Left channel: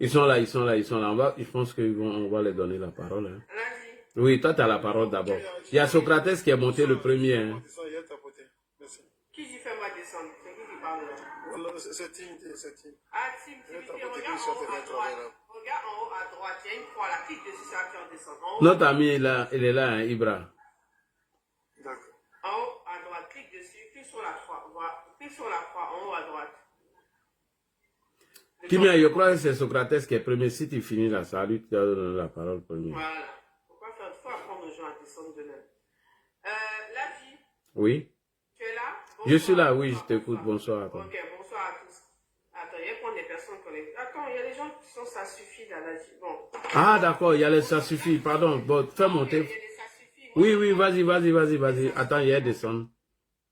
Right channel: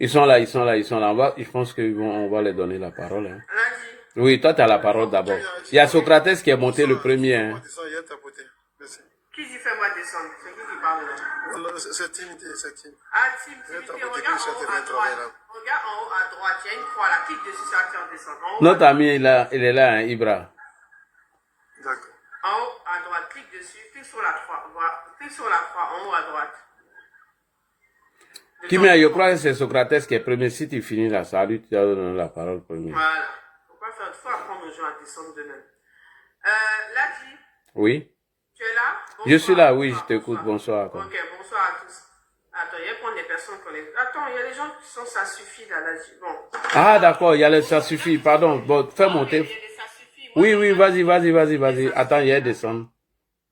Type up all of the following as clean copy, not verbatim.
Ils sont là, ils sont là, ils sont là. Je pense qu'on va les donner la parole. Hein. Oui, toi, tu as la parole d'abord. Il y a Socrates qui est monté le premier. Hein. Qui dit fais-moi descendre? C'est qui parle là? C'est Timothy, c'est Tim. Ah, Timothy, regarde en haut à droite. Regarde en haut à droite, il y a une croix là. Clique dessus, ça va te descendre. Notre ami, il est là, hein, Ibra. D'accord. En haut à droite, clique dessus, clique sur la croix. Clique sur la croix en haut à droite. Kimia, je crois que c'est Socrates qui est premier. Si tu finis là, ça lui, tu as donné la parole premier. Voilà. Faut apprendre aux gens à descendre de même. Ladi. Oui. Tu es là? Bonsoir, je suis là, oui, je t'écoute. Bonsoir. Ok, bonsoir à tous. Attends, il y a prendre des personnes qu'on les... Attends, il y a des gens qui sont ça suffit là, Ladi. Bon. Ah, d'accord, il y a les ça suffit, pardon. Bon, fais monter. Oui, oui, vas-y. Attends, il y a descendre.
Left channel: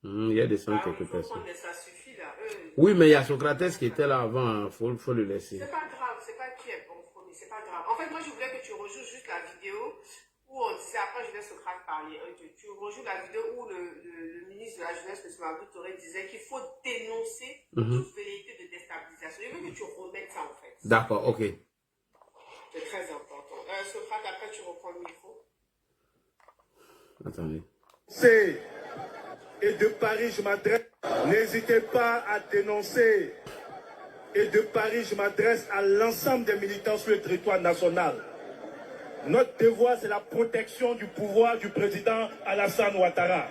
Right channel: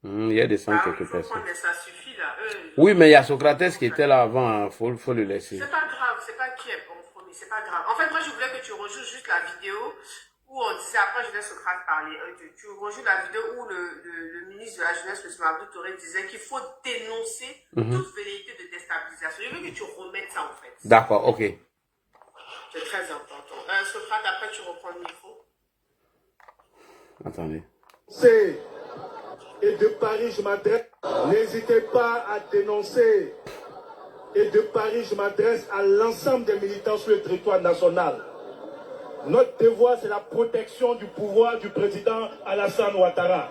Il y a descendre quelques personnes. Ça suffit là. Oui, mais il y a Socrates qui était là avant, faut le laisser. C'est pas grave, c'est pas qui est bon premier, c'est pas grave. En fait, moi je voulais que tu rejoues juste la vidéo où on disait, après je laisse Socrate parler. Tu rejoues la vidéo où le ministre de la Jeunesse, M. Abdou Touré, disait qu'il faut dénoncer toute velléité de déstabilisation. Je veux que tu remettes ça en fait. D'accord, ok. C'est très important. Socrate, après tu reprends le micro. Attendez. Et de Paris, je m'adresse. N'hésitez pas à dénoncer. Et de Paris, je m'adresse à l'ensemble des militants sur le territoire national. Notre devoir, c'est la protection du pouvoir du président Alassane Ouattara.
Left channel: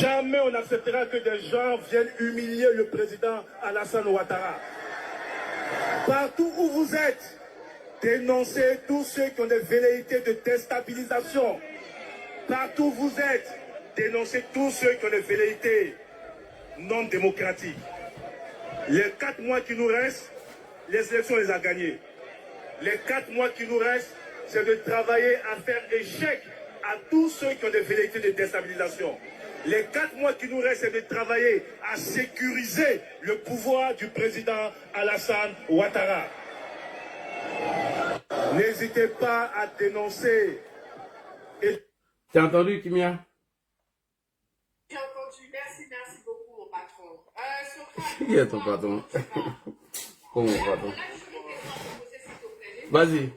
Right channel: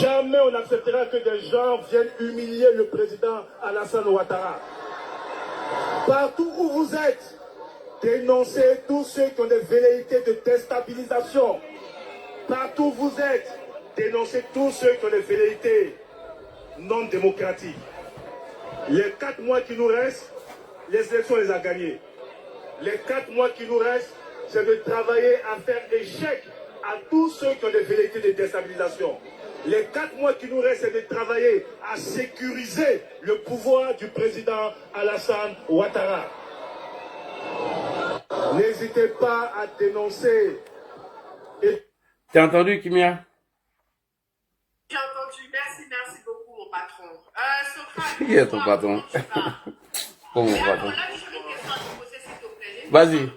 Jamais on n'acceptera que des gens viennent humilier le président Alassane Ouattara. Partout où vous êtes, dénoncez tous ceux qui ont des velléités de déstabilisation. Partout où vous êtes, dénoncez tous ceux qui ont des velléités non démocratiques. Les 4 mois qui nous restent, les élections, on les a gagnées. Les 4 mois qui nous restent, c'est de travailler à faire échec à tous ceux qui ont des velléités de déstabilisation. Les 4 mois qui nous restent, c'est de travailler à sécuriser le pouvoir du président Alassane Ouattara. N'hésitez pas à dénoncer. T'as entendu, Kimia? J'ai entendu. Merci beaucoup, mon patron. Socrate, Qui est ton patron? Oh, mon patron. Vas-y.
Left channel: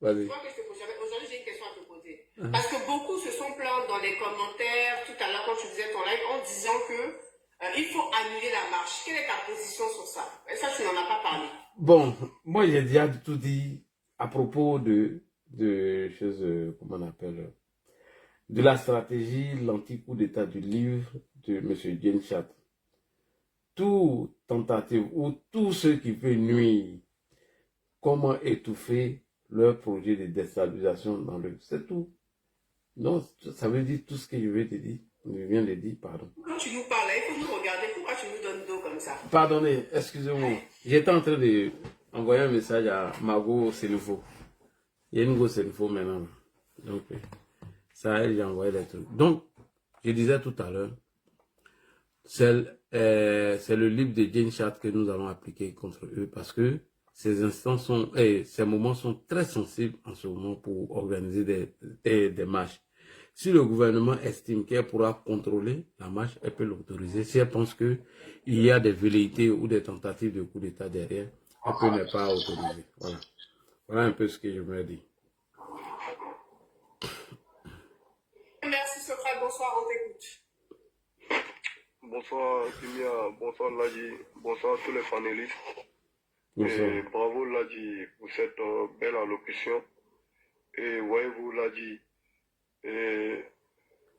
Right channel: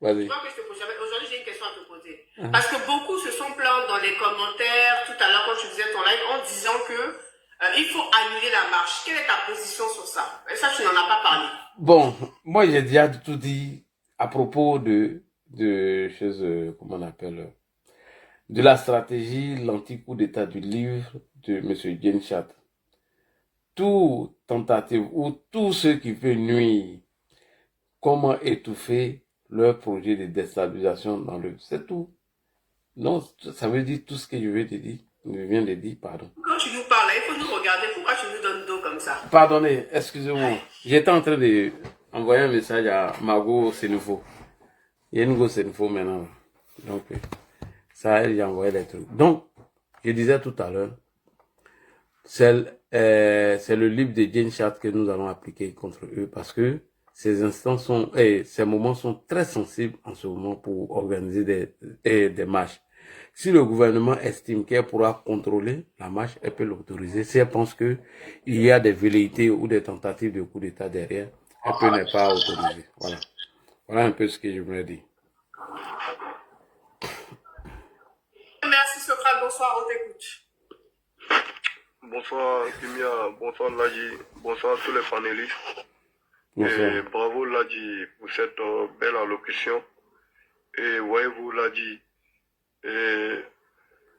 Vas-y. Aujourd'hui, j'ai une question à te poser. Parce que beaucoup se sont plaints dans les commentaires tout à l'heure quand tu faisais ton live en disant que il faut annuler la marche. Quelle est ta position sur ça? Et ça, tu n'en as pas parlé. Bon, moi, j'ai déjà tout dit à propos de choses, comment on appelle, de la stratégie, l'anti-coup d'état du livre de M. Genshat. Toute tentative ou tout ce qui peut nuire, comment étouffer leur projet de déstabilisation dans le... C'est tout. Non, ça veut dire tout ce que je viens de dire, pardon. Quand tu nous parles, il faut nous regarder. Pourquoi tu nous donnes dos comme ça? Pardonnez, excusez-moi. J'étais en train d'envoyer un message à Margot Sénoufo. Il y a une go Sénoufo maintenant. Donc, ça, elle, j'ai envoyé les trucs. Donc, je disais tout à l'heure, c'est le livre de Genshat que nous allons appliquer contre eux parce que ces instants sont, ces moments sont très sensibles en ce moment pour organiser des marches. Si le gouvernement estime qu'elle pourra contrôler la marche, elle peut l'autoriser. Si elle pense qu'il y a des velléités ou des tentatives de coup d'État derrière, elle peut ne pas autoriser. Voilà. Voilà un peu ce que je voulais dire. Merci Socrate, bonsoir, on t'écoute. Bonsoir Kimia, bonsoir Ladi, bonsoir tous les panélistes. Bonsoir. Et bravo Ladi pour cette belle allocution. Et voyez-vous Ladi,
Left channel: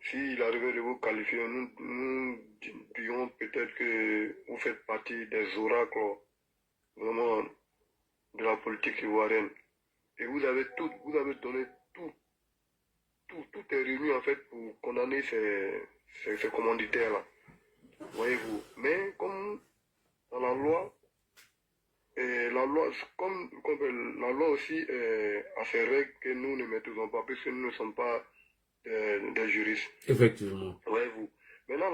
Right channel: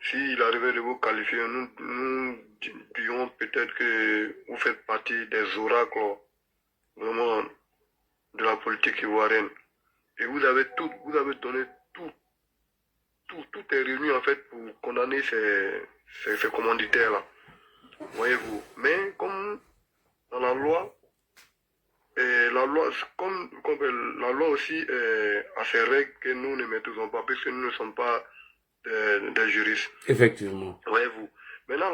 s'il arrivait de vous qualifier, nous dirions peut-être que vous faites partie des oracles vraiment de la politique ivoirienne. Et vous avez donné tout est réuni en fait pour condamner ces commanditaires-là. Voyez-vous. Mais comme dans la loi, la loi aussi a ses règles que nous ne maîtrisons pas, puisque nous ne sommes pas des juristes. Effectivement. Voyez-vous. Maintenant, à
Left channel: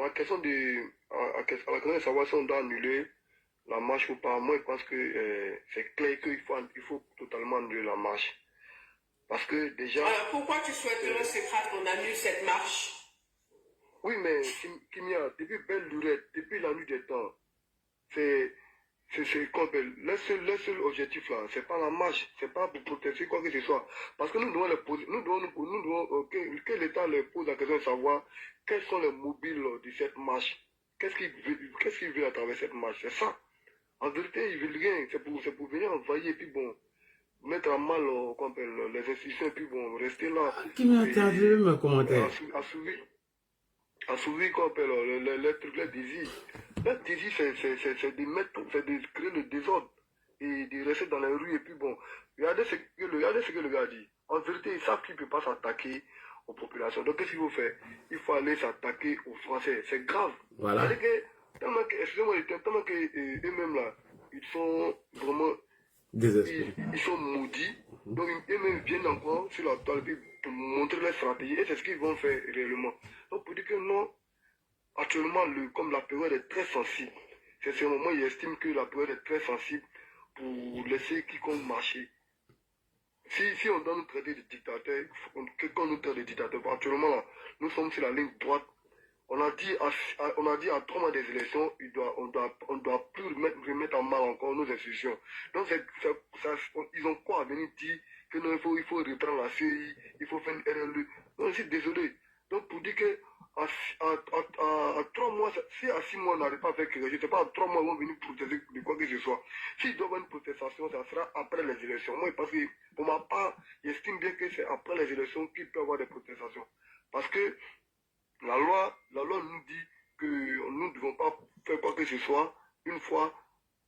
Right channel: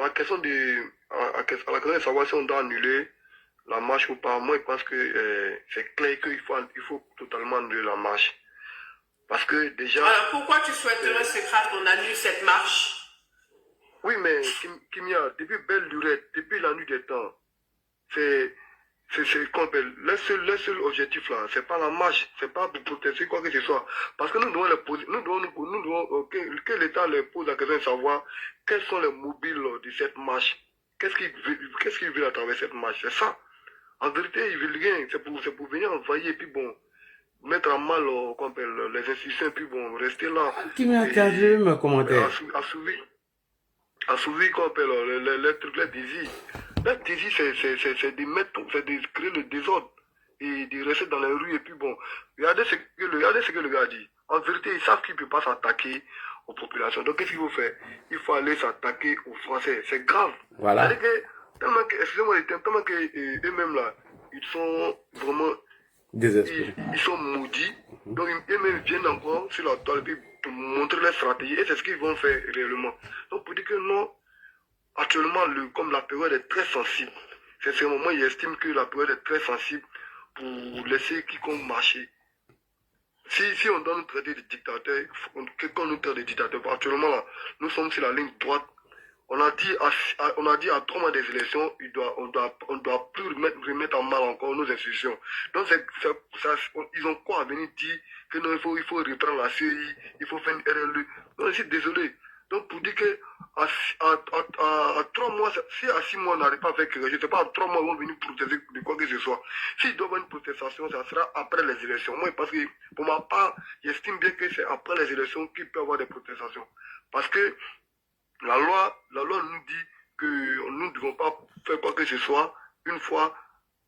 la question de savoir si on doit annuler la marche ou pas, moi je pense que c'est clair qu'il faut totalement annuler la marche. Parce que déjà... Alors pourquoi tu souhaiterais, Socrate, qu'on annule cette marche? Oui, mais Kimia, depuis belle lurette, depuis la nuit des temps, c'est le seul objectif là, c'est pas la marche, c'est pas pour protester quoi que ce soit. Parce que nous devons les poser, nous devons que l'État les pose la question de savoir quels sont les mobiles de cette marche. Qu'est-ce qu'il veut à travers cette marche? C'est ça. En vérité, il veut rien. C'est pour venir envahir et puis bon, mettre à mal les institutions et puis bon, rester là. Qui m'a vu mes commentaires? Assouvi qu'on appelle les trucs, les désirs. Les désirs, c'est de créer le désordre et de rester dans les rues. Et puis bon, regardez ce que le gars a dit. En vérité, ils savent qu'il ne peut pas s'attaquer aux populations. Donc, qu'est-ce qu'il faut faire? Il faut aller s'attaquer aux Français. C'est grave. Voilà. Tellement que, excusez-moi, tellement que eux-mêmes là, ils sont vraiment désespérés. Ils sont maudits. Donc, eux-mêmes viennent encore sur la toile pour montrer leur stratégie. Et c'est ce qu'ils vont faire réellement. Donc, pour dire que non, actuellement, comme la période est très sensible, c'est ce moment, ils estiment que la période est très sensible pour laisser quiconque marcher. Si on doit nous traiter de dictateurs, qu'on nous traite de dictateurs, actuellement là, nous sommes sur la ligne droite. On a dit à 3 mois des élections, on doit plus remettre en mal encore nos institutions. Donc ils ont quoi à venir dire que non, il faut reprendre la CI, il faut faire une RLE. Non, je suis désolé. Donc pour dire que à 3 mois, si à 6 mois on n'arrive pas avec, je ne sais pas, à 3 mois ils vont venir protester de quoi que ce soit. S'il doit y avoir une protestation, ça sera après les élections. Moi, parce que pour ma part, j'estime bien que c'est après les élections qu'il peut y avoir des protestations. Parce que la loi nous dit que nous ne devons pas faire quoi que ce soit une fois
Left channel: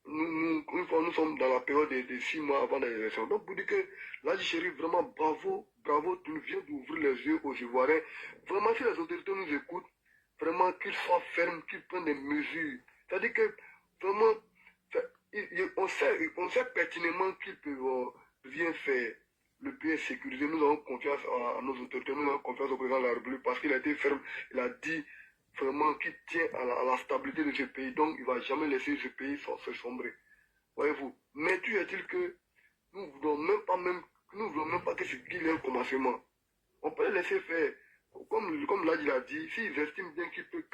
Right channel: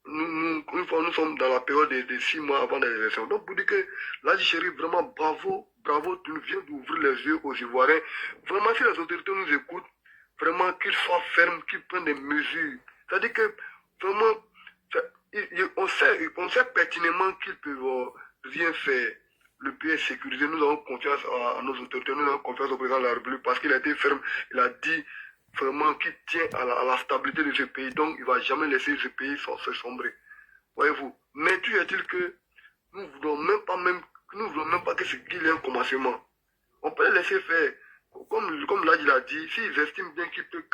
nous sommes dans la période de 6 mois avant les élections. Donc pour dire que là, chérie, vraiment bravo, tu viens d'ouvrir les yeux aux Ivoiriens. Vraiment, si les autorités nous écoutent, vraiment qu'ils soient fermes, qu'ils prennent des mesures. C'est-à-dire que vraiment, on sait pertinemment qu'ils peuvent rien faire. Le pays est sécurisé, nous avons confiance à nos autorités, nous avons confiance au président de la République parce qu'il a été ferme, il a dit vraiment qu'il tient à la stabilité de ce pays, donc il ne va jamais laisser ce pays se sombrer. Voyez-vous. Mais tu est-il que nous ne voulons même pas qu'il y ait un commencement. On peut les laisser faire. Comme là il a dit, s'ils estiment bien qu'ils peuvent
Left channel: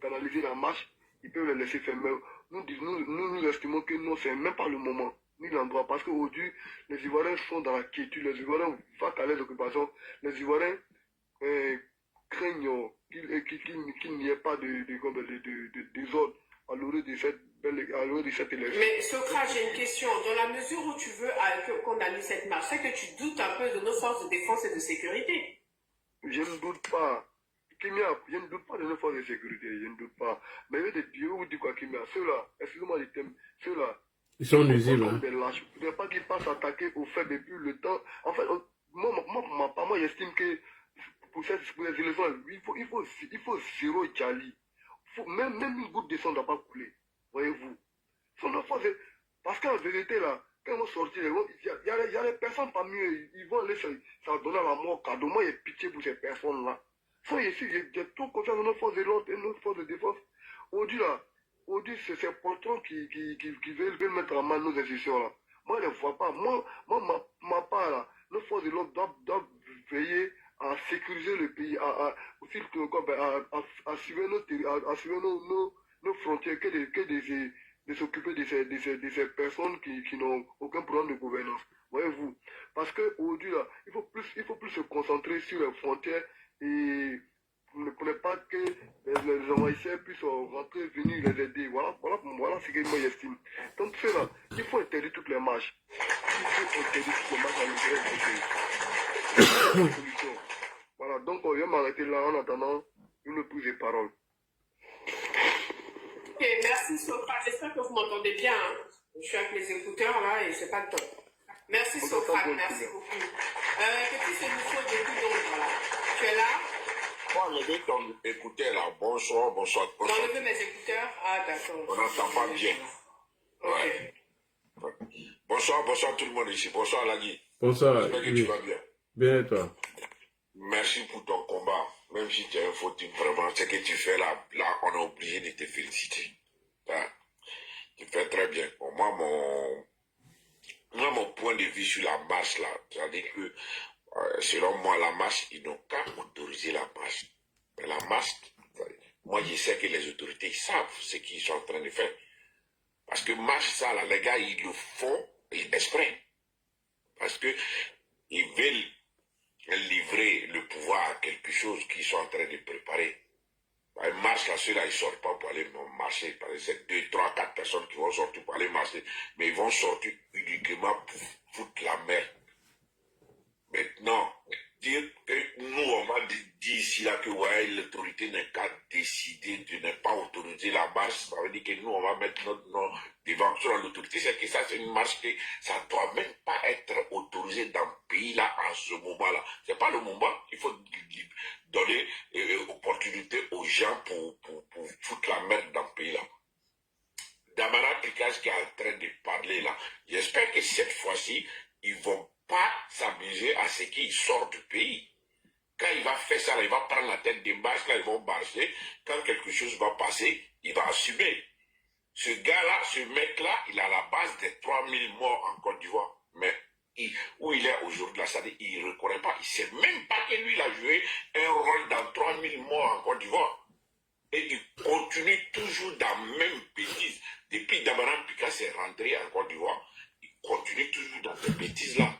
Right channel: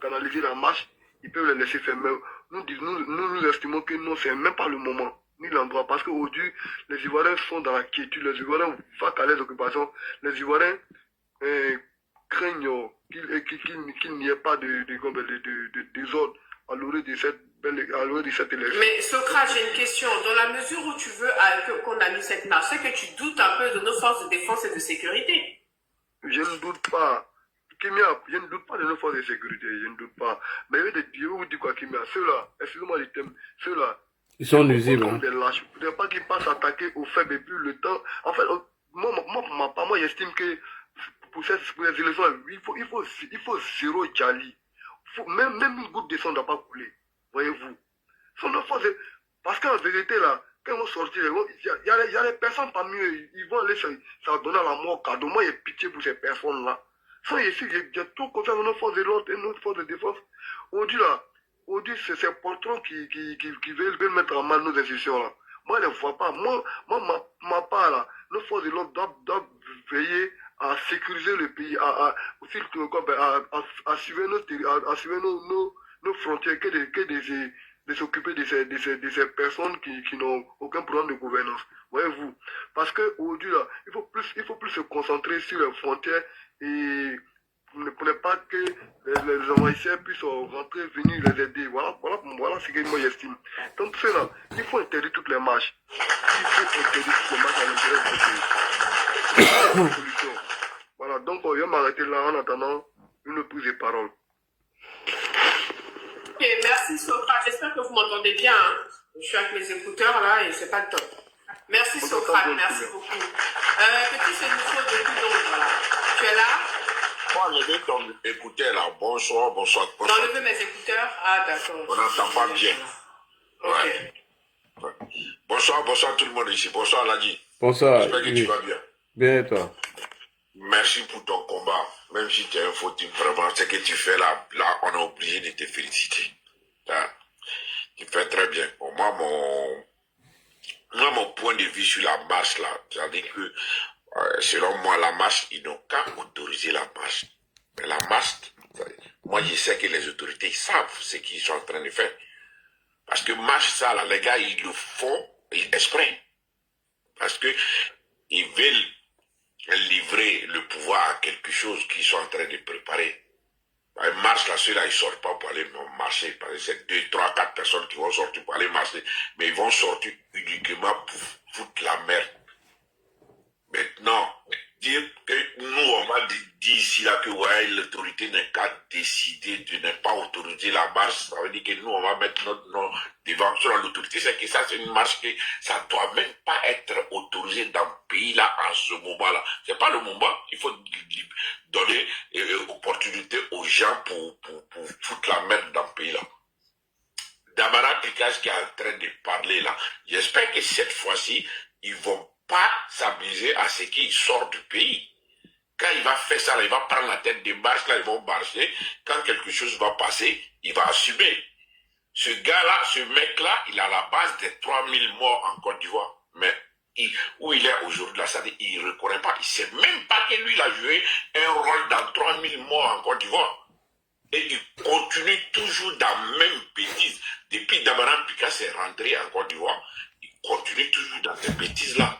canaliser la marche, ils peuvent les laisser faire. Mais nous estimons que non, c'est même pas le moment, ni l'endroit. Parce qu'aujourd'hui, les Ivoiriens sont dans la quiétude. Les Ivoiriens vont à les occupations. Les Ivoiriens craignent qu'il n'y ait pas de désordre à l'orée de cette élection. Mais Socrate, j'ai une question. Dans la mesure où tu veux qu'on annule cette marche, c'est que tu doutes un peu de nos forces de défense et de sécurité. Je ne doute pas. Kimia, je ne doute pas de nos forces de sécurité, je ne doute pas. Mais je vais vous dire quoi, Kimia, ceux-là, excusez-moi le thème, ceux-là, ils sont nuisibles. Comme des lâches. Il ne faut pas qu'ils passent attaquer au fait depuis le temps. En fait, moi j'estime que pour les élections, il faut zéro Djali. Même une goutte de sang ne doit pas couler. Voyez-vous. Parce qu'en vérité, là, quand ils vont sortir, il y a des personnes parmi eux, ils vont aller ça donner à la mort cadeau. Moi, j'ai pitié pour ces personnes-là. J'ai trop confiance dans nos forces de l'ordre et notre force de défense. Aujourd'hui, c'est ces patrons qui veulent mettre en mal nos institutions là. Moi, je ne vois pas. Moi, ma part là, nos forces de l'ordre doivent veiller à sécuriser le pays, à assurer nos frontières, que de s'occuper de ces personnes qui n'ont aucun problème de gouvernance. Voyez-vous. Parce qu'aujourd'hui, là, il faut plus se concentrer sur les frontières et pour ne pas que les envahisseurs puissent rentrer, venir les aider. Voilà ce que moi j'estime. Donc cela, il faut interdire toutes les marches. Il faut interdire toutes les marches à l'intérieur du pays. Voilà, donc on vient m'arrêter là en attendant une prise de parole. Ok, merci Socrate. J'espère que vous m'entendez bien. Hein. Je suis avec mes écouteurs là et c'est pas le top. Merci Socrate, merci beaucoup. Petit Sénifo depuis Londres là. Tu es là? Moi, je vais t'écouter là. Bonsoir. J'enlève mes écouteurs. Ah, d'accord. On n'entend pas bien. Ok. Ouais. Bonsoir tout le monde ici. Bonsoir Ladi. Bonsoir. J'espère que tu vas bien. Bien et toi? Merci pour ton combat. Même si tu es un fautif, vraiment, ce que tu fais là, on est obligé de te féliciter. Hein? Tu fais très bien. Pour moi, mon point de vue sur la marche là, c'est-à-dire que selon moi, la marche, ils n'ont qu'à autoriser la marche. Mais la marche, moi je sais que les autorités savent ce qu'ils sont en train de faire. Parce que marche ça, là, les gars, ils le font exprès. Parce que ils veulent livrer le pouvoir à quelque chose qu'ils sont en train de préparer. Ils marchent là, ceux-là, ils ne sortent pas pour aller marcher. Parce que c'est 2, 3, 4 personnes qui vont sortir pour aller marcher. Mais ils vont sortir uniquement pour foutre la merde. Maintenant, dire que nous, on va dire ici là que ouais, l'autorité n'a qu'à décider de ne pas autoriser la marche. Ça veut dire que nous, on va mettre notre nom devant sur l'autorité. C'est que ça, c'est une marche que ça ne doit même pas être autorisé dans le pays là, en ce moment-là. Ce n'est pas le moment. Il faut donner opportunité aux gens pour foutre la merde dans le pays là. Damara Picage qui est en train de parler là, j'espère que cette fois-ci, ils vont pas s'amuser à ce qu'il sort du pays. Quand il va faire ça, là, il va prendre la tête des marches, là, ils vont marcher. Quand quelque chose va passer, il va assumer. Ce gars-là, ce mec-là, il a la base des 3000 morts en Côte d'Ivoire. Mais où il est aujourd'hui, là, ça dit, il ne reconnaît pas. Il ne sait même pas que lui, il a joué un rôle dans 3000 morts en Côte d'Ivoire. Et il continue toujours dans la même bêtise. Depuis Damara Picage est rentré en Côte d'Ivoire, il continue toujours dans ces bêtises-là.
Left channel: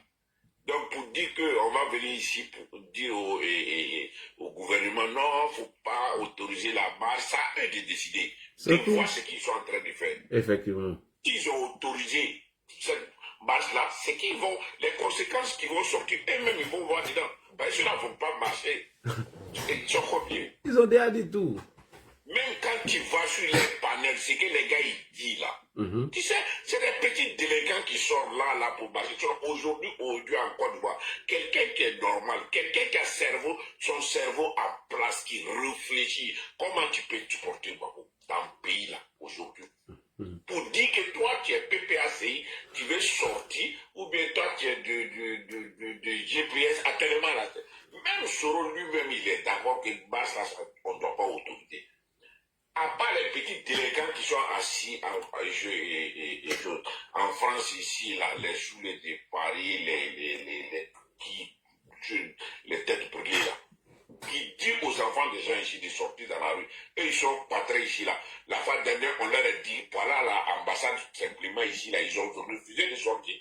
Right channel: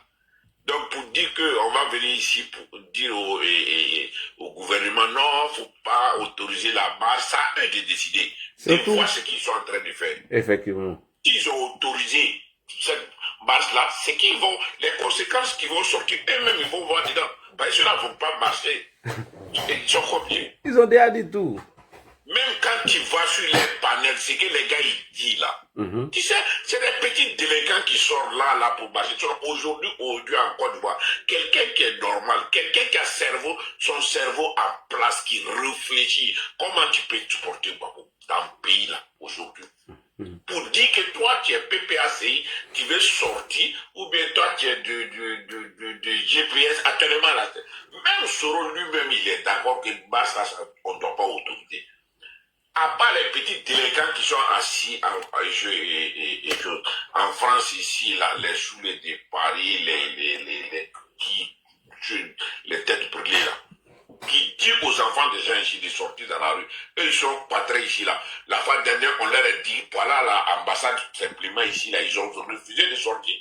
Donc, pour dire qu'on va venir ici pour dire au gouvernement, non, il ne faut pas autoriser la marche, ça a eux de décider. Ils voient ce qu'ils sont en train de faire. Effectivement. S'ils ont autorisé cette marche-là, c'est qu'ils vont, les conséquences qui vont sortir, eux-mêmes, ils vont voir dedans. Parce que ceux-là ne vont pas marcher. Ils sont combien? Ils ont déjà dit tout. Même quand tu vas sur les panels, c'est que les gars, ils disent là. Tu sais, c'est des petits délinquants qui sortent là pour marcher. Aujourd'hui, en Côte d'Ivoire, quelqu'un qui est normal, quelqu'un qui a son cerveau en place, qui réfléchit, comment tu peux te porter dans le pays là, aujourd'hui? Pour dire que toi, tu es PPACI, tu veux sortir, ou bien toi, tu es de GPS, actuellement là. Même Soro lui-même, il est d'accord que Barça, on ne doit pas autoriser. À part les petits délinquants qui sont assis en France ici, là, les soulets de Paris, les têtes brûlées là, qui disent aux enfants des gens ici de sortir dans la rue. Eux, ils sont pas très ici là. La fois dernière, on leur a dit, voilà l'ambassade simplement ici là, ils ont refusé de sortir.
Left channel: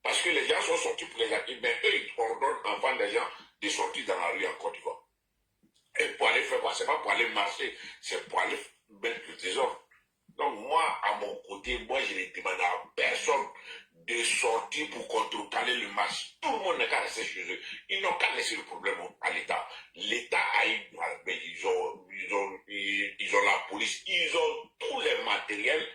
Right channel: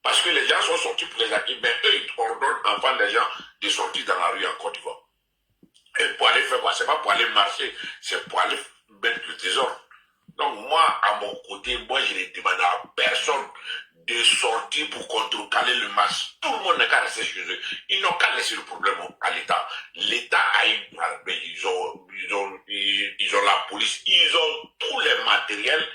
Parce que les gens sont sortis pour les accueillir, mais eux, ils ordonnent enfants des gens de sortir dans la rue en Côte d'Ivoire. Et pour aller faire quoi? C'est pas pour aller marcher, c'est pour aller mettre le trésor. Donc moi, à mon côté, moi je ne demande à personne de sortir pour contrecarrer le marché. Tout le monde n'a qu'à rester chez eux. Ils n'ont qu'à laisser le problème à l'État. L'État a ils ont la police, ils ont tous les matériels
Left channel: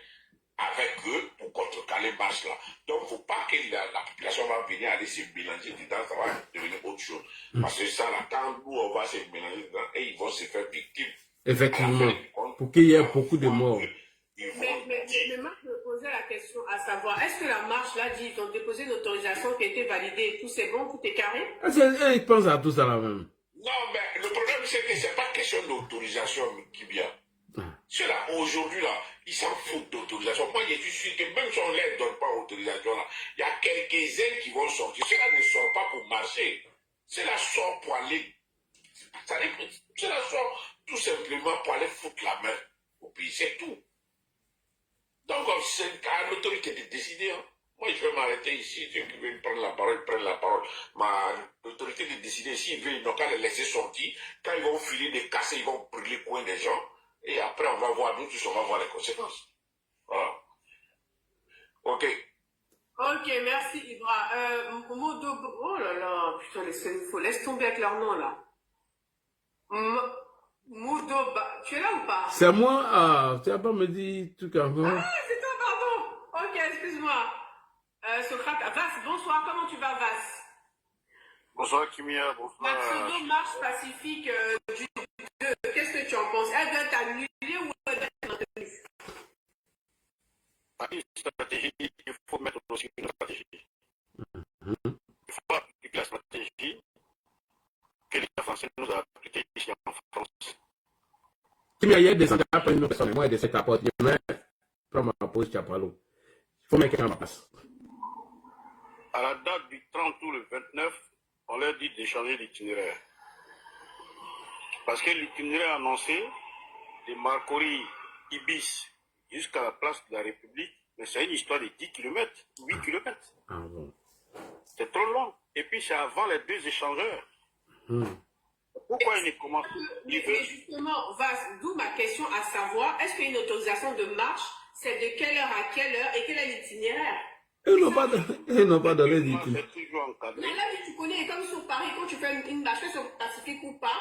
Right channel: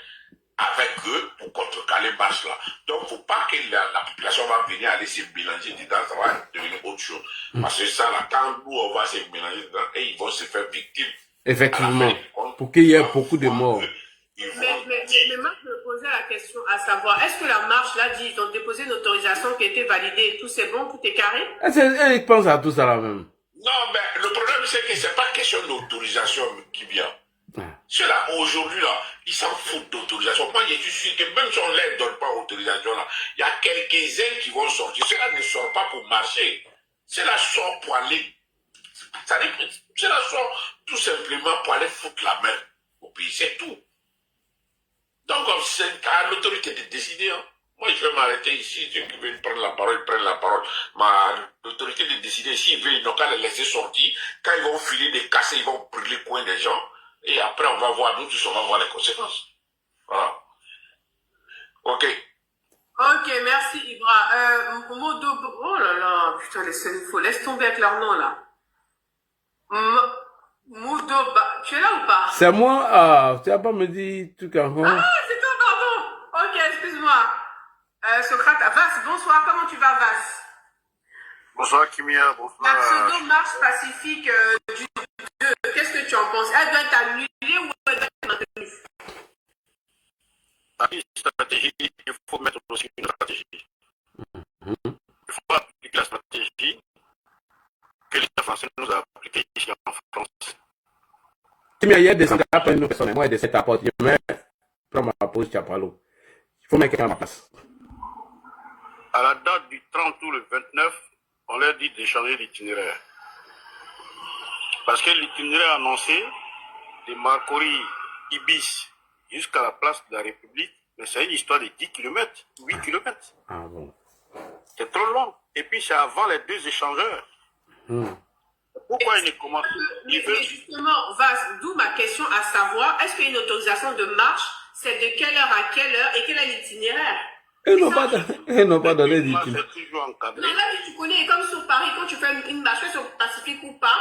avec eux pour contrecarrer le marché là. Donc il ne faut pas que la population va venir aller se mélanger dedans, ça va devenir autre chose. Parce que ça là, quand nous on va se mélanger dedans, et ils vont se faire victimes. Effectivement. Pour qu'il y ait beaucoup de morts. Mais moi, je me posais la question à savoir, est-ce que la marche là dit, ils ont déposé une autorisation qui a été validée et tout, c'est bon, tout est carré? Ils pensent à tout ça là même. Non, mais le problème c'est que c'est pas question d'autorisation qui vient. Ceux-là, aujourd'hui, là, ils s'en foutent d'autorisation. Moi, je suis sûr que même si on ne leur donne pas autorisation, là, il y a quelques-uns qui vont sortir. Ceux-là ne sortent pas pour marcher. Ceux-là sortent pour aller. Ceux-là sortent tout simplement pour aller foutre la main au pays. C'est tout. Donc, c'est à l'autorité de décider. Hein. Moi, je vais m'arrêter ici. Ceux qui veulent prendre la parole, ils prennent la parole. Mais l'autorité de décider, s'ils veulent, ils n'ont qu'à les laisser sortir. Quand ils vont filer des casser, ils vont brûler le coin des gens. Et après, on va voir, nous tous, on va voir les conséquences. Voilà. Ok. Ok, merci Ibra. Modo, oh là là, putain, laisse tomber avec leur nom là. Moudoba, tu es là ou pas? C'est moi, tu n'as pas me dit tout encore. Ah, c'est toi, pardon. Ok, excuse-moi. Socrate, Vas, bonsoir, comment tu vas, Vas? Bonsoir Kimia, bonsoir. La pseudo-marche pacifique du 2, qu'est-ce que tu en penses? Elle doit être annulée ou elle doit être maintenue? À une stratégie, il faut mettre aussi une stratégie. Il faut appliquer la stratégie que l'État français nous a appliquée ici en France. Il y a des engagés après une personne, moi, de cette apporte, je mets, prends ma pause, tu as pas l'eau. Il faut mettre quelqu'un en place. À la date du 30 ou le 29, on leur dit de changer d'itinéraire. Parce que l'itinéraire annoncé de Marcory Ibis jusqu'à la place de la République Mais c'est une histoire de 10 km, 8 km. Ah bon. C'est trop long. Et puis c'est avant les deux échangeurs. Pourquoi ils ne commencent Mais justement, d'où ma question à savoir, est-ce qu'il y a une autorisation de marche? C'est de quelle heure à quelle heure et quel est l'itinéraire? Ils n'ont pas donné d'itinéraire. C'est toujours encadré. Non, là, tu connais, comme sur Paris, quand tu fais une marche sur Pacifique ou pas,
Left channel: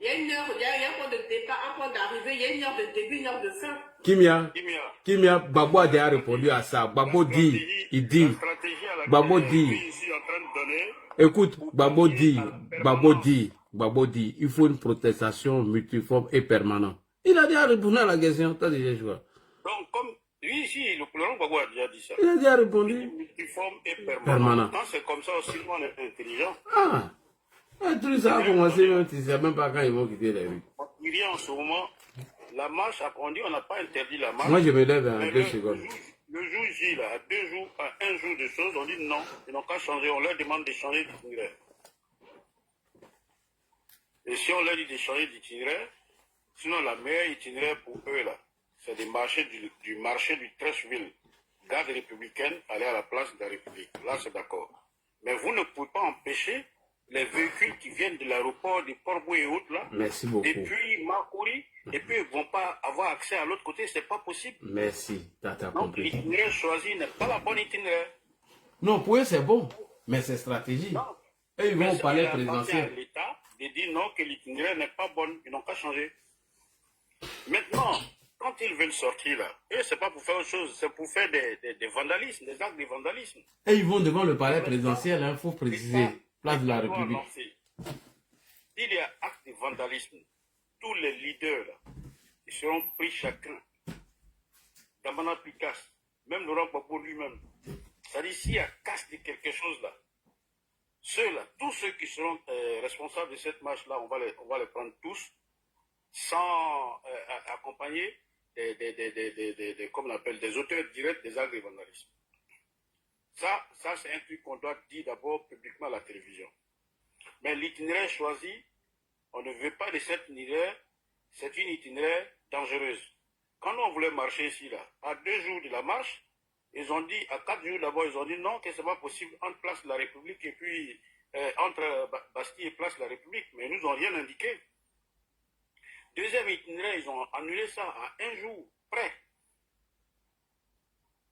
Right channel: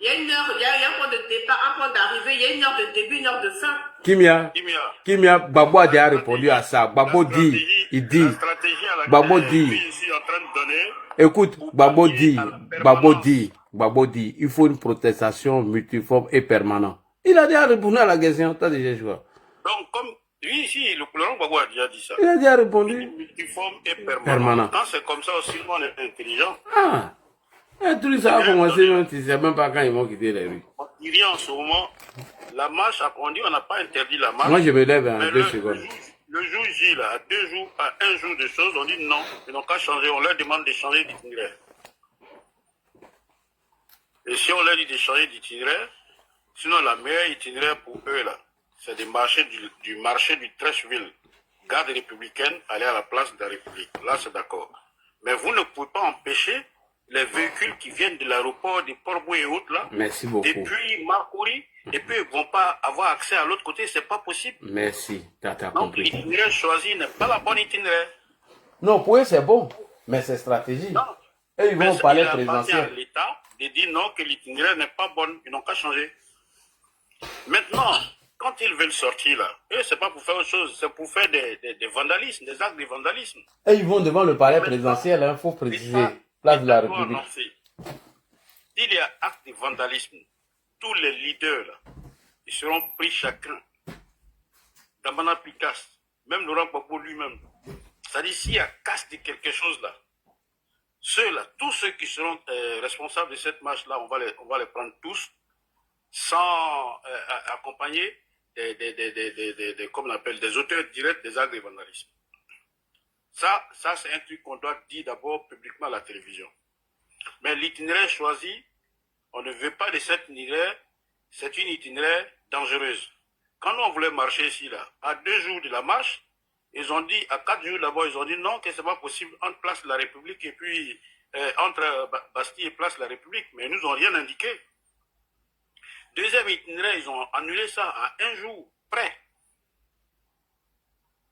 il y a une heure, il y a un point de départ, un point d'arrivée, il y a une heure de début, une heure de fin. Kimia, Babo a déjà répondu à ça. Babo dit, La stratégie à laquelle Babo je dit, suis ici en train de donner, écoute, Babo dit, il faut une protestation multiforme et permanente. Il a déjà répondu à la question, t'as déjà joué. donc comme lui ici, le colonel Babo a déjà dit ça. Il a déjà répondu. Multiforme et permanent. Quand c'est comme ça aussi, on est intelligent. Ah, tout ça a commencé, même tu ne sais même pas quand ils vont quitter les rues. On dirait en ce moment, la marche a conduit, on n'a pas interdit la marche. Moi, je me lève en Mais 2 secondes. Le jour J, là, à un jour de choses, on dit non, ils n'ont qu'à changer, on leur demande de changer d'itinéraire. Et si on leur dit de changer d'itinéraire, sinon la meilleure itinéraire pour eux, là, c'est de marcher du marché du Trècheville, garde républicaine, aller à la place de la République. Là, c'est d'accord. Mais vous ne pouvez pas empêcher les véhicules qui viennent de l'aéroport de Port-Boué et autres, là, Merci beaucoup. depuis Marcouri, et puis ils ne vont pas avoir accès à l'autre côté, c'est pas possible. Merci, t'as Donc compris. l'itinéraire choisi n'est pas la bonne itinéraire. Non, pour eux, c'est bon, mais c'est stratégie. Non. Et ils vont au palais Il appartient à présidentiel. l'État de dire non, que l'itinéraire n'est pas bonne, ils n'ont qu'à changer. Maintenant, quand ils veulent sortir là, eux, c'est pas pour faire autre chose, c'est pour faire des vandalismes, des actes de vandalisme. Et ils vont devant le palais présidentiel, il faut préciser, place de la République. S'il y a acte de vandalisme, tous les leaders là, ils seront pris chacun. Damana Picasse, même Laurent Gbagbo lui-même. C'est-à-dire, s'il y a casse de quelque chose là, ceux-là, tous ceux qui seront responsables de cette marche-là, on va les prendre tous, sans accompagner comme on appelle, des auteurs directs des actes de vandalisme. Ça c'est un truc qu'on doit dire d'abord publiquement à la télévision. Mais l'itinéraire choisi, on ne veut pas de cet itinéraire, c'est une itinéraire dangereuse. Quand on voulait marcher ici, là, à 2 jours de la marche, ils ont dit, à 4 jours d'abord, ils ont dit non, que ce n'est pas possible entre Place de la République et puis entre Bastille et Place de la République, mais ils nous ont rien indiqué. Deuxième itinéraire, ils ont annulé ça à 1 jour près.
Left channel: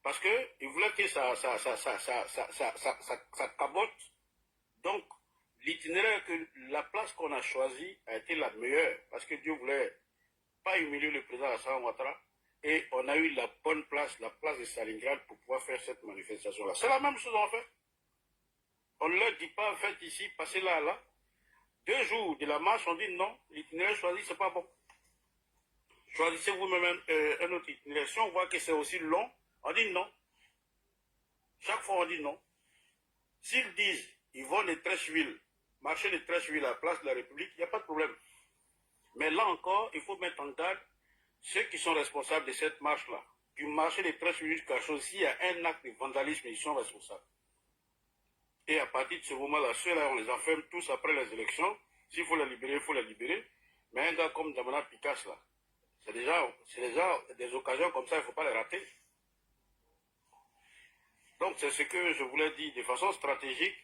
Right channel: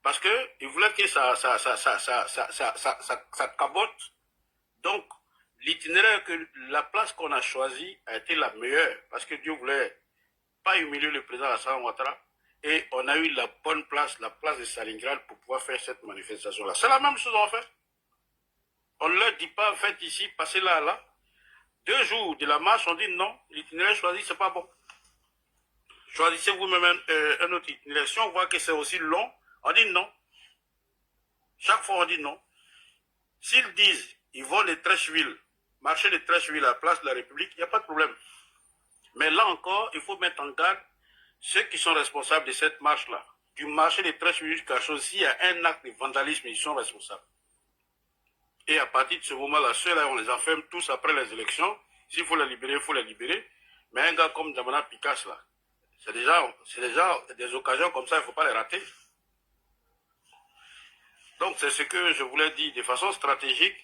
Parce qu'ils voulaient que ça cabote. Donc, l'itinéraire, la place qu'on a choisie a été la meilleure. Parce que Dieu voulait pas humilier le président Alassane Ouattara. Et on a eu la bonne place, la place de Stalingrad pour pouvoir faire cette manifestation-là. C'est la même chose en fait. On ne leur dit pas, faites ici, passez là, là. 2 jours de la marche, on dit non, l'itinéraire choisi, c'est pas bon. Choisissez vous-même un autre itinéraire. Si on voit que c'est aussi long, on dit non. Chaque fois, on dit non. S'ils disent, ils vont de Trècheville, marcher de Trècheville à la place de la République, il n'y a pas de problème. Mais là encore, il faut mettre en garde ceux qui sont responsables de cette marche-là. Du marché de Trècheville jusqu'à chose, s'il y a un acte de vandalisme, ils sont responsables. Et à partir de ce moment-là, ceux-là, on les enferme tous après les élections. S'il faut les libérer, il faut les libérer. Mais un gars comme Damana Picasse, là, c'est déjà des occasions comme ça, il ne faut pas les rater. Donc, c'est ce que je voulais dire de façon stratégique.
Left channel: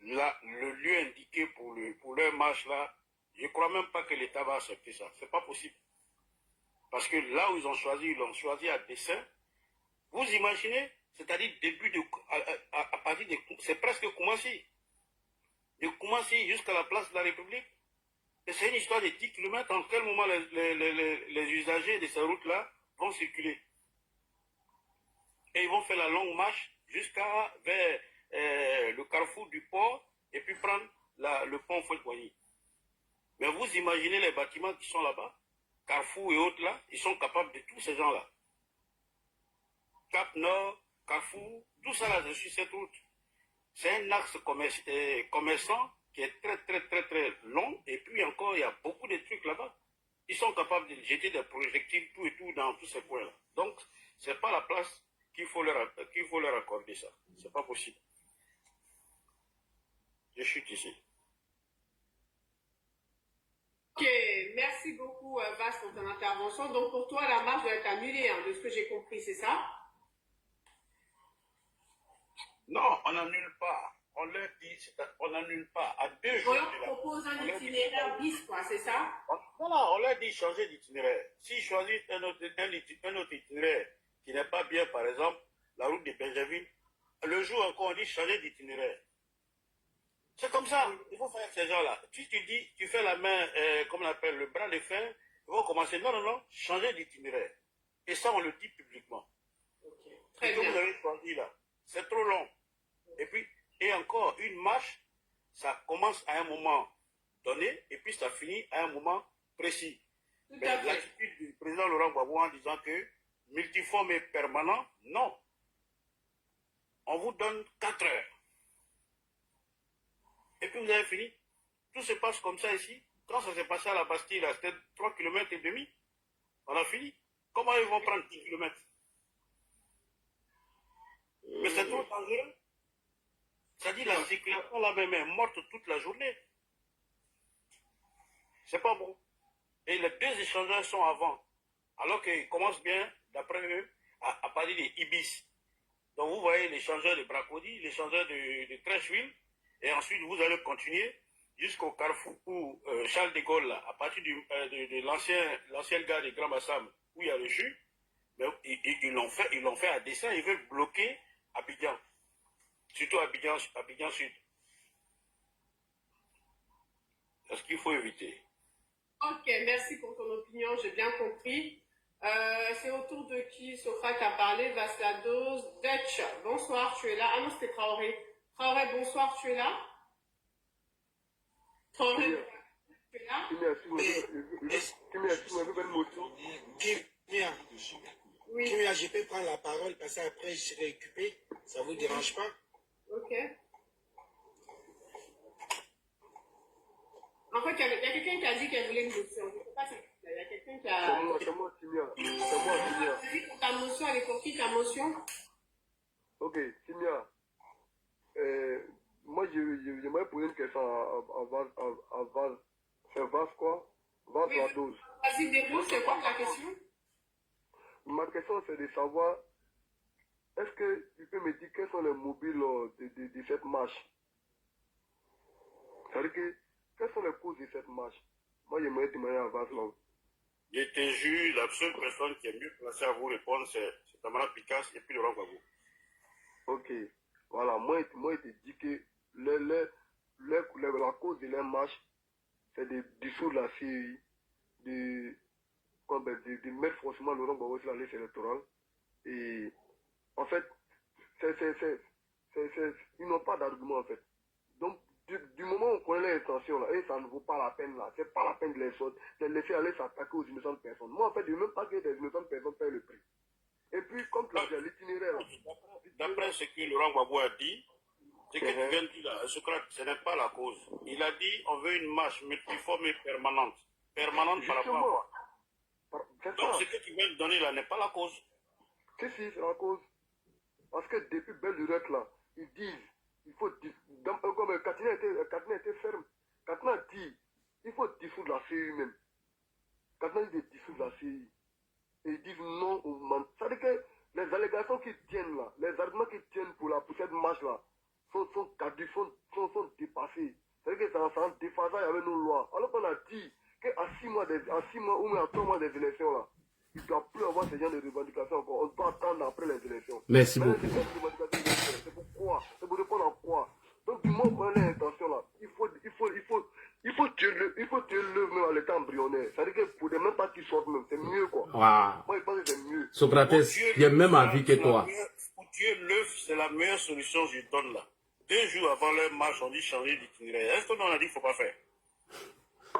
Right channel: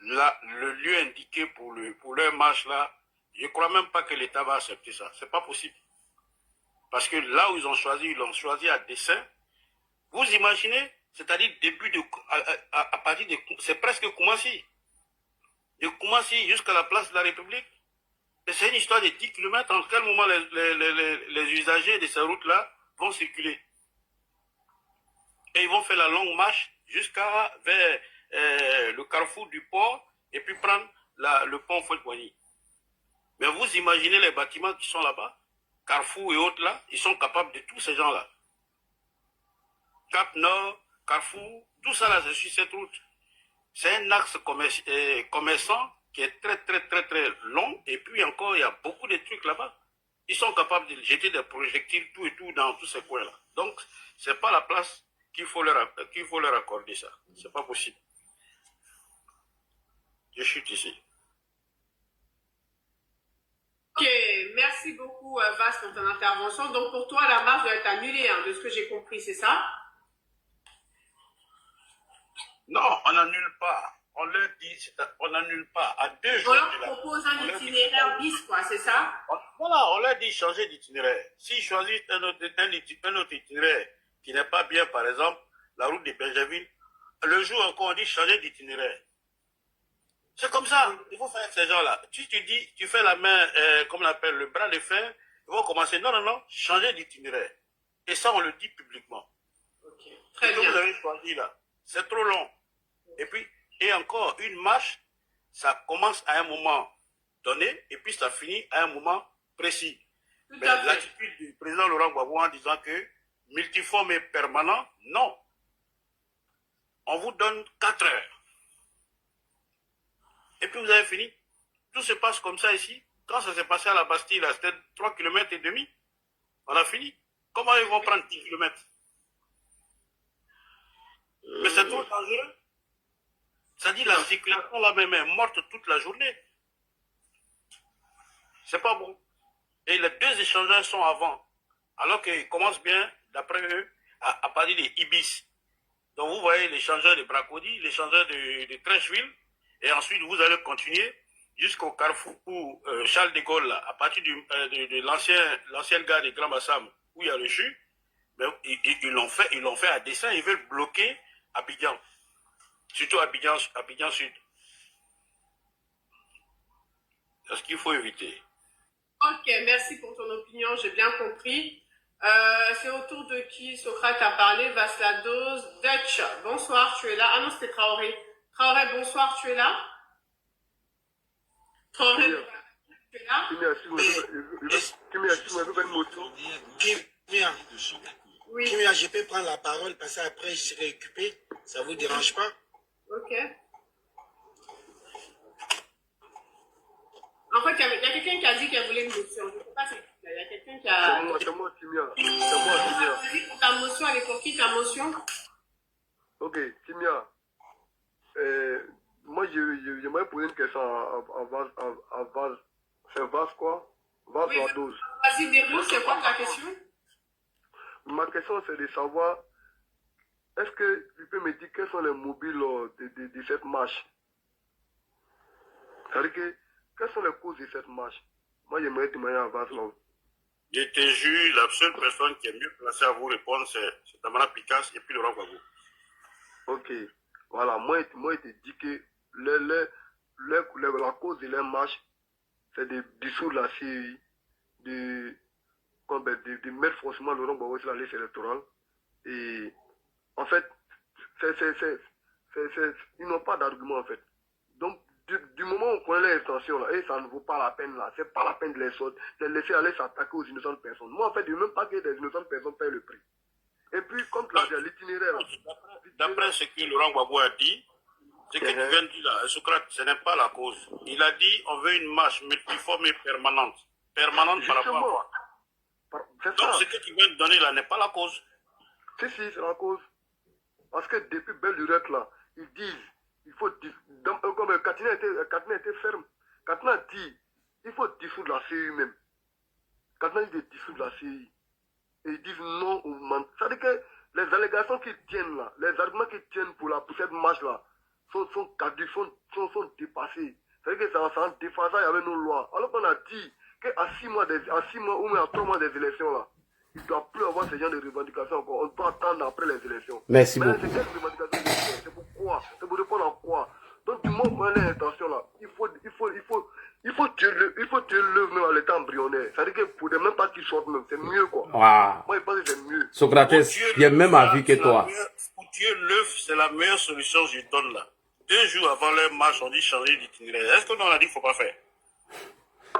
Là, le lieu indiqué pour leur marche, là, je ne crois même pas que l'État va accepter ça. Ce n'est pas possible. Parce que là où ils l'ont choisi à dessein. Vous imaginez, c'est-à-dire à partir de, c'est presque Koumassi. De Koumassi jusqu'à la place de la République. Et c'est une histoire de 10 km. En quel moment les usagers de ces routes-là vont circuler. Et ils vont faire la longue marche vers le carrefour du port et puis prendre le pont Fouet-Boigny. Mais vous imaginez les bâtiments qui sont là-bas, Carrefour et autres là, ils sont capables de tous ces gens-là. Cap Nord, Carrefour, tout ça là, c'est sur cette route. C'est un axe commerçant qui est très, très, très, très long. Et puis encore, il y a beaucoup de trucs là-bas. Ils sont capables de jeter des projectiles tout et tout dans tous ces coins-là. Donc, ce n'est pas la place qu'il faut leur accorder ça. Ce n'est pas possible. Je chute ici. Ok, merci beaucoup Vas pour ton intervention. Donc pour toi, la marche doit être annulée, hein, de ce que j'ai compris, c'est ça? Non, on n'annule pas. On leur dit, on n'annule pas. À 2 On jours leur de la... propose un on leur dit- itinéraire bis, quoi, c'est ça? Voilà, on leur dit changer d'itinéraire. S'ils choisissent un autre itinéraire qui n'est pas bien, par exemple, la route de Benjaville, le jour encore, on dit changer d'itinéraire. C'est comme ça, il faut faire ces gens-là. Tu dis, tu fais la main, comme on appelle, le bras de fer, ils vont commencer, non, changer d'itinéraire. Et ça, on le dit publiquement. Ok, très Ce que bien. vous avez choisi là, c'est trop long. Et puis, et encore, une marche, ça commence à un moment donné, et puis ça finit à un moment précis. Tout Mais à fait. l'attitude du président Laurent Gbagbo en disant que multiforme et permanent, non. On vous donne 4 heures. Et puis vous avez fini. Tout se passe comme ça ici. Quand ça s'est passé à la Bastille, là, c'était 3,5 km. On a fini. Comment ils vont prendre 10 km? Mais c'est trop dangereux. Ça dit la circulation là-même est morte toute la journée. C'est pas bon. Et les 2 échangeurs sont avant. Alors qu'ils commencent bien, d'après eux, à parler des Ibis. Donc vous voyez l'échangeur de Bracody, l'échangeur de Trècheville, et ensuite vous allez continuer jusqu'au carrefour où Charles de Gaulle, là, à partir de l'ancienne gare de Grand Bassam, où il y a le CHU, mais ils l'ont fait à dessein, ils veulent bloquer Abidjan. Surtout Abidjan Sud. C'est ce qu'il faut éviter. Ok, merci pour ton opinion, j'ai bien compris. C'est au tour de qui Socrate a parlé, Vaslados, Dutch. Bonsoir, tu es là. Ah non, c'était Traoré. Traoré, bonsoir, tu es là. Traoré, tu es là. Oui, Kimia, je peux prendre la parole parce qu'après je serai occupé. Ça vous dérange pas? ok. En fait, il y a quelqu'un qui a dit qu'elle voulait une motion. Je ne sais pas si il y a quelqu'un qui a... C'est moi, Timia. C'est moi, Timia. Vas-y pour ta motion, elle est pour qui ta motion? Ok, Timia. Moi, j'aimerais poser une question à Vaz. C'est Vaz quoi? Vaz Oui, Lados. vas-y, déroule, c'est quoi ta question? Ma question, c'est de savoir, est-ce que tu peux me dire quels sont les mobiles de cette marche? C'est-à-dire que, quelles sont les causes de cette marche? Moi, j'aimerais témoigner à Vaz là. Je te jure, la seule personne qui est mieux placée à vous répondre, c'est Tamara Picasse et puis Laurent Gbagbo. Ok, voilà, moi, je te dis que la cause de leur marche, c'est de dissoudre la CEI, de mettre forcément Laurent Gbagbo sur la liste électorale. Et en fait, ils n'ont pas d'argument en fait. Donc, du moment où on connaît les intentions là, et ça ne vaut pas la peine là, c'est pas la peine de les laisser aller s'attaquer aux innocentes personnes. Moi en fait, je ne veux même pas que des innocentes personnes payent le prix. Et puis, comme tu l'as dit, l'itinéraire. D'après ce que Laurent Gbagbo a dit, ce que tu viens de dire là, Socrate, ce n'est pas la cause. Il a dit on veut une marche multiforme et permanente. Permanente par rapport à quoi? C'est Donc ça. ce que tu viens de donner là n'est pas la cause. Si, c'est la cause. Parce que depuis belle lurette là, ils disent, il faut, comme Katina était ferme. Katina dit, il faut dissoudre la CI même. Katina dit de dissoudre la CI. Et ils disent non au man. Ça veut dire que les allégations qu'ils tiennent là, les arguments qu'ils tiennent pour cette marche là, sont caducs, sont dépassés. Ça veut dire que c'est en déphasage avec nos lois. Alors qu'on a dit qu'à 6 mois ou même à 3 mois des élections là, il ne doit plus avoir ce genre de revendications encore. On doit attendre après les élections. Merci Mais beaucoup. c'est quelle revendication? C'est pour quoi? C'est pour répondre à quoi? Donc du moment qu'on a l'intention là, il faut tuer l'œuvre même à l'état embryonnaire. C'est-à-dire que pour ne même pas qu'ils sortent même, c'est mieux quoi. Ah, Moi je pense que c'est mieux. Socrates, j'ai le même avis que toi. Pour tuer l'œuf, c'est la meilleure solution que je donne là. 2 jours avant leur marche, on dit changer d'itinéraire. Est-ce qu'on a dit qu'il ne faut pas faire?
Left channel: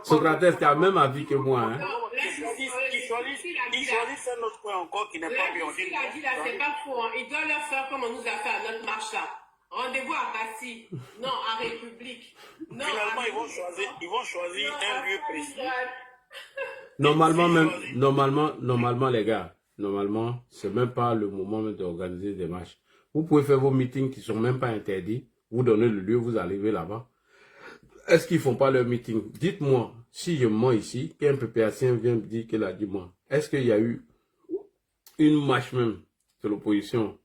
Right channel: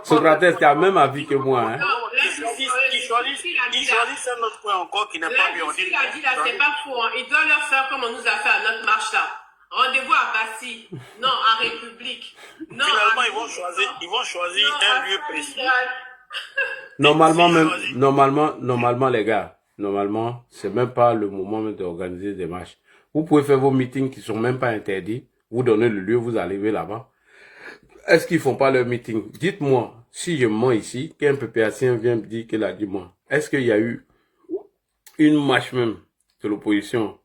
Socrates, tu as le même avis que moi. Hein? Non, là, Ils choisissent un autre point encore qui n'est pas bien. On dit, il a dit là, c'est pas faux. Hein. Il doit leur faire comme on nous a fait à notre marche là. Rendez-vous à Bastille. Non, à République. Non, finalement, à ils vont choisir non, un à lieu précis. Normalement, les gars, normalement, c'est même pas le moment même d'organiser des marches. Vous pouvez faire vos meetings qui sont même pas interdits. Vous donnez le lieu, vous arrivez là-bas. Est-ce qu'ils font pas leur meeting? Dites-moi, si je mens ici, qu'un PPAcien vient me dire qu'il a dit moi, est-ce qu'il y a eu une marche même de l'opposition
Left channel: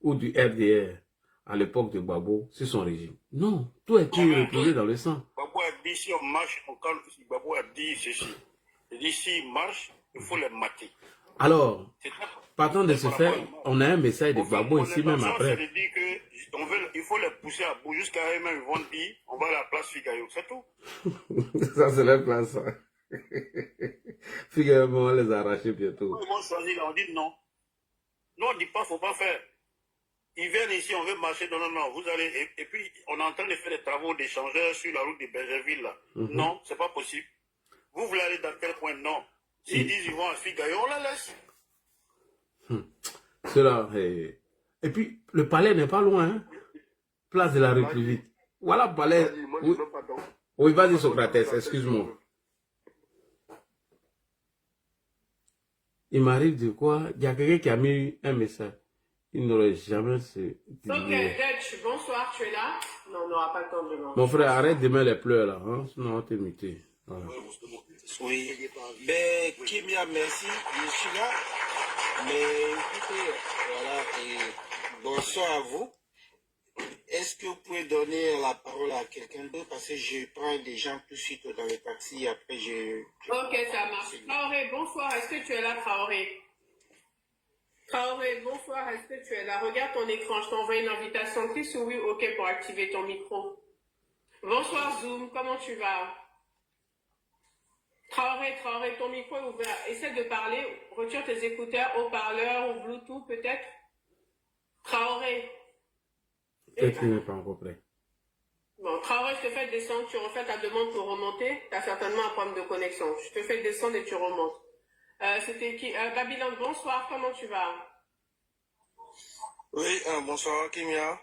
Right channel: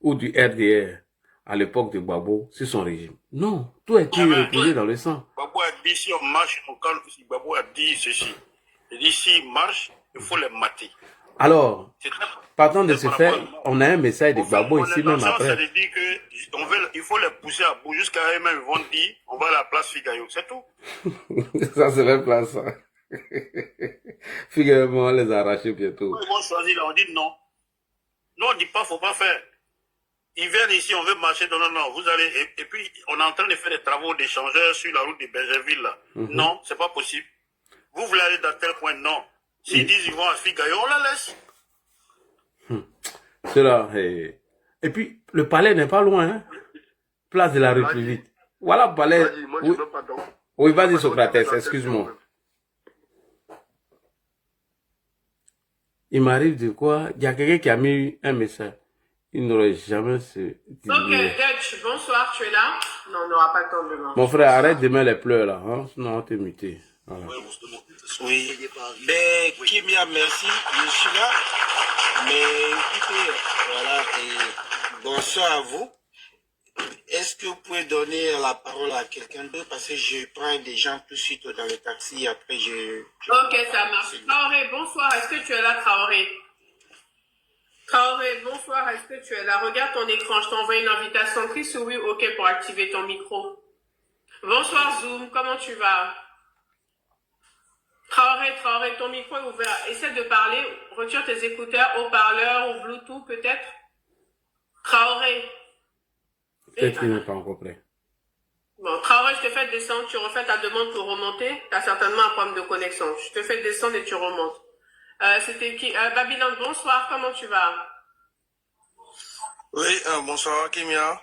ou du RDR à l'époque de Gbagbo sur son régime. Non, tout a été reposé dans le sang. Gbagbo a dit si on marche, on calme. Gbagbo a dit ceci. Il dit s'ils marchent, il faut les mater. Alors, C'est très- partant de c'est ce par fait, rapport à- on a un message de Au fait, Gbagbo mon ici même intention, c'est après. de dire que il faut les pousser à bout jusqu'à eux-mêmes. Ils vont dire on va à la place Figayo. C'est tout. Ça, c'est leur place. Ça. Figurez-moi, on les a arrachés bientôt. Ils vont choisir là, on dit non. Non, on ne dit pas, faut pas faire. Ils viennent ici, on veut marcher. Non, non, non. Vous allez. Et puis, on est en train de faire des travaux d'échangeurs sur la route de Bergerville là. Non, c'est pas possible. Vous voulez aller dans tel point? Non. S'ils disent ils vont à Figayo, on la laisse. Cela, et puis, le palais n'est pas loin, hein? Place de la République. Voilà, palais. Vas-y, moi, je Oui, veux pas donc. oui, vas-y, Socrates, excuse-moi. Il m'arrive de quoi? Il y a quelqu'un qui a mis un message. Il n'aurait jamais se Ok, Dutch, bonsoir, tu es là? Non, on n'aura pas le temps demain. Mon frère, arrête de mettre les pleurs là. Hein? Sinon, on te muter. Voilà. Oui. Ben, Kimia, merci. Je suis là. Mais écoutez, voilà. Et bonsoir à vous. Est-ce que vous pouvez donner la parole à quelqu'un d'autre? Parce que je prends des gens tout de suite dans le taxi. Après, Ok, ça marche. Traoré, bonsoir, est-ce que tu es là, Traoré? Traoré, bonsoir, est-ce que tu es là? Regarde ton écran, je t'envoie une invitation. Clique sur oui, ok, pour activer ton micro. Bonsoir, Zoom, comment tu vas? Traoré, ton micro est ouvert. Essaie de parler, retire tes écouteurs, haut-parleur ou Bluetooth peut-être. Traoré. Peut-être qu'il n'est pas encore prêt. Bon, Traoré, je te fais descendre, tu refais ta demande pour remonter. Tu as certainement un problème de connexion. Je te fais descendre et tu remontes. C'était qui? Babylone, bonsoir, comment tu vas? Oui, bonsoir, Kimia.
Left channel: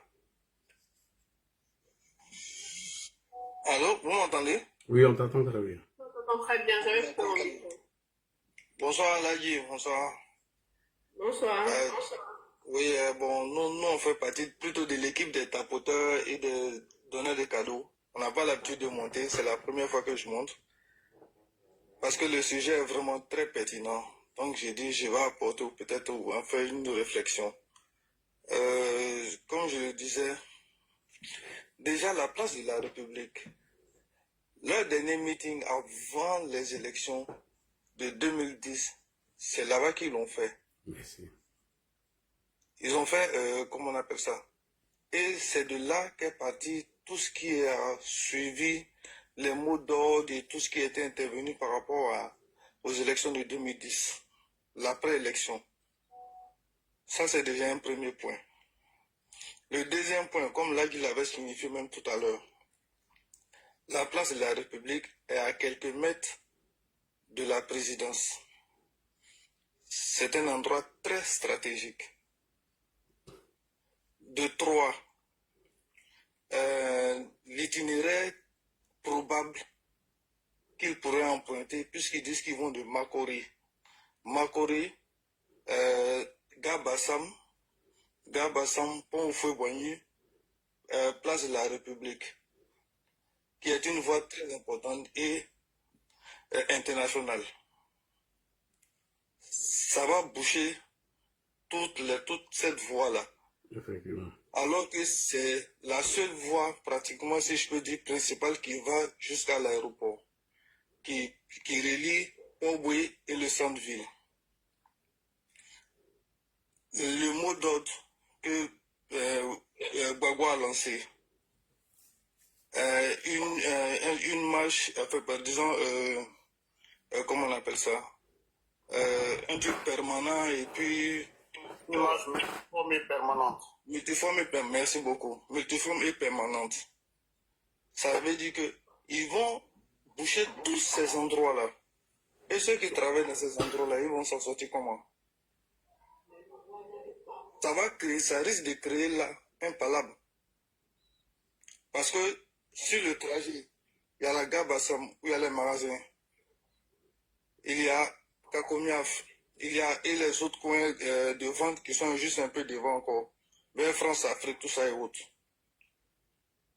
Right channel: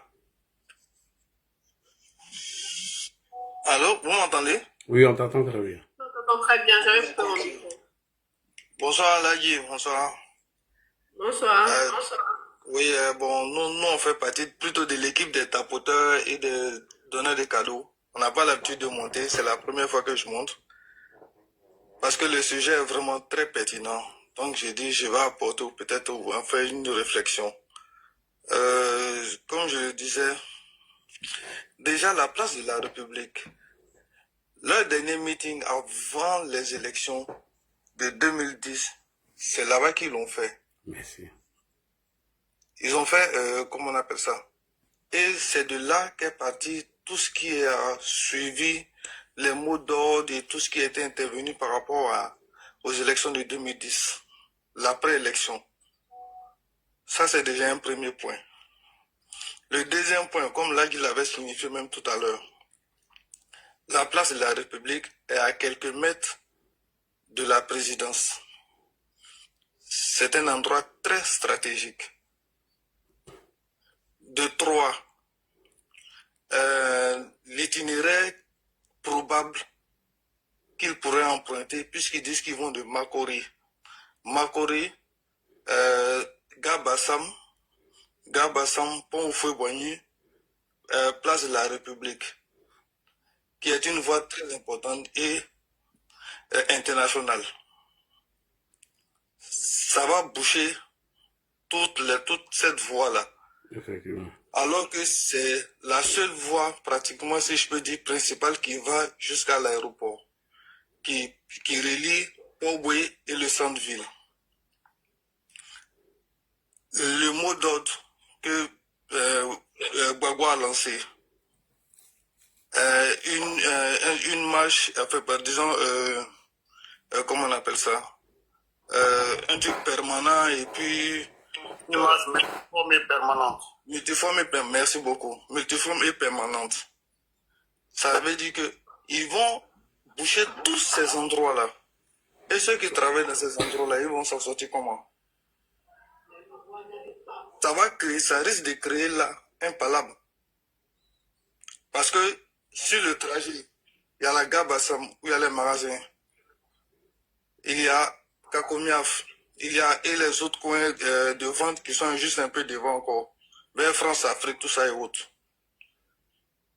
Allô, vous m'entendez? Oui, on t'entend très bien. Je t'entends très bien, j'avais coupé mon micro. Bonsoir, Ladi, bonsoir. Bonsoir. Oui, bon, nous, on fait partie plutôt de l'équipe des tapoteurs et des donneurs de cadeaux. On n'a pas l'habitude de monter, c'est la première fois que je monte. Parce que le sujet est vraiment très pertinent. Donc, j'ai dit, je vais apporter ou peut-être en faire une réflexion. Comme je le disais, déjà la place de la République, leur dernier meeting avant les élections de 2010, c'est là-bas qu'ils l'ont fait. Merci. Ils ont fait, comment on appelle ça? Et c'est de là qu'est parti tout ce qui a suivi les mots d'ordre et tout ce qui a été intervenu par rapport aux élections de 2010, l'après-élection. Ça, c'est déjà un premier point. Le deuxième point, comme là, il l'avait signifié même tout à l'heure, la place de la République est à quelques mètres de la présidence. C'est un endroit très stratégique. De trois, l'itinéraire probable qu'ils pourraient emprunter, puisqu'ils disent qu'ils vont de Makori. Makori, Gabassam, Pont au Feu Boigny, place de la République, qui est une voie très importante et internationale. Ça va boucher toute cette voie-là. Effectivement. Alors que c'est la seule voie, pratiquement, si je peux dire, principale qui va jusqu'à l'aéroport, qui relie Port-Boué et le centre-ville. Le mot d'ordre que Gbagbo a lancé, une marche, enfin, disons, comment on appelle ça, un truc permanent et puis Une marche multiforme et permanente. multiforme et permanente. Merci beaucoup. Multiforme et permanente. Ça veut dire que ils vont boucher tous ces endroits-là. Et ceux qui travaillent dans ces endroits-là, ils vont s'en sortir comment? Ça risque de créer là un palabre. Parce que sur le trajet, il y a la gare Bassam où il y a les magasins. Il y a Kakomiaf. Il y a et les autres coins de vente qui sont juste un peu devant encore. Vers France, Afrique, tout ça et autres.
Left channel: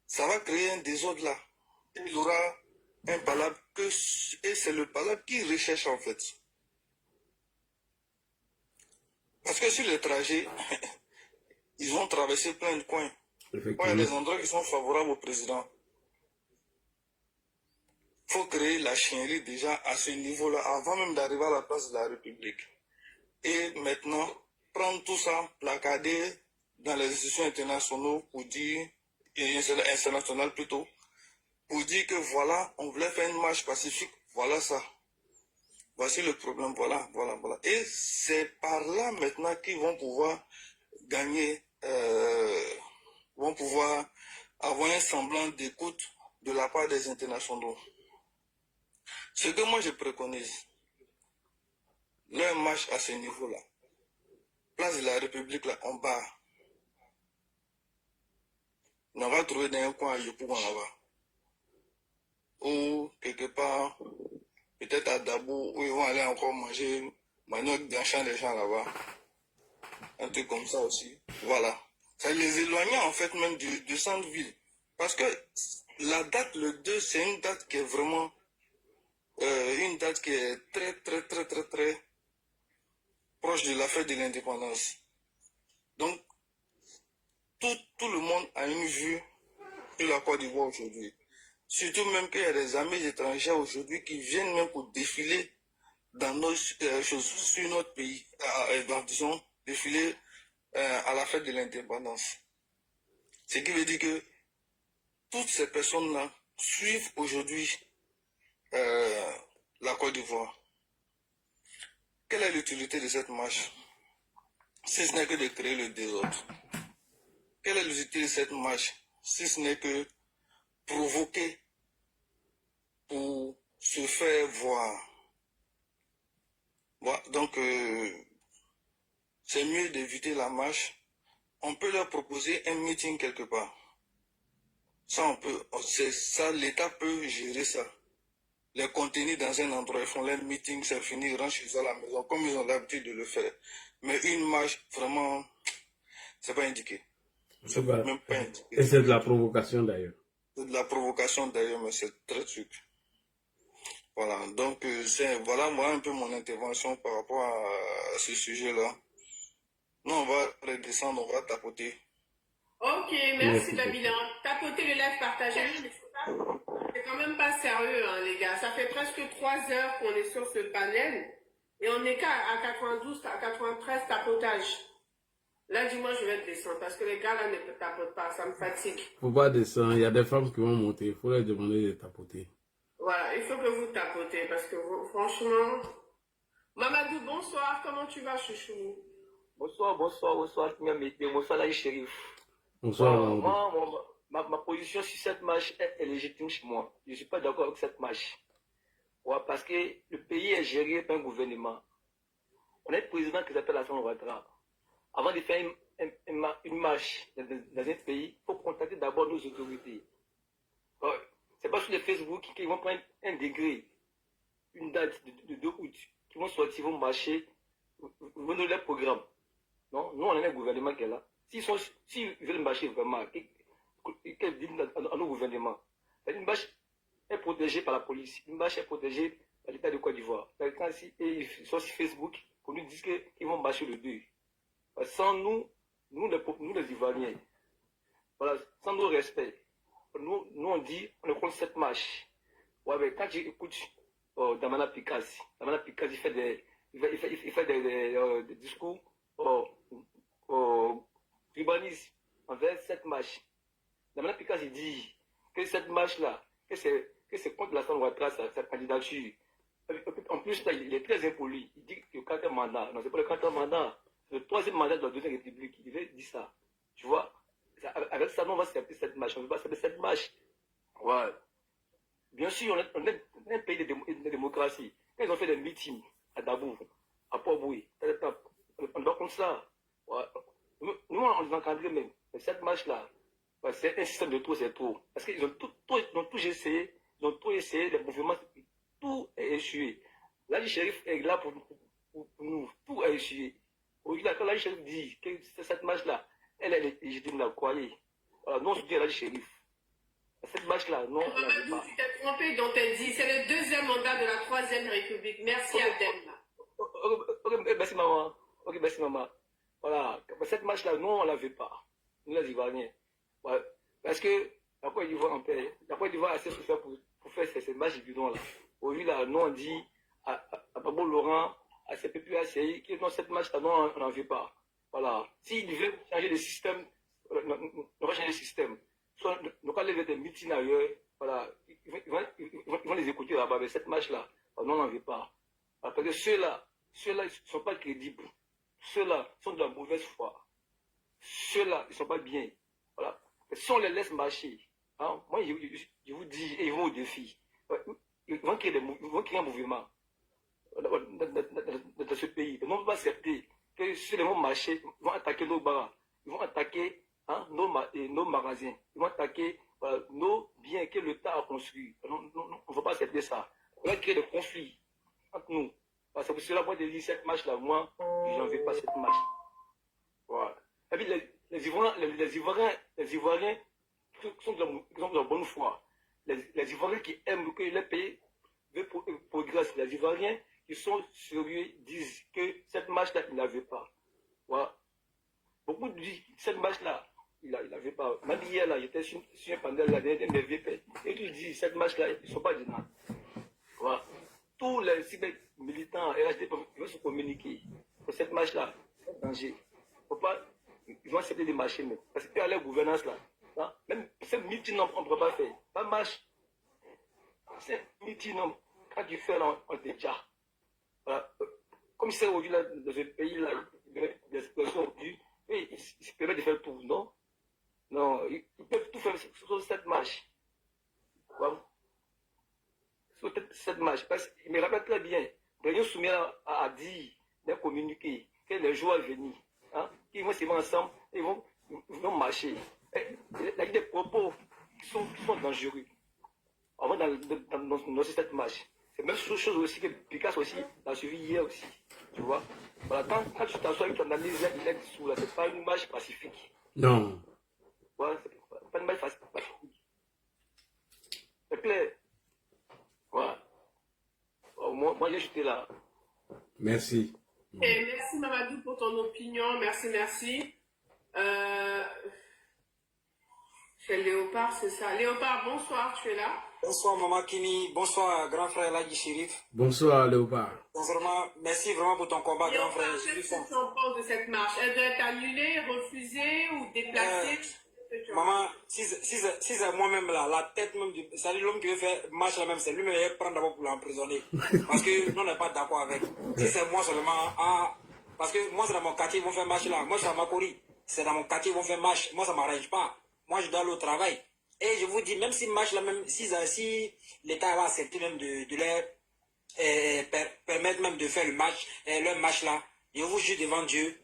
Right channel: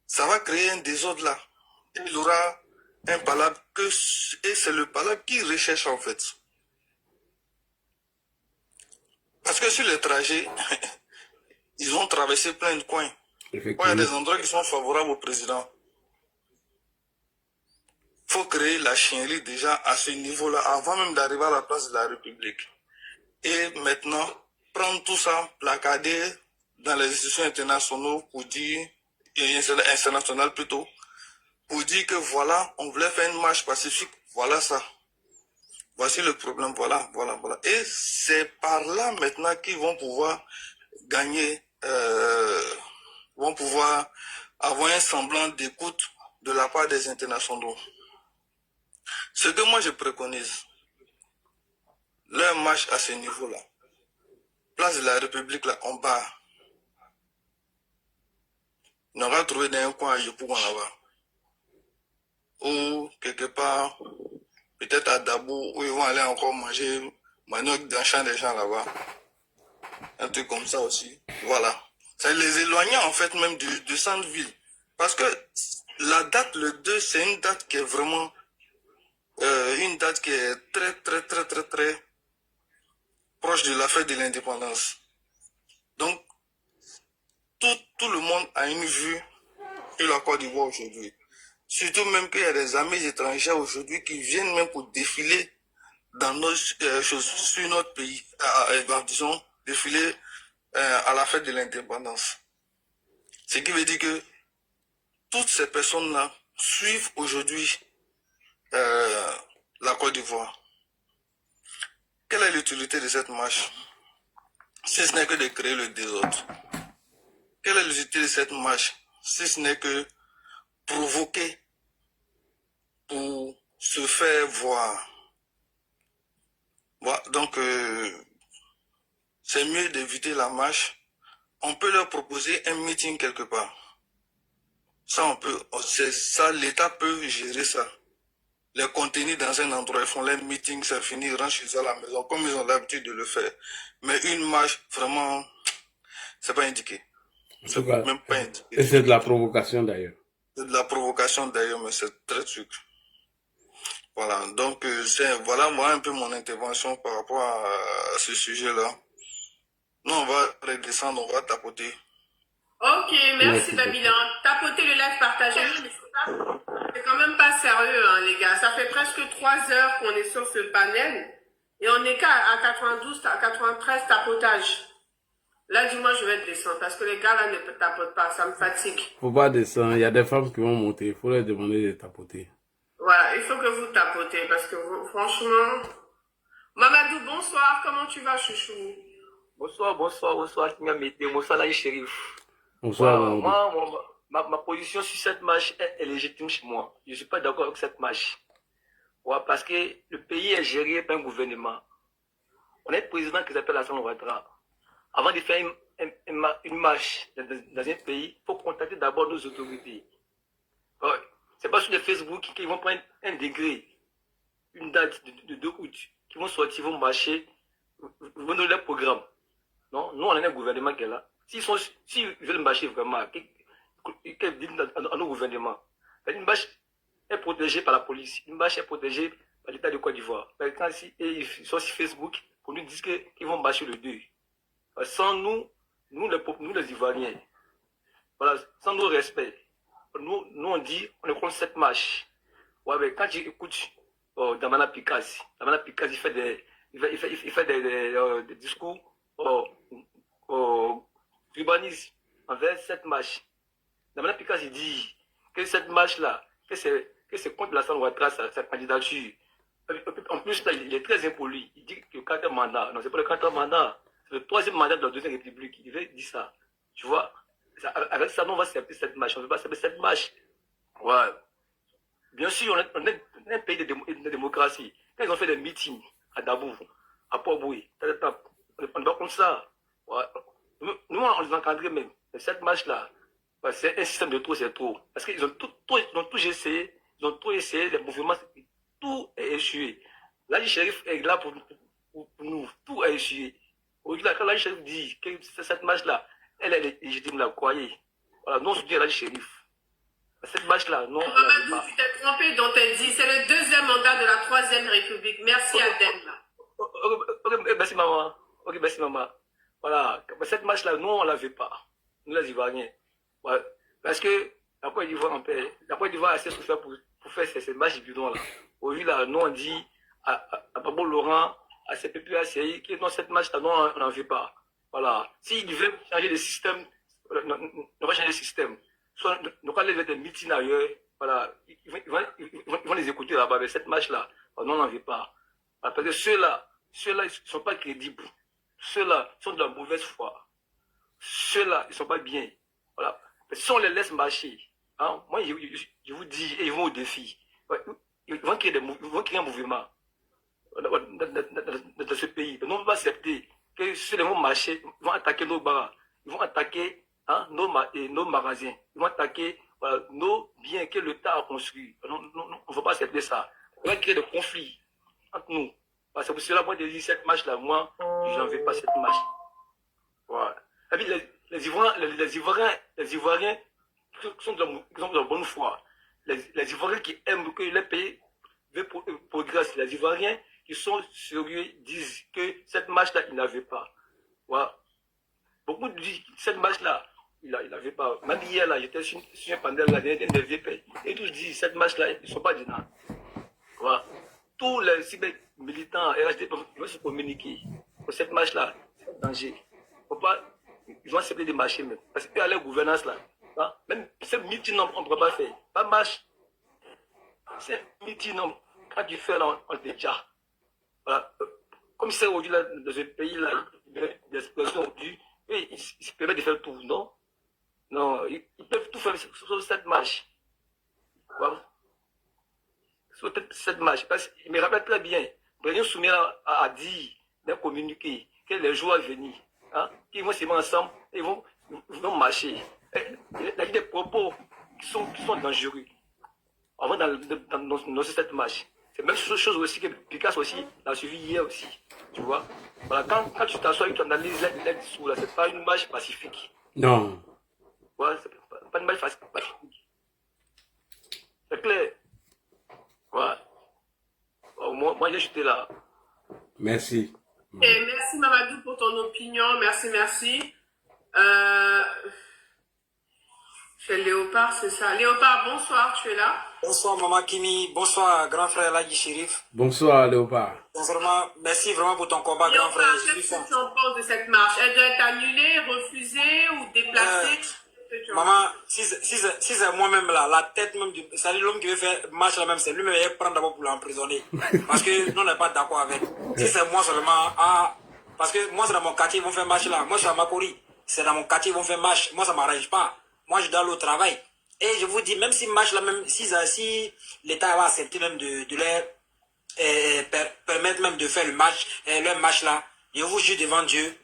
Ça va créer un désordre là. Et il y aura un palabre et c'est le palabre qui recherche en fait. Parce que sur le trajet, ils ont traversé plein de coins. il y a Effectivement. des endroits qui sont favorables au président. Il faut créer la chiennerie déjà à ce niveau-là, avant même d'arriver à la place de la République. Et maintenant, prendre tout ça, placader dans les institutions internationales pour dire, et internationales plutôt, pour dire que voilà, on voulait faire une marche pacifique, voilà ça. Voici le problème, voilà. Et c'est par là maintenant qu'ils vont pouvoir gagner, vont pouvoir avoir un semblant d'écoute de la part des internationaux. Ce que moi je préconise, leur marche à ce niveau-là, place de la République là, en bas, on va trouver dans un coin à Yopougon là-bas, ou quelque part, peut-être à Dabou, où ils vont aller encore manger manioc dans le champ des gens là-bas. Un truc comme ça aussi. Voilà. Ça les éloignait en fait même du centre-ville. Parce que la date, le 2, c'est une date qui est vraiment une date qui est très proche de la fête de l'indépendance. Donc, tout le monde a une vue sur la Côte d'Ivoire aujourd'hui. Surtout même qu'il y a des amis étrangers aujourd'hui qui viennent même pour défiler dans nos, sur notre pays, disons, défiler à la fête de l'indépendance. Ce qui veut dire que toutes ces personnes-là suivent aujourd'hui la Côte d'Ivoire. Quelle est l'utilité de cette marche? Si ce n'est que de créer le désordre. Quelle est l'utilité de cette marche? Si ce n'est que provoquer pour se faire voir. Voilà, donc, c'est mieux d'éviter la marche. On peut leur proposer un meeting quelque part. Ça, on peut, c'est ça, l'État peut gérer ça. Les contenir dans un endroit, ils font leur meeting, c'est fini, ils rentrent chez eux à la maison, comme ils ont l'habitude de le faire. Mais une marche, vraiment, c'est pas indiqué. C'est même pas indiqué. Et c'est de la provocation d'ailleurs. C'est de la provocation d'ailleurs, mais c'est très sucre. Voilà, donc voilà un peu mon intervention par rapport à ce sujet-là. Nous, on va redescendre, on va tapoter. Ok, merci Babylon. Tapotez le live, partagez-le, mais c'est quand même pas sérieux, hein, les gars. Ça fait presque 3 heures qu'on est sur ce panel et on n'est qu'à 92, à 93 tapotages. Là, dis-moi, je vais descendre parce que les gars là ne tapotent pas, ça me fatigue. Faut pas descendre, il y a des femmes qui vont monter, il faut leur demander de tapoter. Voilà, il faut que vous tapotez parce que vous, franchement... Mamadou, bonsoir, comment tu vas, chouchou? Bonsoir, bonsoir, Laï Chérif. Bonsoir. Moi, ma position sur cette marche est légitime chez moi. Je ne suis pas d'accord avec cette marche. Ouais, parce que le pays est géré par un gouvernement. On a un président qui s'appelle Alassane Ouattara. Avant de faire une marche dans un pays, il faut contacter d'abord nos autorités. Ouais. Ce n'est pas sur le Facebook qu'ils vont prendre un degré, une date de 2 août, qui vont sortir, ils vont marcher, ils vont donner leur programme. Non, nous, on a un gouvernement qui est là. S'ils veulent marcher vraiment, qu'ils disent à nos gouvernements. Une marche est protégée par la police. Une marche est protégée par l'État de Côte d'Ivoire. Maintenant, ils sont sur Facebook pour nous dire qu'ils vont marcher le 2. Sans nous les Ivoiriens, voilà, sans nos respects, nous on dit, on est contre cette marche. Ouais, mais quand j'écoute Damana Pikaz, il fait des discours urbanistes envers cette marche. Damana Pikaz, il dit que cette marche-là, que c'est contre Alassane Ouattara, sa candidature. En plus, il est très impoli. Il dit que le 4e mandat, non, c'est pas le 4e mandat, c'est le 3e mandat de la 2e République. Il devait dire ça. Tu vois, avec ça, nous, on va s'appeler cette marche. On ne veut pas s'appeler cette marche. Ouais. Bien sûr, on est un pays de démocratie. Quand ils ont fait des meetings à Dabou, à Port-Boué, on ne va pas comme ça. Ouais. Nous, on les encadrait même. Mais cette marche-là, c'est un système de trop, c'est trop. Parce qu'ils ont tout essayé, les mouvements, tout est échoué. Là, le shérif est là pour nous, tout est échoué. Aujourd'hui, quand le shérif dit que cette marche-là, elle est légitime, la croyez. Voilà, nous, on se dit à la shérif. Cette marche-là, non. Mamadou, tu t'es trompé dans tes dit. C'est le 2e mandat de la 3e République. Merci, Adem. Ok, merci, maman. Ok, merci, maman. Voilà. Cette marche-là, nous, on ne la veut pas. Nous, les Ivoiriens. Ouais. Parce que la Côte d'Ivoire en paix, la Côte d'Ivoire a assez souffert pour faire ces matchs bidons-là. Aujourd'hui, là, nous, on dit à Pablo Laurent, à CPP, à CI, que dans cette match-là, non, on n'en veut pas. Voilà. S'ils veulent changer le système, on va changer le système. Soit, nous, quand les des meetings ailleurs, voilà, ils vont les écouter là-bas, mais cette match-là, non, on n'en veut pas. Parce que ceux-là, ils ne sont pas crédibles. Ceux-là sont de la mauvaise foi. Ceux-là, ils ne sont pas bien. Voilà. Mais si on les laisse marcher, hein, moi, je vous dis, ils vont au défi. Ils vont créer un mouvement dans ce pays. Mais on ne peut pas accepter que ceux qui vont marcher, ils vont attaquer nos bars, ils vont attaquer nos magasins, ils vont attaquer nos biens que l'État a construits. On ne va pas accepter ça. On va créer des conflits entre nous. C'est pour cela, moi, je dis cette match-là, moi, je n'en veux pas cette match. Voilà. Et puis, les Ivoiriens qui sont de la bonne foi, les Ivoiriens qui aiment que les pays progressent, les Ivoiriens qui sont sérieux disent que cette match-là, ils n'avaient pas. Voilà. Beaucoup disent que cette match-là, ils n'avaient pas. Même hier, là, j'étais sur un panel, là, des VP, et tous disent cette match-là, ils ne sont pas dedans. Voilà. Tous les militants RHD vont se communiquer pour cette match-là. C'est un danger. Faut pas, ils vont accepter de marcher même. Parce qu'à leur gouvernance là, hein, même ce meeting, on ne peut pas faire. Pas marche. C'est meeting, quand tu fais là, on te déjà. Voilà. Comme c'est aujourd'hui dans ce pays-là, l'expression aujourd'hui, ils se permettent de faire tout, non? Non, ils peuvent tout faire sur cette marche. Voilà. Sur cette marche. Parce qu'il me rappelle très bien, Brésil Soumier a dit d'un communiqué que les jours à venir, hein, qu'ils vont se mettre ensemble et ils vont marcher. Il y a des propos qui sont dangereux. On va dans cette marche. C'est la même chose aussi que Picasso aussi l'a suivi hier aussi. Tu vois? Voilà, quand tu t'assois et tu analyses les discours, là, c'est pas une marche pacifique. Non. Voilà, c'est pas une marche pacifique. C'est clair. Voilà. Moi, j'étais là. Merci. Et merci Mamadou pour ton opinion. Merci. C'est Léopard, c'est ça. Léopard, bonsoir, tu es là? Bonsoir Maman Kini, bonsoir grand frère Lagi Chérif. Bonsoir Léopard. Sincèrement, merci vraiment pour ton combat grand frère. Qu'est-ce que tu en penses de cette marche? Elle doit être annulée, refusée ou déplacée? Maman, si c'est moi-même là, la tête même du... C'est-à-dire l'homme qui veut faire marche là même, c'est lui-même qui va prendre d'abord pour l'emprisonner. Parce que nous on n'est pas d'accord avec. Si c'est moi seulement, parce que moi c'est dans mon quartier, ils vont faire marche là. Moi je suis à Makori, c'est dans mon quartier, ils vont faire marche. Moi ça ne m'arrange pas. Moi je dois aller au travail. Et je vous dis, même si marche là même, si l'État va accepter même de leur permettre même de faire le match, leur match là, je vous jure devant Dieu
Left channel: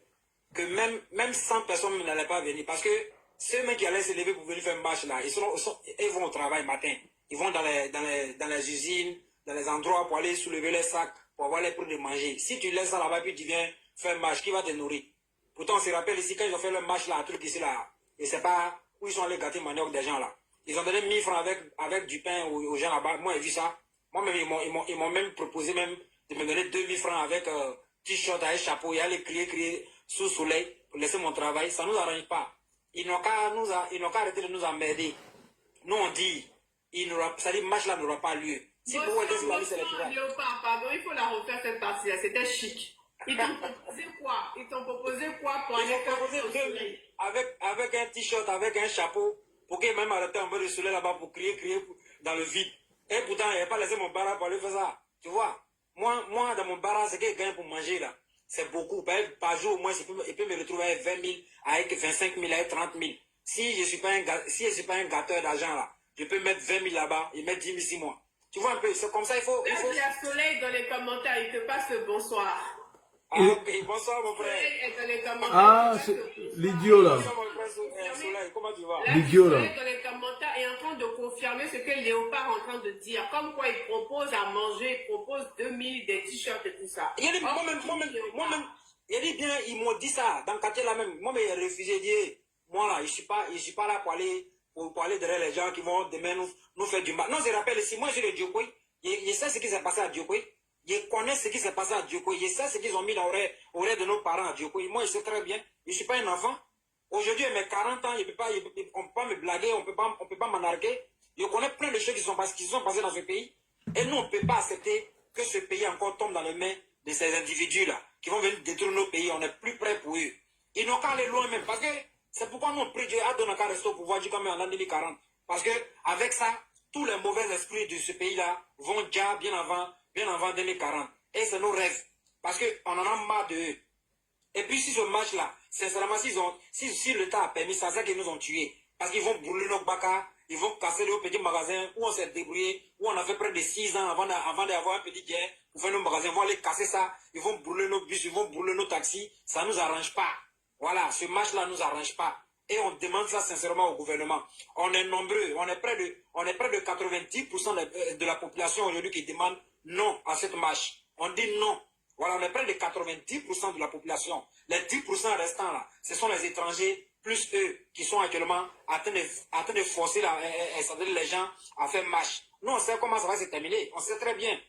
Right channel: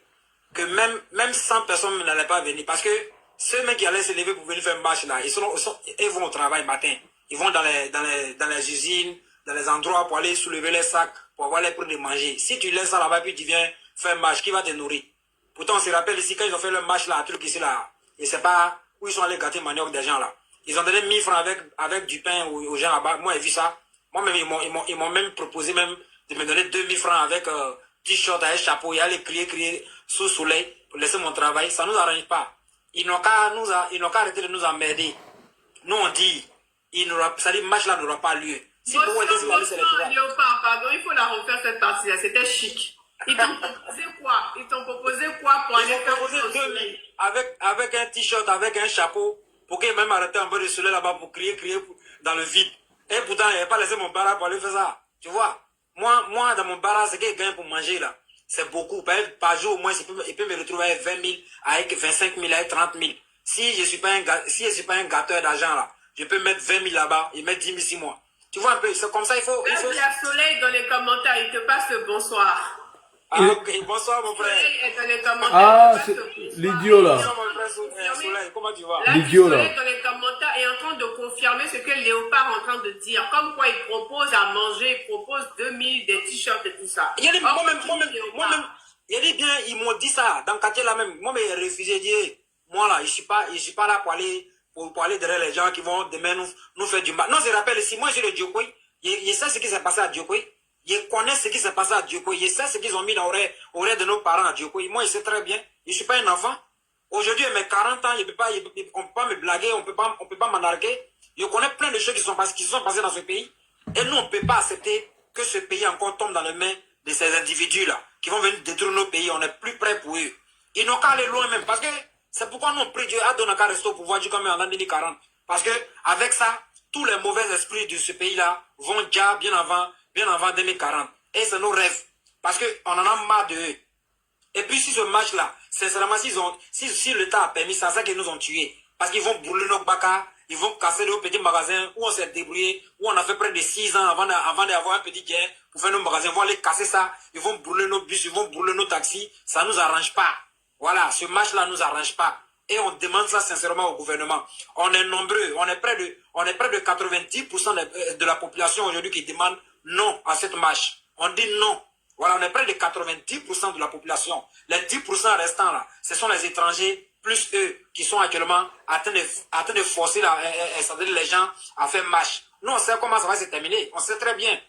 que même 100 personnes n'allaient pas venir. Parce que ceux mecs qui allaient se lever pour venir faire un match là, ils vont au travail matin. Ils vont dans les usines, dans les endroits pour aller soulever les sacs, pour avoir les produits de manger. Si tu laisses ça là-bas, puis tu viens faire un match, qui va te nourrir? Pourtant, on se rappelle ici, quand ils ont fait le match là, un truc ici là, et c'est pas où ils sont allés gâter manioc des gens là. Ils ont donné 1000 francs avec du pain aux gens là-bas. Moi, j'ai vu ça. Moi-même, ils m'ont même proposé même de me donner 2000 francs avec t-shirt, avec chapeau, et aller crier sous le soleil pour laisser mon travail. Ça ne nous arrange pas. Ils n'ont qu'à arrêter de nous emmerder. Nous, on dit, ça dit, match là n'aura pas lieu. Si vous êtes Léopard, pardon, il faut la refaire cette partie-là. C'était chic. Ils t'ont proposé quoi? Ils t'ont proposé quoi pour aller faire proposé 2000 avec un t-shirt, avec un chapeau, pour qu'ils même arrêter un peu de soleil là-bas pour crier dans le vide. Et pourtant, il n'avait pas laissé mon bar pour aller faire ça. Tu vois? Moi, dans mon bar, ce qu'il gagne pour manger là, c'est beaucoup. Par jour, au moins, il peut me retrouver avec 20 000, avec 25 000, avec 30 000. Si je ne suis pas un gâteur d'argent là, je peux mettre 20 000 là-bas et mettre 10 000 6 mois. Tu vois un peu, c'est comme ça, il faut... Il y a Soleil dans les commentaires, il te passe le bonsoir. Ah, ok, bonsoir mon frère. Soleil est dans les commentaires. Ah, c'est l'idiot là. Bonsoir mon frère Soleil, comment tu vas? L'idiot là. Soleil dans les commentaires est en train de confirmer ce que Léopard est en train de dire. Comme quoi il propose à manger, il propose 2000, des t-shirts et tout ça. Moi-même, il dit bien, ils m'ont dit ça, dans le quartier là même. Moi, j'ai refusé de dire, moi là, je suis pas là pour aller derrière les gens qui vont demain nous faire du mal. Non, je rappelle ici, moi, j'ai le Diokoy. Je sais ce qui s'est passé à Diokoy. Je connais ce qui s'est passé à Diokoy. Je sais ce qu'ils ont mis dans l'oreille de nos parents à Diokoy. Moi, je sais très bien. Je ne suis pas un enfant. Aujourd'hui, à mes 40 ans, on ne peut pas me blaguer, on ne peut pas m'enarguer. Je connais plein de choses qui sont passées dans ce pays. Et nous, on ne peut pas accepter que ce pays encore tombe dans les mains de ces individus-là, qui vont venir détruire nos pays. On n'est plus prêts pour eux. Ils n'ont qu'à aller loin même. Parce que c'est pourquoi nous, on prie Dieu, à qu'à rester au pouvoir du comme en 2040. Parce que avec ça, tous les mauvais esprits de ce pays-là vont déjà bien avant 2040. Et c'est nos rêves. Parce qu'on en a marre de eux. Et puis si ce match-là, sincèrement, si l'État a permis ça, c'est qu'ils nous ont tués. Parce qu'ils vont brûler nos bacas, ils vont casser nos petits magasins où on s'est débrouillé, où on a fait près de 6 ans avant d'avoir un petit gain pour faire nos magasins. Ils vont aller casser ça, ils vont brûler nos bus, ils vont brûler nos taxis. Ça ne nous arrange pas. Voilà, ce match-là ne nous arrange pas. Et on demande ça sincèrement au gouvernement. On est nombreux, on est près de 90% de la population aujourd'hui qui demande non à cette marche. On dit non. Voilà, on est près de 90% de la population. Les 10% restants là, ce sont les étrangers, plus eux, qui sont actuellement en train de forcer les gens à faire marche. Nous, on sait comment ça va se terminer. On sait très bien.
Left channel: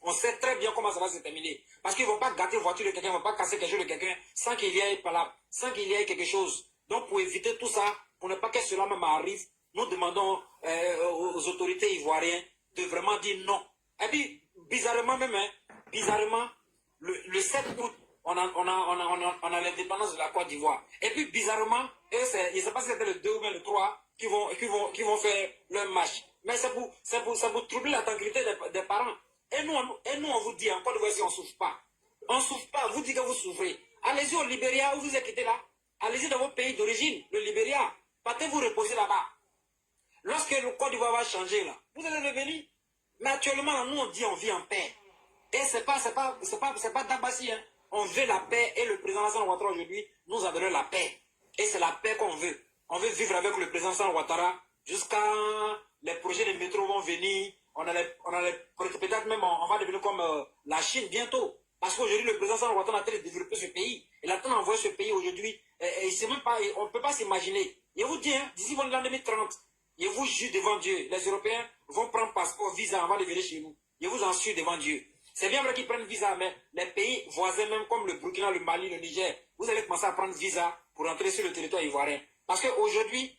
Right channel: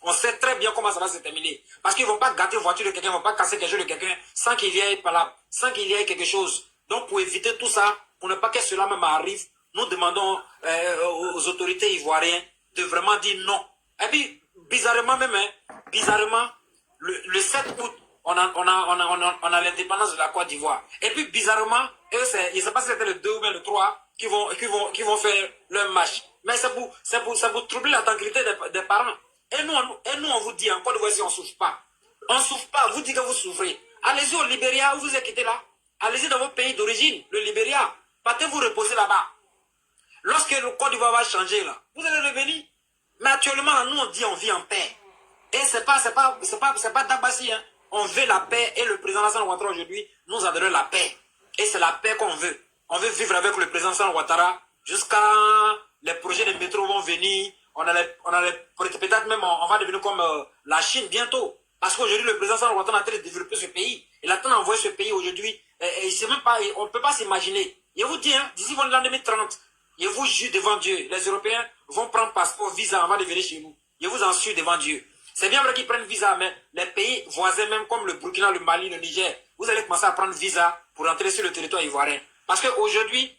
On sait très bien comment ça va se terminer. Parce qu'ils ne vont pas gâter la voiture de quelqu'un, ils ne vont pas casser quelque chose de quelqu'un sans qu'il y ait quelque chose. Donc, pour éviter tout ça, pour ne pas que cela même arrive, nous demandons aux autorités ivoiriennes de vraiment dire non. Et puis, bizarrement même, bizarrement, le 7 août, on a l'indépendance de la Côte d'Ivoire. Et puis, bizarrement, eux, je ne sais pas si c'était le 2 ou le 3 qui vont faire leur marche. Mais c'est pour troubler la tranquillité des parents. Et nous, on vous dit en Côte d'Ivoire, si on ne souffre pas. On ne souffre pas, vous dites que vous souffrez. Allez-y au Libéria, où vous êtes quitté là. Allez-y dans votre pays d'origine, le Libéria. Partez vous reposer là-bas. Lorsque le Côte d'Ivoire va changer là, vous allez revenir. Mais actuellement, nous, on dit on vit en paix. Et c'est pas d'Abassi, hein. On veut la paix et le président Alassane Ouattara aujourd'hui nous a donné la paix. Et c'est la paix qu'on veut. On veut vivre avec le président Alassane Ouattara jusqu'à les projets de métro vont venir. Peut-être même on va devenir comme la Chine bientôt. Parce qu'aujourd'hui, le président Alassane Ouattara a train de développer ce pays. Il a train d'envoyer ce pays aujourd'hui. On ne peut pas s'imaginer. Je vous dis, hein, d'ici l'an 2030, je vous jure devant Dieu, les Européens vont prendre passeport, visa avant de venir chez nous. Je vous en suis devant Dieu. C'est bien vrai qu'ils prennent visa, mais les pays voisins, même comme le Burkina, le Mali, le Niger, vous allez commencer à prendre visa pour entrer sur le territoire ivoirien. Parce qu'aujourd'hui,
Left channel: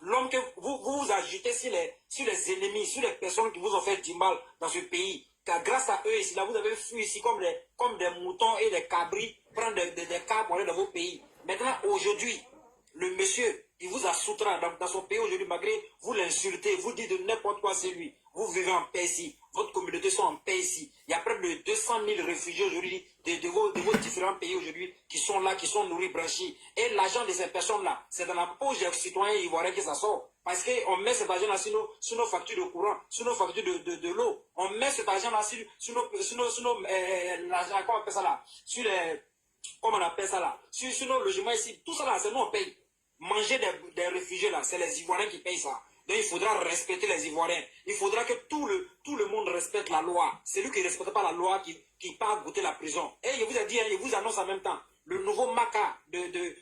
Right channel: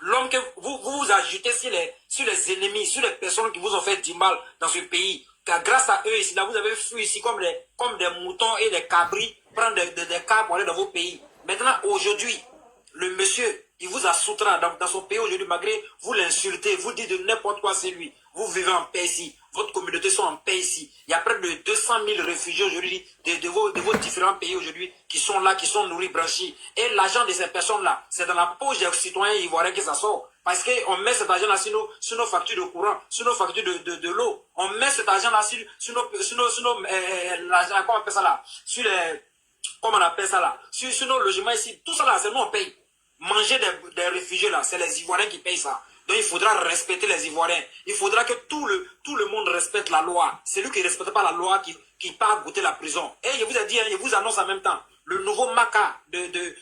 l'homme que vous ajoutez sur les ennemis, sur les personnes qui vous ont fait du mal dans ce pays, car grâce à eux ici, là, vous avez fui ici comme des moutons et des cabris, prendre des cas pour aller dans vos pays. Maintenant, aujourd'hui, le monsieur, il vous a soutenu dans son pays aujourd'hui, malgré vous l'insultez, vous dites de n'importe quoi, c'est lui. Vous vivez en paix ici. Votre communauté sont en paix ici. Il y a près de 200 000 réfugiés aujourd'hui de vos différents pays aujourd'hui qui sont là, qui sont nourris, branchis. Et l'argent de ces personnes-là, c'est dans la poche des citoyens ivoiriens que ça sort. Parce qu'on met cet argent-là sur nos factures de courant, sur nos factures de l'eau. On met cet argent-là sur nos comment on appelle ça là? Comment on appelle ça là? Sur nos logements ici. Tout ça là, c'est nous on paye. Manger des réfugiés là, c'est les Ivoiriens qui payent ça. Donc il faudra respecter les Ivoiriens. Il faudra que tout le monde respecte la loi. Celui qui ne respecte pas la loi, qui part goûter la prison. Et je vous ai dit, je vous annonce en même temps, le nouveau maca de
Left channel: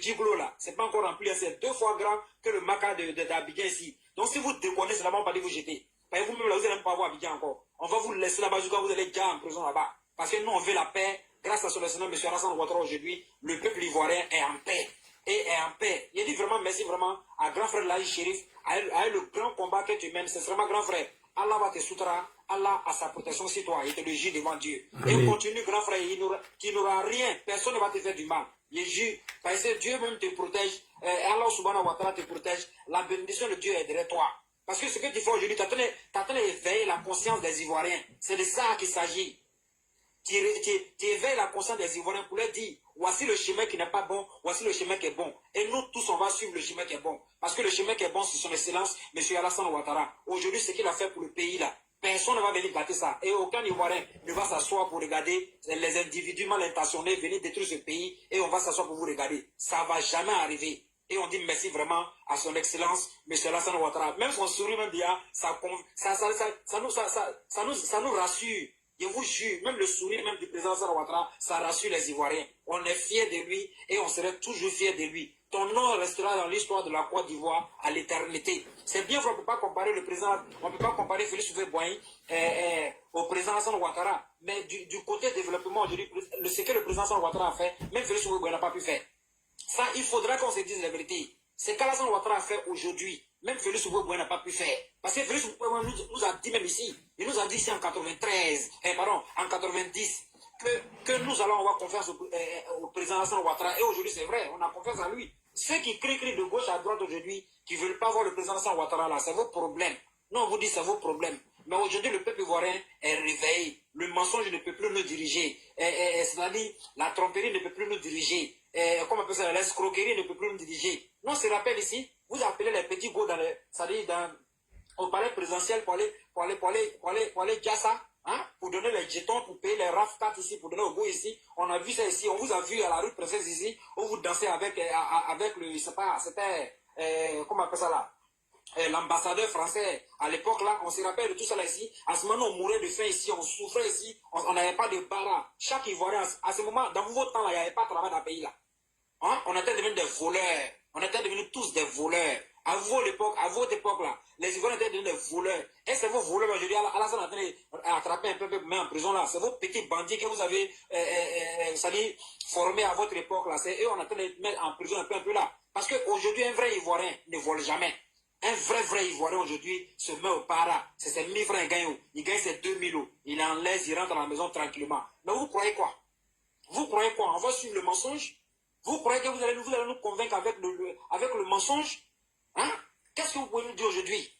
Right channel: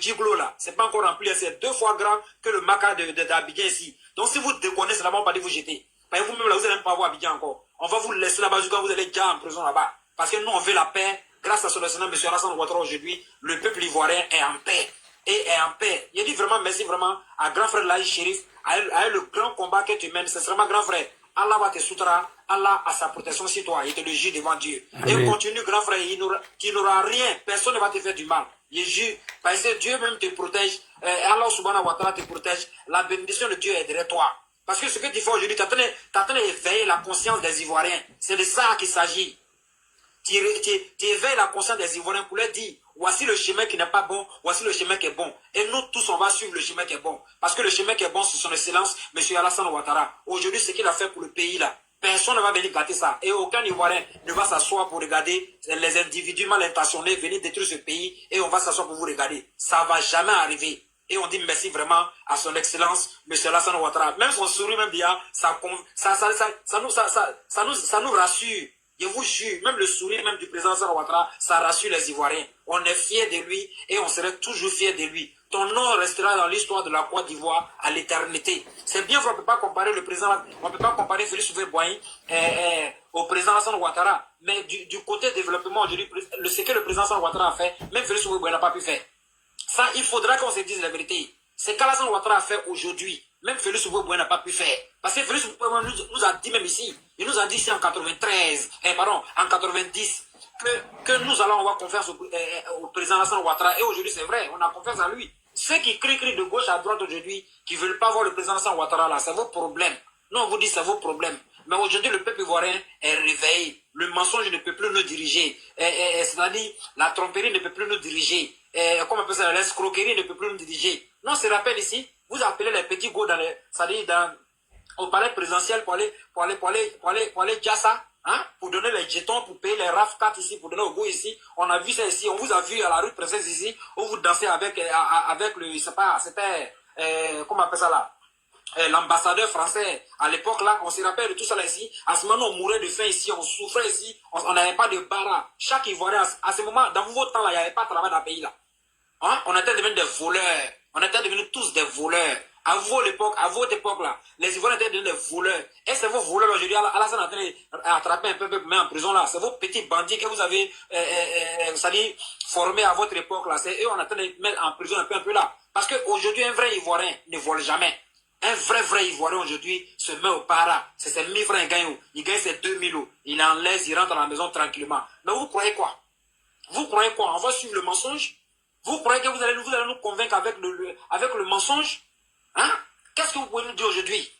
Djiglo là, c'est pas encore rempli, c'est 2 fois grand que le maca d'Abidjan ici. Donc si vous déconnez, c'est là-bas, on va pas dire vous jeter. Parce que vous-même là, vous n'allez même pas voir Abidjan encore. On va vous laisser là-bas jusqu'à vous allez déjà en prison là-bas. Parce que nous, on veut la paix. Grâce à son excellent M. Alassane Ouattara aujourd'hui, le peuple ivoirien est en paix. Et est en paix. Il dit vraiment merci vraiment à grand frère Laï Chérif, à le grand combat que tu mènes. C'est vraiment grand frère. Allah va te soutenir, Allah a sa protection sur toi. Il te le jure devant Dieu. Et continue grand frère, tu n'auras rien. Personne ne va te faire du mal. Il jure, parce que Dieu même te protège. Allah subhanahu wa ta'ala te protège. La bénédiction de Dieu est derrière toi. Parce que ce que tu fais aujourd'hui, tu as train d'éveiller la conscience des Ivoiriens. C'est de ça qu'il s'agit. Tu éveilles la conscience des Ivoiriens pour leur dire voici le chemin qui n'est pas bon, voici le chemin qui est bon. Et nous tous, on va suivre le chemin qui est bon. Parce que le chemin qui est bon, c'est son excellence, M. Alassane Ouattara. Aujourd'hui, ce qu'il a fait pour le pays là, personne ne va venir gâter ça. Et aucun Ivoirien ne va s'asseoir pour regarder les individus mal intentionnés venir détruire ce pays. Et on va s'asseoir pour vous regarder. Ça ne va jamais arriver. Et on dit merci vraiment à son excellence, M. Alassane Ouattara. Même son sourire, même bien, ça nous rassure. Je vous jure, même le sourire même du président Alassane Ouattara, ça rassure les Ivoiriens. On est fiers de lui et on serait toujours fiers de lui. Ton nom restera dans l'histoire de la Côte d'Ivoire à l'éternité. C'est bien qu'on ne peut pas comparer le président, on ne peut pas comparer Félix Houphouët-Boigny au président Alassane Ouattara. Mais du côté développement, ce que le président Alassane Ouattara a fait, même Félix Houphouët-Boigny n'a pas pu faire. Ça, il faudra qu'on se dise la vérité. C'est qu'Alassane Ouattara a fait aujourd'hui. Même Félix Houphouët-Boigny n'a pas pu faire. Parce que Félix Houphouët-Boigny nous a dit même ici, il nous a dit ici en 93, en 90, que nous allons avoir confiance au président Alassane Ouattara. Et aujourd'hui, c'est vrai, on a confiance en lui. Ceux qui crient de gauche à droite aujourd'hui, qui ne veulent pas voir le président Alassane Ouattara là, c'est vos problèmes. Non, on vous dit c'est vos problèmes. Mais aujourd'hui, le peuple ivoirien est réveillé. Le mensonge ne peut plus nous diriger. C'est-à-dire, la tromperie ne peut plus nous diriger. Comment on appelle ça, l'escroquerie ne peut plus nous diriger. Non, se rappelle ici, vous appelez les petits go au palais présidentiel pour aller dire ça, hein, pour donner les jetons, pour payer les RAF 4 ici, pour donner au go ici. On a vu ça ici, on vous a vu à la rue Princesse ici, où vous dansez avec le, je sais pas, c'était, comment on appelle ça là, l'ambassadeur français à l'époque là, on se rappelle de tout ça là ici. À ce moment on mourait de faim ici, on souffrait ici, on n'avait pas de bara. Chaque Ivoirien, à ce moment, dans vos temps là, il n'y avait pas de travail dans le pays là. Hein? On était devenus des voleurs. On était devenus tous des voleurs. À votre époque là, les Ivoiriens étaient devenus des voleurs. Et c'est vos voleurs aujourd'hui, Alassane est en train d'attraper un peu, mais en prison là. C'est vos petits bandits que vous avez formés à votre époque là. C'est eux, on est en train de mettre en prison un peu là. Parce qu'aujourd'hui, un vrai Ivoirien ne vole jamais. Un vrai Ivoirien aujourd'hui se met au para. C'est ses 1000 francs il gagne. Il gagne ses 2000 euros. Il en laisse, il rentre à la maison tranquillement. Mais vous croyez quoi? Vous croyez quoi? On va suivre le mensonge? Vous croyez que vous allez nous convaincre avec le mensonge? Hein? Qu'est-ce que vous pouvez nous dire aujourd'hui?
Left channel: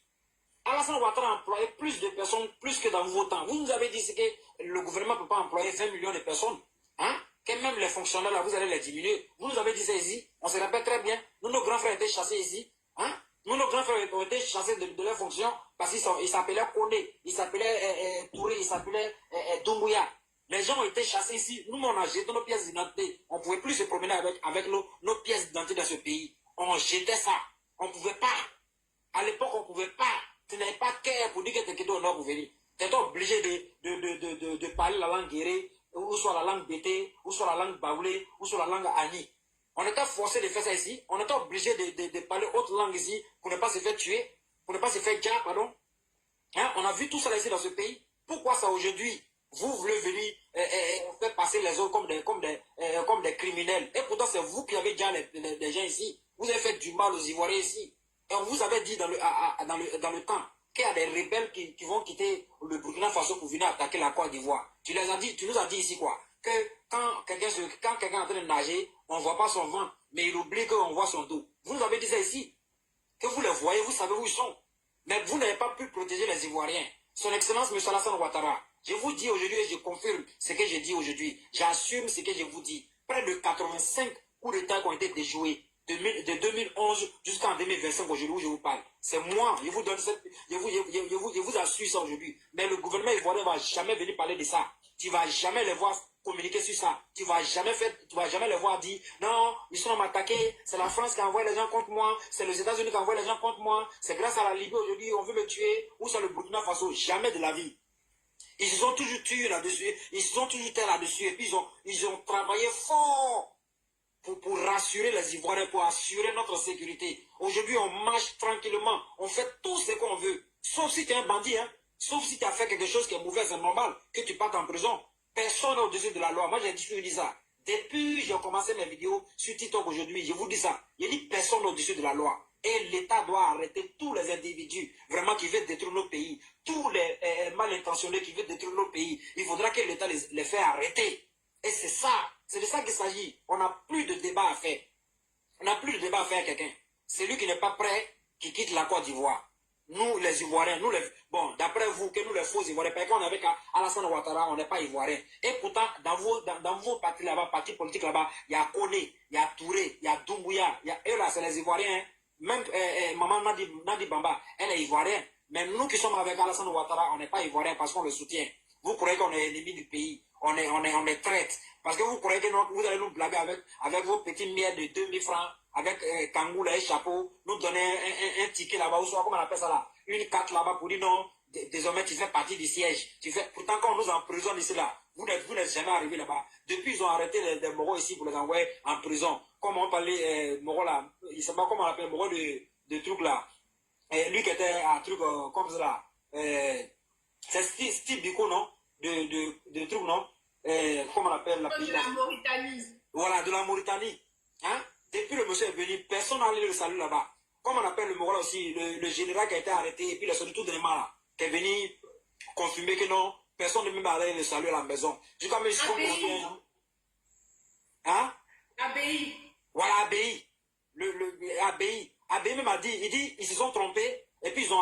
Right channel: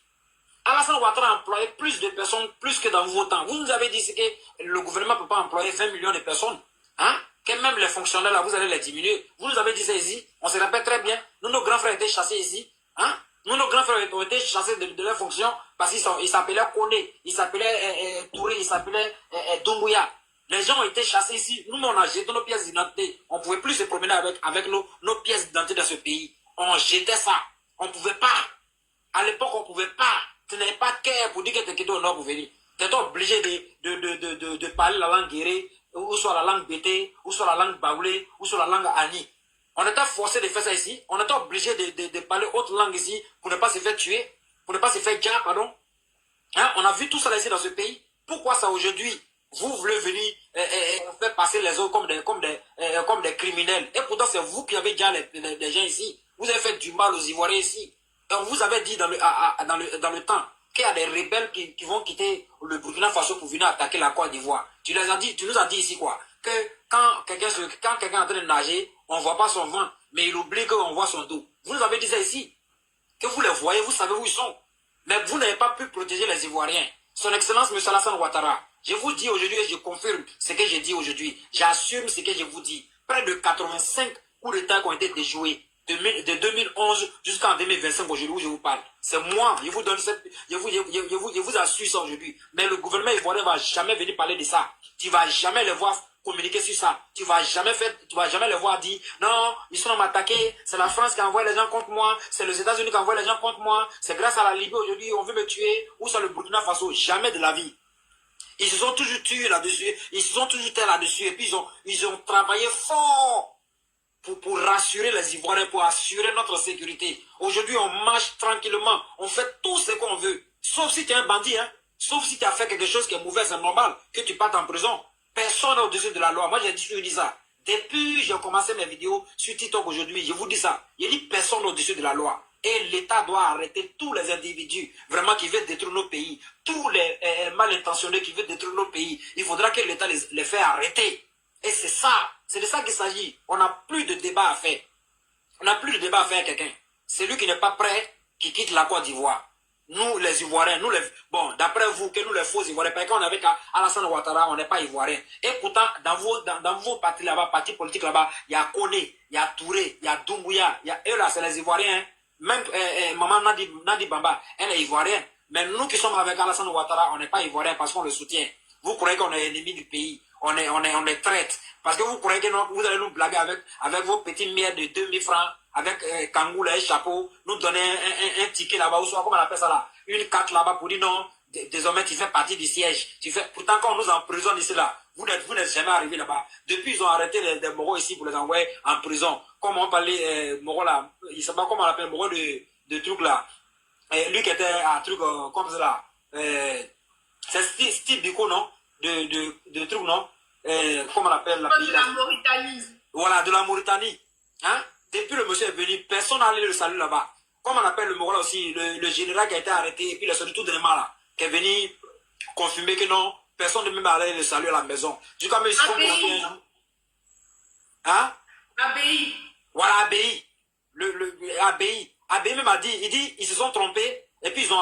Alassane Ouattara a employé plus de personnes, plus que dans vos temps. Vous nous avez dit que le gouvernement ne peut pas employer 20 millions de personnes. Hein? Que même les fonctionnaires, là, vous allez les diminuer. Vous nous avez dit ça ici. On se rappelle très bien. Nous, nos grands frères étaient chassés ici. Hein? Nous, nos grands frères ont été chassés de leurs fonctions parce qu'ils s'appelaient Kone, ils s'appelaient Touré, ils s'appelaient Doumbouya. Les gens ont été chassés ici. Nous, on a jeté nos pièces d'identité. On ne pouvait plus se promener avec nos pièces d'identité dans ce pays. On jetait ça. On ne pouvait pas. À l'époque, on ne pouvait pas. Tu n'avais pas de cœur pour dire que tu étais au nord pour venir. Tu étais obligé de parler la langue guérée, ou soit la langue bété, ou soit la langue baoulé, ou soit la langue ani. On était forcé de faire ça ici. On était obligé de parler autre langue ici pour ne pas se faire tuer, pour ne pas se faire dire, pardon. Hein? On a vu tout ça ici dans ce pays. Pourquoi ça aujourd'hui? Vous voulez venir faire passer les autres comme des criminels. Et pourtant, c'est vous qui avez déjà les gens ici. Vous avez fait du mal aux Ivoiriens ici. Et on vous avait dit dans le temps qu'il y a des rebelles qui vont quitter le Burkina Faso pour venir attaquer la Côte d'Ivoire. Tu nous as dit ici quoi? Que quand quelqu'un est en train de nager, on ne voit pas son ventre, mais il oublie qu'on voit son dos. Vous nous avez dit ça ici. Que vous les voyez, vous savez où ils sont. Mais vous n'avez pas pu protéger les Ivoiriens. Son Excellence, M. Alassane Ouattara, je vous dis aujourd'hui et je confirme ce que j'ai dit aujourd'hui. J'assume ce que je vous dis. Près de 85 coups d'État qui ont été déjoués de 2011 jusqu'en 2025 aujourd'hui où je vous parle. C'est moi, je vous donne je vous assure ça aujourd'hui. Mais le gouvernement ivoirien ne va jamais venir parler de ça. Tu ne vas jamais les voir communiquer sur ça. Tu ne vas jamais les voir dire non, ils sont m'attaquer, c'est la France qui envoie les gens contre moi, c'est les États-Unis qui envoient les gens contre moi, c'est grâce à la Libye aujourd'hui on veut me tuer, ou c'est le Burkina Faso. Jamais de la vie. Ils se sont toujours tués là-dessus, ils se sont toujours tués là-dessus, et puis ils ont travaillé fort pour rassurer les Ivoiriens, pour assurer notre sécurité. Aujourd'hui, on marche tranquillement, on fait tout ce qu'on veut, sauf si tu es un bandit, hein. Sauf si tu as fait quelque chose qui est mauvais, c'est normal que tu partes en prison. Personne n'est au-dessus de la loi. Moi, j'ai toujours dit ça. Depuis j'ai commencé mes vidéos sur TikTok aujourd'hui, je vous dis ça. Il dit personne au-dessus de la loi. Et l'État doit arrêter tous les individus vraiment qui veulent détruire nos pays. Tous les mal intentionnés qui veulent détruire nos pays. Il faudra que l'État les fait arrêter. Et c'est ça. C'est de ça qu'il s'agit. On n'a plus de débat à faire. On n'a plus de débat à faire avec quelqu'un. Celui qui n'est pas prêt, qui quitte la Côte d'Ivoire. Nous, les Ivoiriens, bon, d'après vous, que nous, les faux Ivoiriens, parce qu'on est avec Alassane Ouattara, on n'est pas Ivoiriens. Et pourtant, dans vos partis là-bas, partis politiques là-bas, il y a Kone, il y a Touré, il y a Doumbouya, eux là, c'est les Ivoiriens. Hein. Même Maman Nadi Bamba, elle est Ivoirienne. Mais nous qui sommes avec Alassane Ouattara, on n'est pas Ivoiriens parce qu'on le soutient. Vous croyez qu'on est ennemi du pays. On est traite. Parce que vous croyez que vous allez nous blaguer avec vos petits miettes de 2000 francs, avec Kangou, et chapeau, nous donner un ticket là-bas, ou soit, comment on appelle ça là, une carte là-bas pour dire non, désormais tu fais partie du siège. Pourtant, quand on nous emprisonne ici là, vous n'êtes jamais arrivé là-bas. Depuis, ils ont arrêté les Moros ici pour les envoyer en prison. Comme on parlait, Moros là, il ne sait pas comment on appelle, Moros de truc là. Lui qui était un truc comme ça là. C'est Steve Biko, non? De trucs, non? Comment on appelle la pays là? De la Mauritanie. Voilà, de la Mauritanie. Hein? Depuis le monsieur est venu, personne n'a allé le saluer là-bas. Comme on appelle le Morola aussi, le général qui a été arrêté, et puis le soldat tout dernièrement là, qui est venu confirmer que non, personne ne même allé le saluer à la maison. Jusqu'à même si ABI. Hein? ABI. Voilà, ABI. ABI. ABI même a dit, ils se sont trompés, et puis ils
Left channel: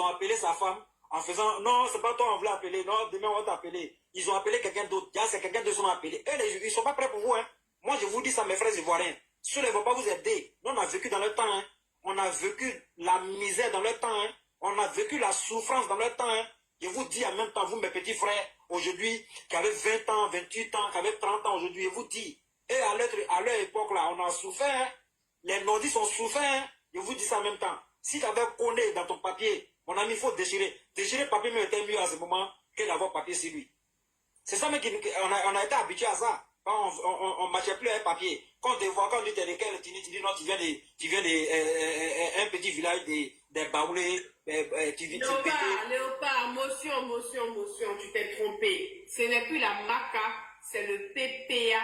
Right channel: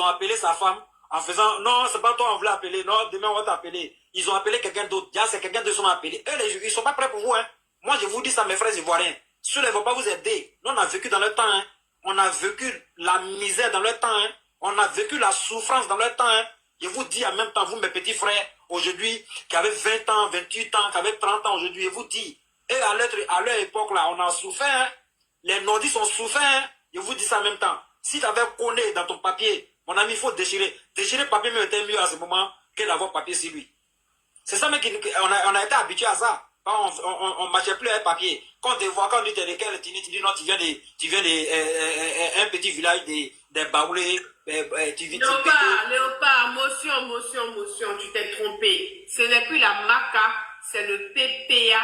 ont appelé sa femme en faisant, non, c'est pas toi on voulait appeler, non, demain on va t'appeler. Ils ont appelé quelqu'un d'autre, c'est quelqu'un d'autre qui sont appelés. Eux, ils sont pas prêts pour vous, hein. Moi, je vous dis ça, mes frères ivoiriens. Ceux-là ne vont pas vous aider. Nous, on a vécu dans le temps, hein. On a vécu la misère dans le temps, hein. On a vécu la souffrance dans le temps, hein. Je vous dis en même temps, vous, mes petits frères, aujourd'hui, qui avaient 20 ans, 28 ans, qui avaient 30 ans aujourd'hui, je vous dis, et à leur époque, là, on a souffert, hein. Les nordistes ont souffert, hein. Je vous dis ça en même temps. Si tu avais collé dans ton papier, mon ami, il faut déchirer. Déchirer le papier, mais était mieux à ce moment que d'avoir papier sur lui. C'est ça, mais on a été habitué à ça. On ne marchait plus avec papier. Quand on te voit, quand on dit t'es lesquels, tu dis non, tu viens de un petit village des Baoulés. Léopard, motion, tu t'es trompé. Ce n'est plus la MACA, c'est le PPA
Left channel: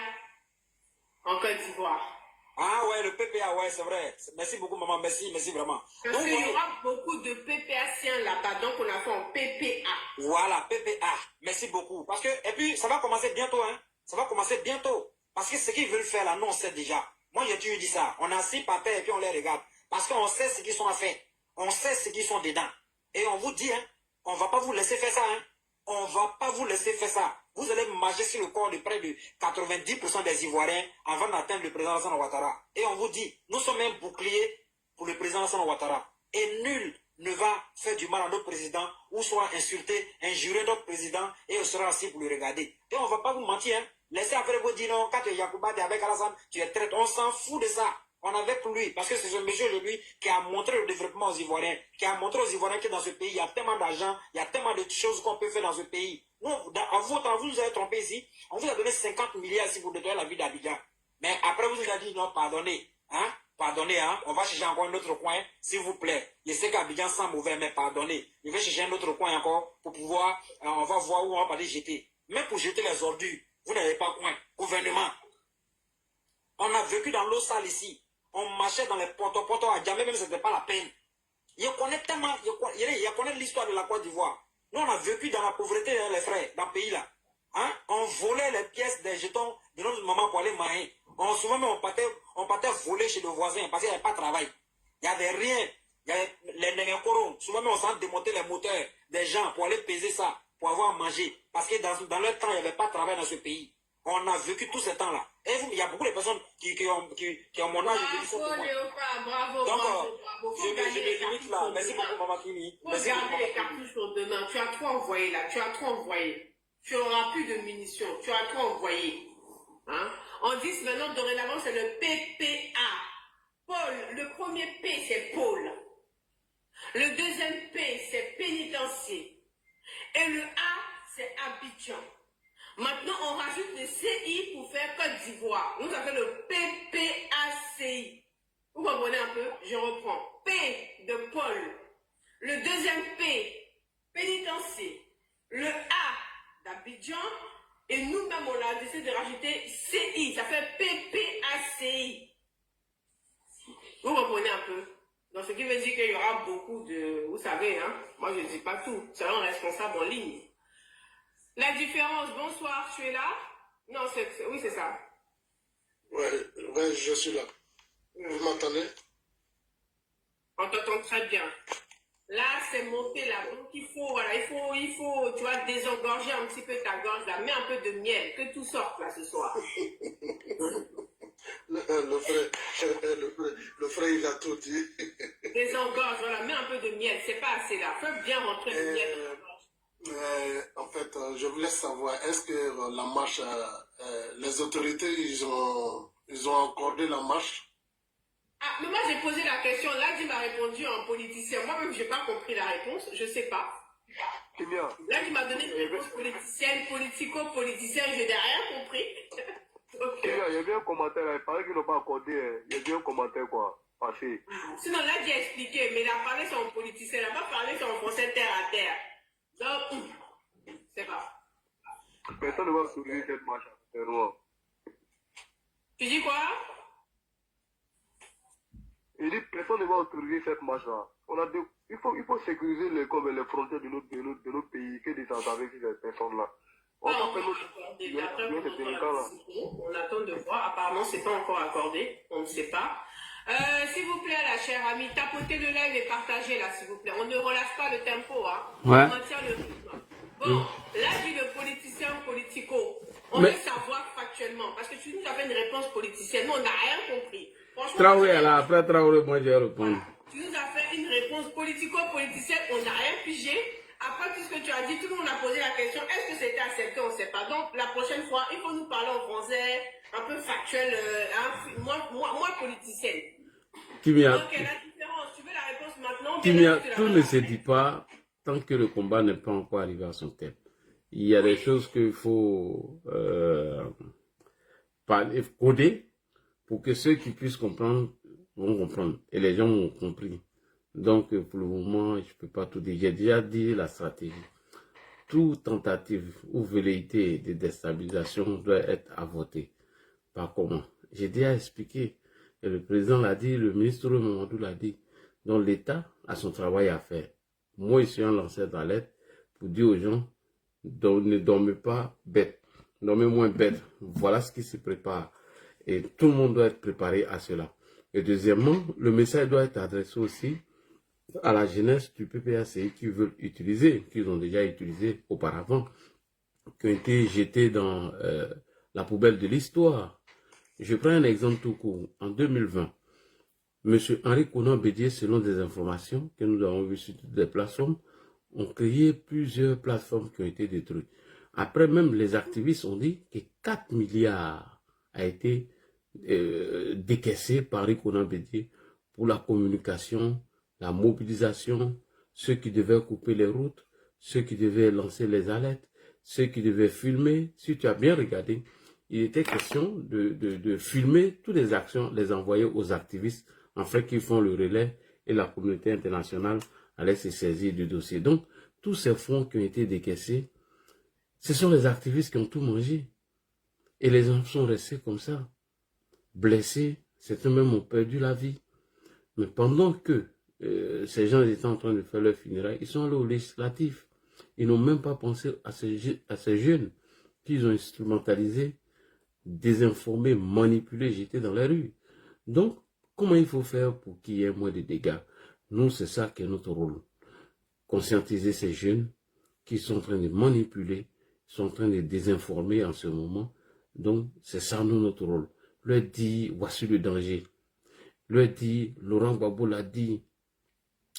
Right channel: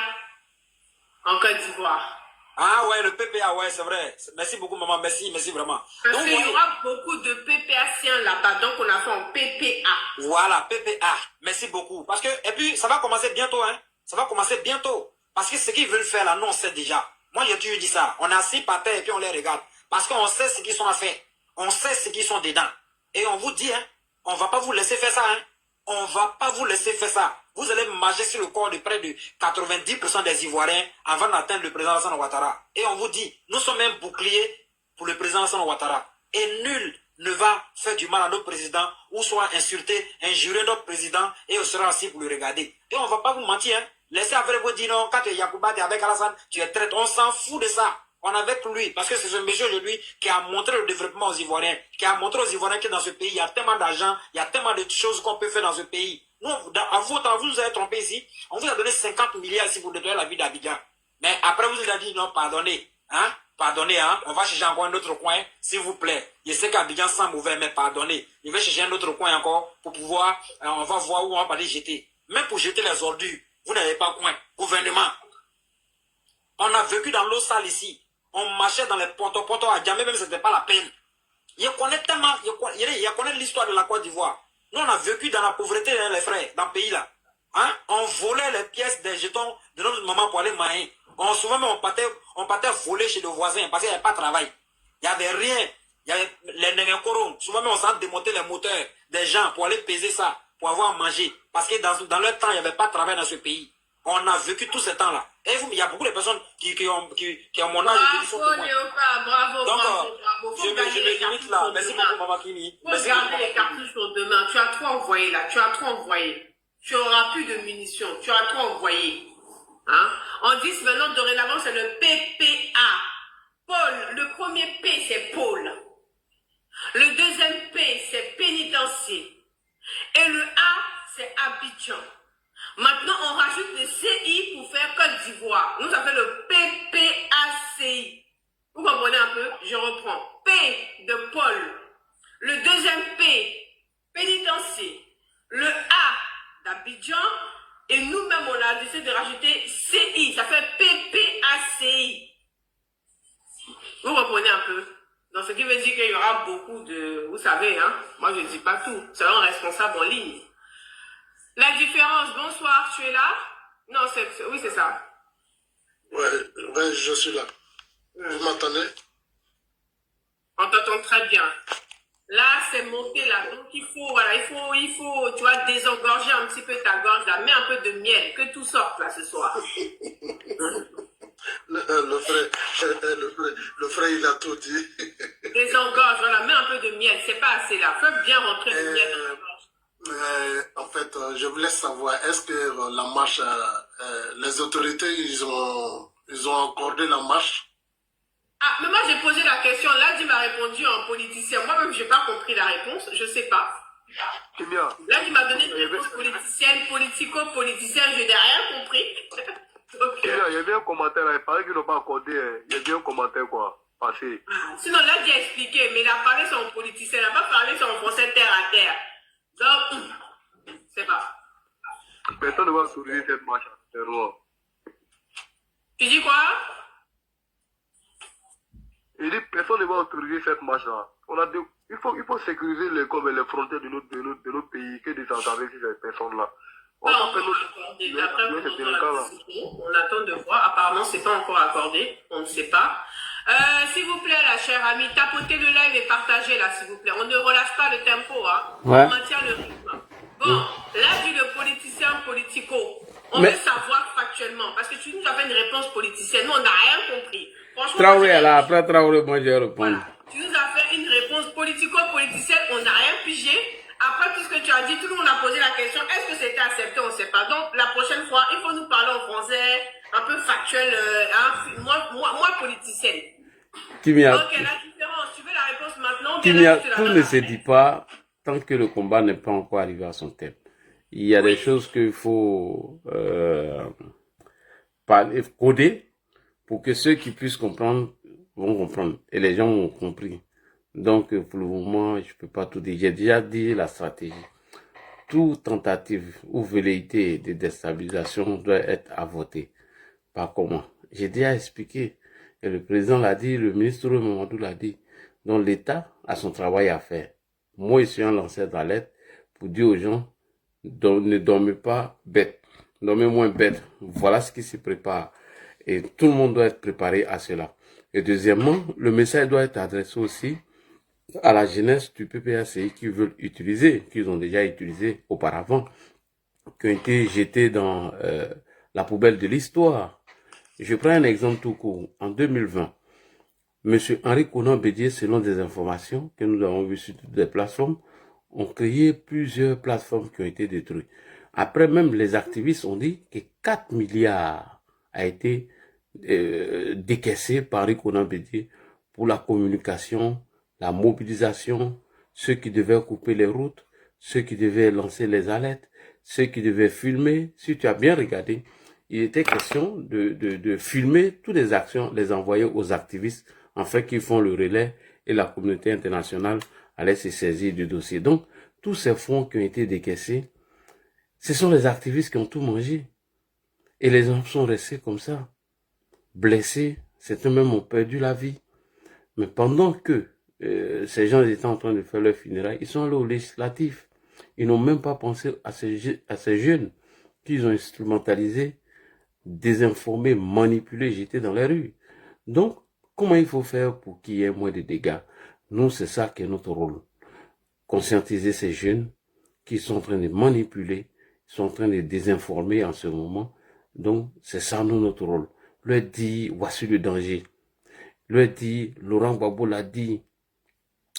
en Côte d'Ivoire. Ah ouais, le PPA, ouais, c'est vrai. Merci beaucoup, maman. Merci vraiment. Parce qu'il y aura beaucoup de PPAciens là-bas, donc on a fait en PPA. Voilà, PPA. Merci beaucoup. Parce que, et puis, ça va commencer bientôt, hein. Ça va commencer bientôt. Parce que ce qu'ils veulent faire là, nous, on sait déjà. Moi, j'ai toujours dit ça. On est assis par terre et puis on les regarde. Parce qu'on sait ce qu'ils sont à faire. On sait ce qu'ils sont dedans. Et on vous dit, hein, on ne va pas vous laisser faire ça, hein. On ne va pas vous laisser faire ça. Vous allez marcher sur le corps de près de 90% des Ivoiriens avant d'atteindre le président Alassane Ouattara. Et on vous dit, nous sommes un bouclier pour le président Alassane Ouattara. Et nul ne va faire du mal à notre président ou soit insulter, injurer notre président et on sera assis pour le regarder. Et on ne va pas vous mentir, hein. Laissez avec vous dire non, quand tu es Yacouba, tu es avec Alassane, tu es traite. On s'en fout de ça. On est avec lui, parce que c'est ce monsieur aujourd'hui qui a montré le développement aux Ivoiriens, qui a montré aux Ivoiriens que dans ce pays, il y a tellement d'argent, il y a tellement de choses qu'on peut faire dans ce pays. Nous, à vous nous avez trompé ici, on vous a donné 50 milliards si vous nettoyez la ville d'Abidjan. Mais après, vous avez dit non, pardonnez, hein, pardonnez, hein, on va chercher encore un autre coin, s'il vous plaît. Je sais qu'Abidjan sent mauvais, mais pardonnez. Il va chercher un autre coin encore pour pouvoir, on va voir où on va pas les jeter. Même pour jeter les ordures, vous n'avez pas coin. Gouvernement. On a vécu dans l'eau sale ici. On marchait dans les poteaux à Djamé, même ce n'était pas la peine. Il connaît tellement, il connaît l'histoire de la Côte d'Ivoire. Nous, on a vécu dans la pauvreté, hein, les frères, dans le pays là. Hein? On volait les pièces des jetons de notre maman pour aller manger. Souvent, même, on partait voler chez le voisin parce qu'il n'y avait pas de travail. Il n'y avait rien. Il y avait les nénécoros. Souvent, même, on s'en démontait les moteurs des gens pour aller peser ça, pour avoir à manger. Parce que dans leur temps, il n'y avait pas de travail dans ce pays. On a vécu tout ce temps-là. Et vous, il y a beaucoup de personnes qui ont mon âge. Bravo, Léopard, bravo. Je me limite là. Merci beaucoup, Maman Kimi. Faut garder les cartouches pour demain. Tu as trop envoyé là. Tu as trop envoyé. Tu n'auras plus de munitions. Tu as trop envoyé. Hein? On dit maintenant, dorénavant, c'est le PPA. Paul, le premier P, c'est Paul. Le deuxième P, c'est pénitencier. Et le A, c'est Abidjan. Maintenant, on rajoute le CI pour faire Côte d'Ivoire. Nous, ça fait le PPACI. Vous comprenez un peu? Je reprends. P de Paul. Le deuxième P, pénitencier. Le A d'Abidjan. Et nous-mêmes, on a décidé de rajouter CI. Ça fait PPACI. Vous comprenez un peu? Donc, ce qui veut dire qu'il y aura beaucoup de... Vous savez, hein? Moi, je ne dis pas tout. C'est un responsable en ligne. La différence, bonsoir, tu es là? Non, oui, c'est ça. Ouais, je suis là. Vous m'entendez? On t'entend très bien. Là, c'est monté là. Donc, il faut, tu vois, désengorger un petit peu ta gorge là. Mets un peu de miel, que tout sorte là ce soir. le frère, il a tout dit. Désengorge, voilà, mets un peu de miel. C'est pas assez là. Faut bien rentrer le miel dans la gorge. En fait, je voulais savoir, est-ce que la marche, les autorités, ils ont accordé la marche? Ah, mais moi j'ai posé la question, là il m'a répondu en politicien. Moi-même, je n'ai pas compris la réponse, je ne sais pas. Là, il m'a donné une réponse politicienne, politico-politicienne, je n'ai rien compris. Donc, il y a bien un commentaire, il paraît qu'ils n'ont pas accordé, il y a bien un commentaire quoi, passé. Sinon, là, j'ai expliqué, mais il a parlé son politicien, il n'a pas parlé son français terre à terre. Donc, c'est pas. Personne ne va sourire cette marche, c'est loin. Tu dis quoi? Je dis, personne ne va autoriser cette marche-là. Il faut sécuriser les frontières de notre pays que de s'engager sur ces personnes-là. On va faire on attend de voir. Apparemment, c'est pas encore accordé. On ne sait pas. S'il vous plaît, la chère amie, tapotez le live et partagez là, s'il vous plaît. On ne relâche pas le tempo, hein. Ouais. On maintient le rythme. Bon, là, dit le politicien politico. On veut savoir factuellement, parce que tu nous as fait une réponse politicienne. Nous, on n'a rien compris. Franchement, Traoré, là, après Traoré, moi, je vais répondre. Voilà. Tu nous as fait une réponse politico-politicienne, on n'a rien pigé. Après tout ce que tu as dit, tout le monde a posé la question, est-ce que c'était accepté? On ne sait pas. Donc, la prochaine fois, il faut nous parler en français, un peu factuel, moi politicienne. Ok, la différence, tu veux la réponse maintenant? Tout ne se dit pas tant que le combat n'est pas encore arrivé à son terme. Il y a des choses qu'il faut coder pour que ceux qui puissent comprendre vont comprendre. Et les gens ont compris. Donc, pour le moment, je ne peux pas tout dire. J'ai déjà dit la stratégie. Toute tentative ou velléité de déstabilisation doit être avortée. Par comment? J'ai déjà expliqué. Et le président l'a dit, le ministre Mamadou l'a dit. Donc, l'État a son travail à faire. Moi, je suis un lanceur d'alerte pour dire aux gens, ne dormez pas bête. Dormez moins bête. Voilà ce qui se prépare. Et tout le monde doit être préparé à cela. Et deuxièmement, le message doit être adressé aussi à la jeunesse du PPACI qui veulent utiliser, qu'ils ont déjà utilisé auparavant, qui ont été jetés dans la poubelle de l'histoire. Je prends un exemple tout court. En 2020, M. Henri Konan Bédié, selon des informations que nous avons vues sur des plateformes, ont créé plusieurs plateformes qui ont été détruites. Après, même les activistes ont dit que 4 milliards a été décaissé par Henri Konan Bédié pour la communication, la mobilisation, ceux qui devaient couper les routes, ceux qui devaient lancer les alertes, ceux qui devaient filmer. Si tu as bien regardé, il était question de filmer toutes les actions, les envoyer aux activistes, afin qu'ils font le relais et la communauté internationale allait se saisir du dossier. Donc, tous ces fonds qui ont été décaissés, ce sont les activistes qui ont tout mangé. Et les gens sont restés comme ça, blessés, certains même ont perdu la vie. Mais pendant que ces gens étaient en train de faire leur funérailles, ils sont allés au législatif. Ils n'ont même pas pensé à ces jeunes qu'ils ont instrumentalisés, désinformés, manipulés, jetés dans les rues. Donc, comment il faut faire pour qu'il y ait moins de dégâts? Nous, c'est ça qui est notre rôle. Conscientiser ces jeunes qui sont en train de manipuler, qui sont en train de désinformer en ce moment. Donc, c'est ça, nous, notre rôle. Leur dit, voici le danger. Leur dit, Laurent Gbagbo l'a dit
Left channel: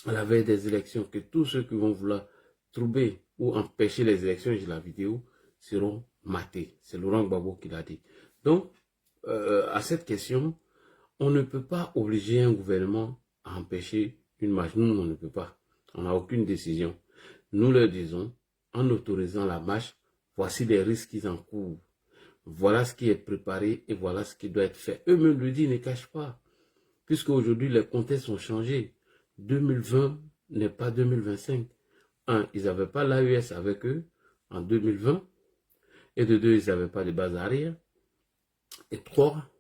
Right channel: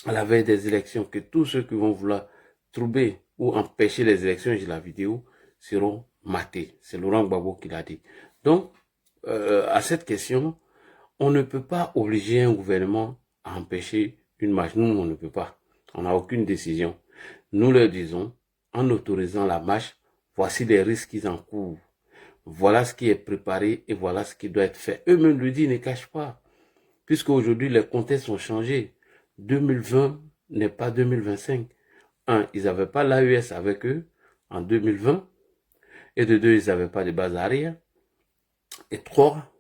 à la veille des élections, que tous ceux qui vont vouloir troubler ou empêcher les élections, j'ai la vidéo, seront matés. C'est Laurent Gbagbo qui l'a dit. Donc, à cette question, on ne peut pas obliger un gouvernement à empêcher une marche. Nous, on ne peut pas. On n'a aucune décision. Nous leur disons, en autorisant la marche, voici les risques qu'ils encourent. Voilà ce qui est préparé et voilà ce qui doit être fait. Eux-mêmes le disent, ne cachent pas. Puisqu'aujourd'hui, les contextes ont changé. 2020 n'est pas 2025. Un, ils n'avaient pas l'AES avec eux en 2020. Et de deux, ils n'avaient pas de base arrière. Et trois,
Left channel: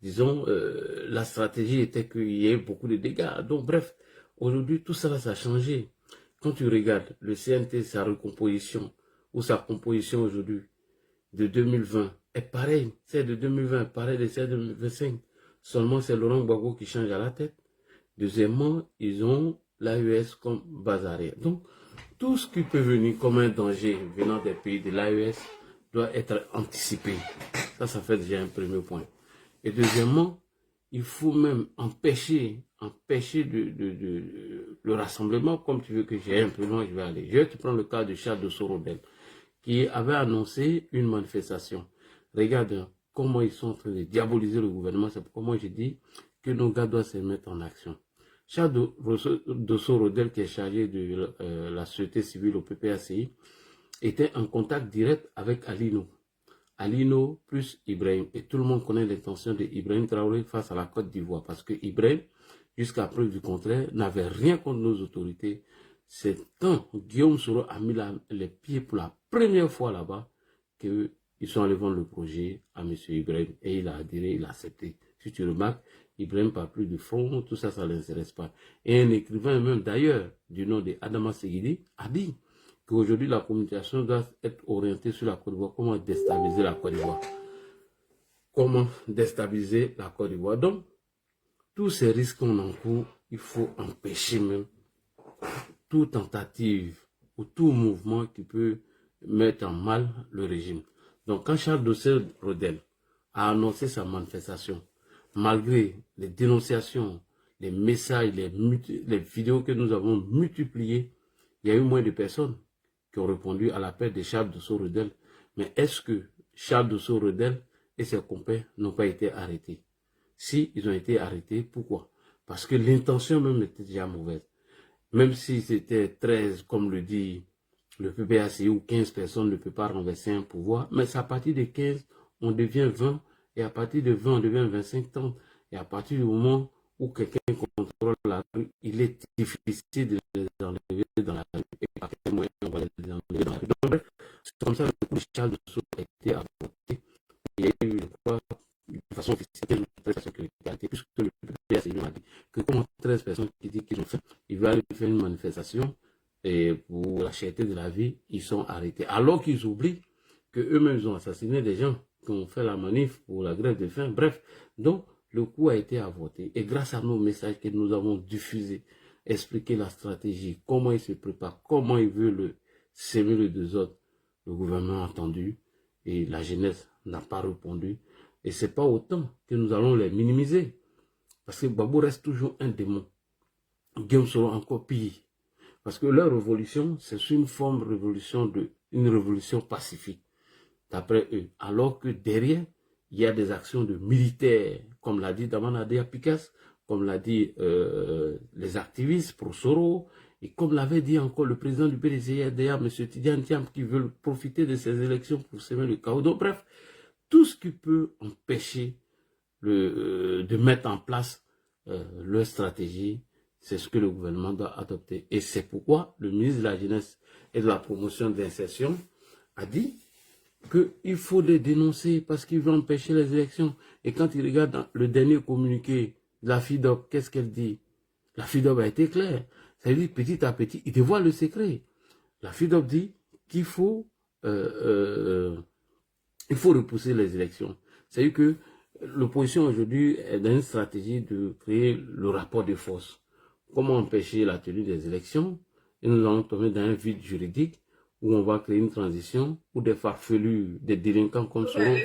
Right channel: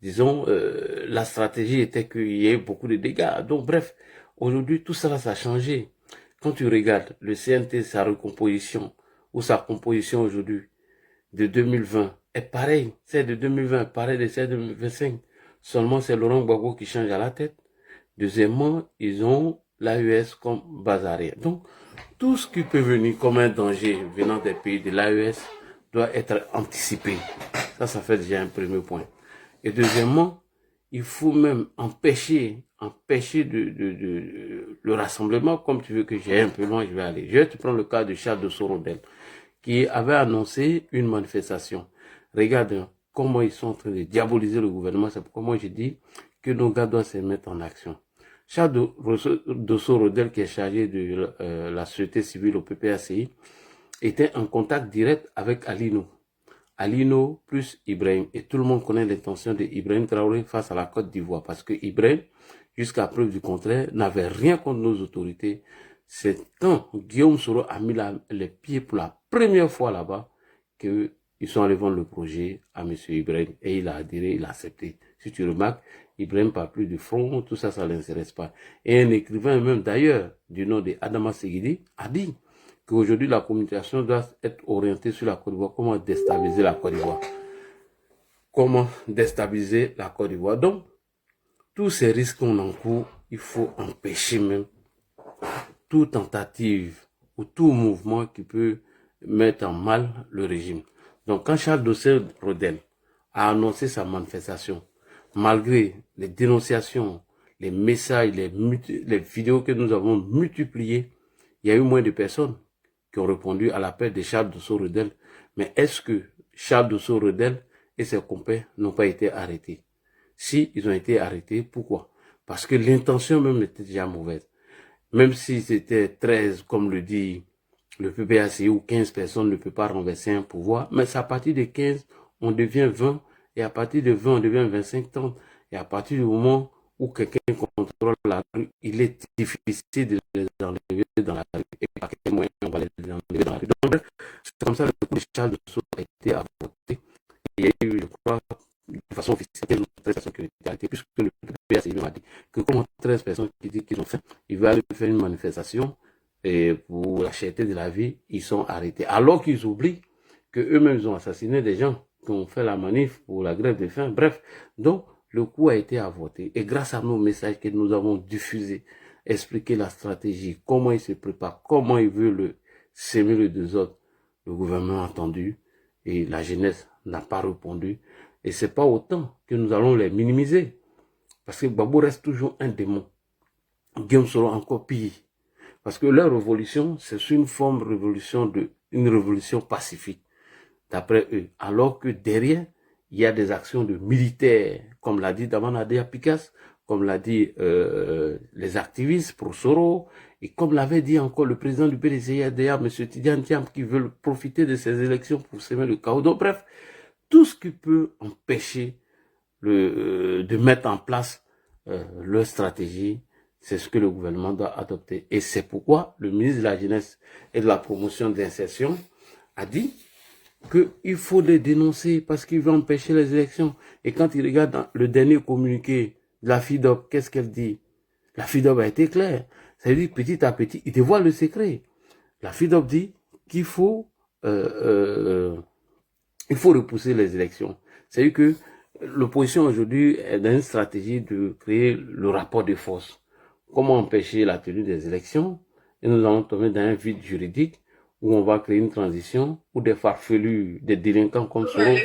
disons, la stratégie était qu'il y ait beaucoup de dégâts. Donc, bref, aujourd'hui, tout ça, ça a changé. Quand tu regardes le CNT, sa recomposition, ou sa composition aujourd'hui, de 2020, est pareil. Celle de 2020 est pareille de celle de 2025. Seulement, c'est Laurent Gbagbo qui change à la tête. Deuxièmement, ils ont l'AES comme base arrière. Donc, tout ce qui peut venir comme un danger venant des pays de l'AES doit être anticipé. Ça fait déjà un premier point. Et deuxièmement, il faut même empêcher le rassemblement. Comme tu veux que j'aille un peu loin, je vais aller. Je vais te prendre le cas de Charles de Sorodel, qui avait annoncé une manifestation. Regarde comment ils sont en train de diaboliser le gouvernement. C'est pourquoi moi je dis que nos gars doivent se mettre en action. Charles de Sorodel, qui est chargé de la société civile au PPACI, était en contact direct avec Alino. Alino plus Ibrahim. Et tout le monde connaît l'intention de Ibrahim Traoré face à la Côte d'Ivoire. Parce que Ibrahim, jusqu'à preuve du contraire, n'avait rien contre nos autorités. C'est quand Guillaume Soro a mis les pieds pour la première fois là-bas qu'ils sont allés vendre le projet à M. Ibrahim. Et il a adhéré, il a accepté. Si tu remarques, Ibrahim Papli du Front, tout ça, ça ne l'intéresse pas. Et un écrivain même d'ailleurs, du nom de Adama Seguidi, a dit qu'aujourd'hui la communication doit être orientée sur la Côte d'Ivoire, comment déstabiliser la Côte d'Ivoire. Comment déstabiliser la Côte d'Ivoire. Donc, tous ces risques qu'on encourt, il faut empêcher même toute tentative ou tout mouvement qui peut mettre en mal le régime. Donc, quand Charles Dossé-Rodel a annoncé sa manifestation, malgré les dénonciations, les messages, les vidéos que nous avons multipliées, il y a eu moins de personnes qui ont répondu à l'appel de Charles Dossé-Rodel. Mais est-ce que Charles Dossé-Rodel et ses compères n'ont pas été arrêtés? Si ils ont été arrêtés, pourquoi? Parce que l'intention même était déjà mauvaise. Même si c'était 13, comme le dit le PPACI, ou 15 personnes ne peuvent pas renverser un pouvoir, mais c'est à partir de 15, on devient 20, et à partir de 20, on devient 25, 30, et à partir du moment où quelqu'un contrôle la rue, il est difficile de les enlever dans la rue, et par quel moyen on va les enlever dans la rue. Donc, c'est comme ça que le coup de Charles Dossé a été avorté. Il y a eu, je crois, de façon officielle, 13 personnes qui ont été arrêtées, puisque le PPACI m'a dit que comme 13 personnes qui disent qu'ils ont fait, ils veulent aller faire une manifestation et pour la cherté de la vie, ils sont arrêtés. Alors qu'ils oublient qu'eux-mêmes ils ont assassiné des gens qui ont fait la manif pour la grève de faim. Bref, donc le coup a été avorté. Et grâce à nos messages que nous avons diffusés, expliquer la stratégie, comment ils se préparent, comment ils veulent s'aimer le désordre, le gouvernement a entendu et la jeunesse n'a pas répondu. Et ce n'est pas autant que nous allons les minimiser. Parce que Gbagbo reste toujours un démon. Guillaume Soro encore pire. Parce que leur révolution, c'est une forme de révolution, une révolution pacifique, d'après eux. Alors que derrière, il y a des actions de militaires, comme l'a dit Damanadea Pikas, comme l'a dit les activistes pour Soro, et comme l'avait dit encore le président du PDCIDA, M. Tidiane Thiam, qui veulent profiter de ces élections pour semer le chaos. Donc bref, tout ce qui peut empêcher de mettre en place leur stratégie, c'est ce que le gouvernement doit adopter. Et c'est pourquoi le ministre de la Jeunesse et de la Promotion de l'insertion a dit qu'il faut les dénoncer parce qu'ils veulent empêcher les élections. Et quand il regarde dans le dernier communiqué de la FIDOP, qu'est-ce qu'elle dit? La FIDOP a été claire. Ça veut dire petit à petit, il dévoile le secret. La FIDOP dit qu'il faut repousser les élections. C'est-à-dire que l'opposition aujourd'hui est dans une stratégie de créer le rapport de force. Comment empêcher la tenue des élections? Et nous allons tomber dans un vide juridique où on va créer une transition où des farfelus, des délinquants comme Soro,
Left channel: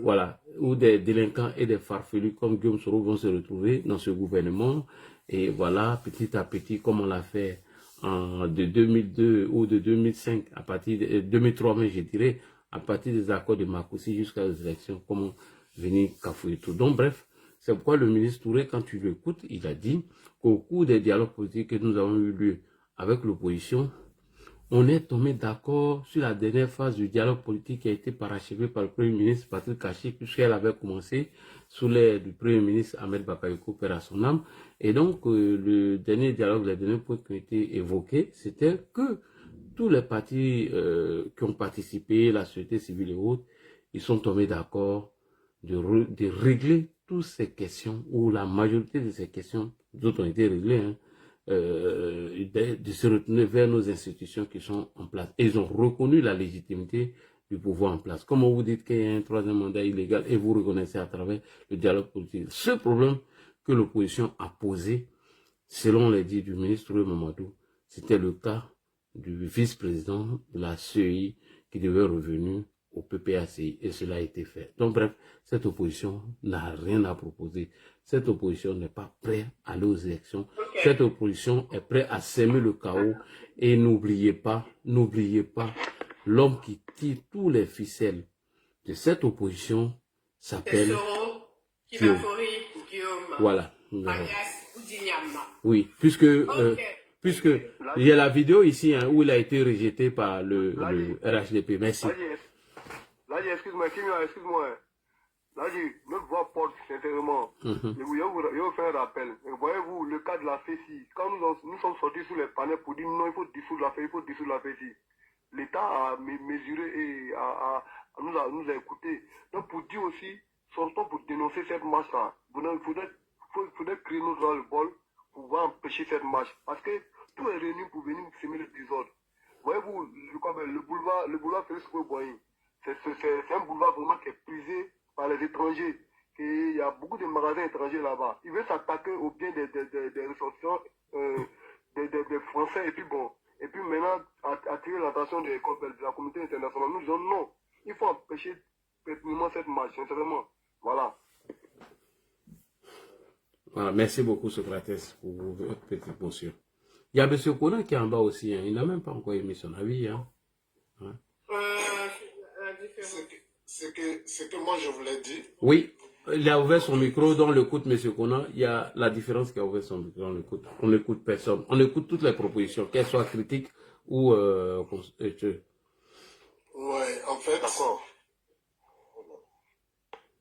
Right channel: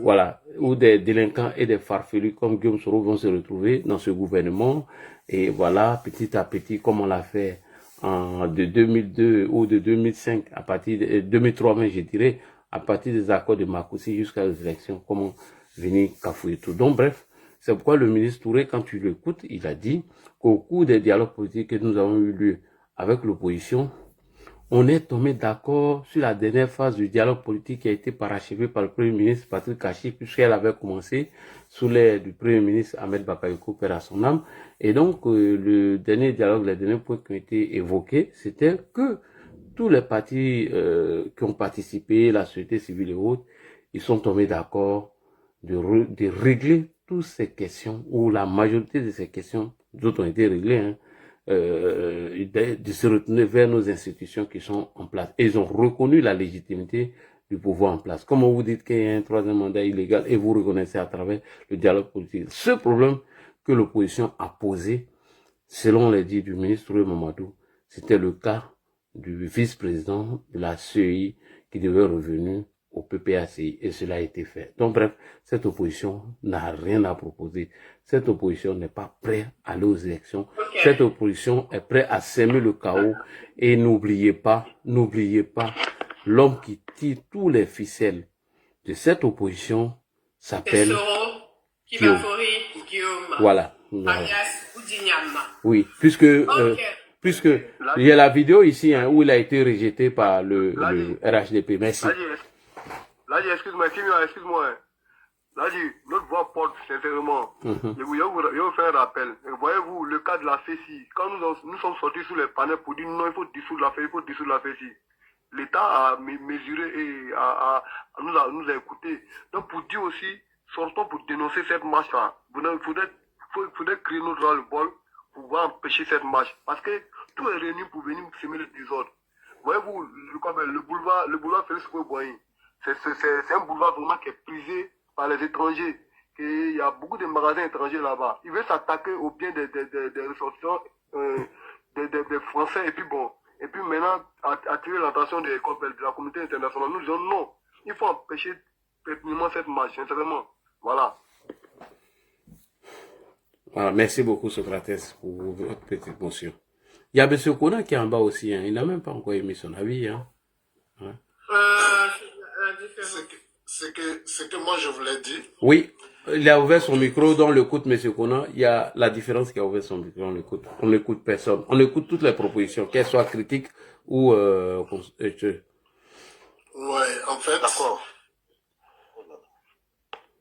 voilà, où des délinquants et des farfelus comme Guillaume Soro vont se retrouver dans ce gouvernement. Et voilà, petit à petit, comme on l'a fait de 2002 ou de 2005, à partir de 2003, même, je dirais, à partir des accords de Makoussi jusqu'à les élections, comment venir cafouiller tout. Donc, bref, c'est pourquoi le ministre Touré, quand tu l'écoutes, il a dit qu'au cours des dialogues politiques que nous avons eu lieu avec l'opposition, on est tombé d'accord sur la dernière phase du dialogue politique qui a été parachevé par le Premier ministre Patrick Kachi, puisqu'elle avait commencé sous l'aide du Premier ministre Ahmed Bakayoko, père à son âme. Et donc, le dernier dialogue, les derniers points qui ont été évoqués, c'était que tous les partis qui ont participé, la société civile et autres, ils sont tombés d'accord de régler toutes ces questions, ou la majorité de ces questions, d'autres ont été réglées, hein, de se retourner vers nos institutions qui sont en place. Et ils ont reconnu la légitimité du pouvoir en place. Comme vous dites qu'il y a un troisième mandat illégal et vous reconnaissez à travers le dialogue politique. Ce problème que l'opposition a posé, selon les dits du ministre Mamadou, c'était le cas du vice-président de la CEI qui devait revenir au PPACI, et cela a été fait. Donc bref, cette opposition n'a rien à proposer. Cette opposition n'est pas prête à aller aux élections. Okay. Cette opposition est prête à semer le chaos. Et n'oubliez pas, l'homme qui tire tous les ficelles de cette opposition s'appelle Guillaume. Voilà. Oui, puisque il y a la vidéo ici, hein, où il a été rejeté par le RHDP. Merci. Là, excuse-moi. Là, notre voix porte sincèrement. Je vous fais un rappel. Voyez-vous, le cas de la FECI, quand nous sommes sortis sous les panels pour dire non, il faut dissoudre la FECI, l'État a mesuré et nous a écoutés. Donc, pour dire aussi, sortons pour dénoncer cette marche-là. Il faudrait créer notre ras-le-bol pour pouvoir empêcher cette marche. Parce que tout est réuni pour venir semer le désordre. Voyez-vous, le boulevard Félix Houphouët-Boigny, c'est un boulevard vraiment qui est prisé par les étrangers. Il y a beaucoup de magasins étrangers là-bas. Ils veulent s'attaquer au bien des ressortissants, des Français. Et puis bon, et puis maintenant, attirer l'attention de la communauté internationale. Nous disons non, il faut empêcher pertinemment cette marche, sincèrement. Voilà. Voilà, merci beaucoup Socrates pour votre petite motion. Il y a M. Kona qui est en bas aussi, hein. Il n'a même pas encore émis son avis. Hein. Ouais. C'est que moi je vous l'ai dit. Oui, il a ouvert son micro, donc on l'écoute M. Kona. Il y a la différence qui a ouvert son micro, on n'écoute personne. On écoute toutes les propositions, qu'elles soient critiques ou... Ouais, en fait... D'accord.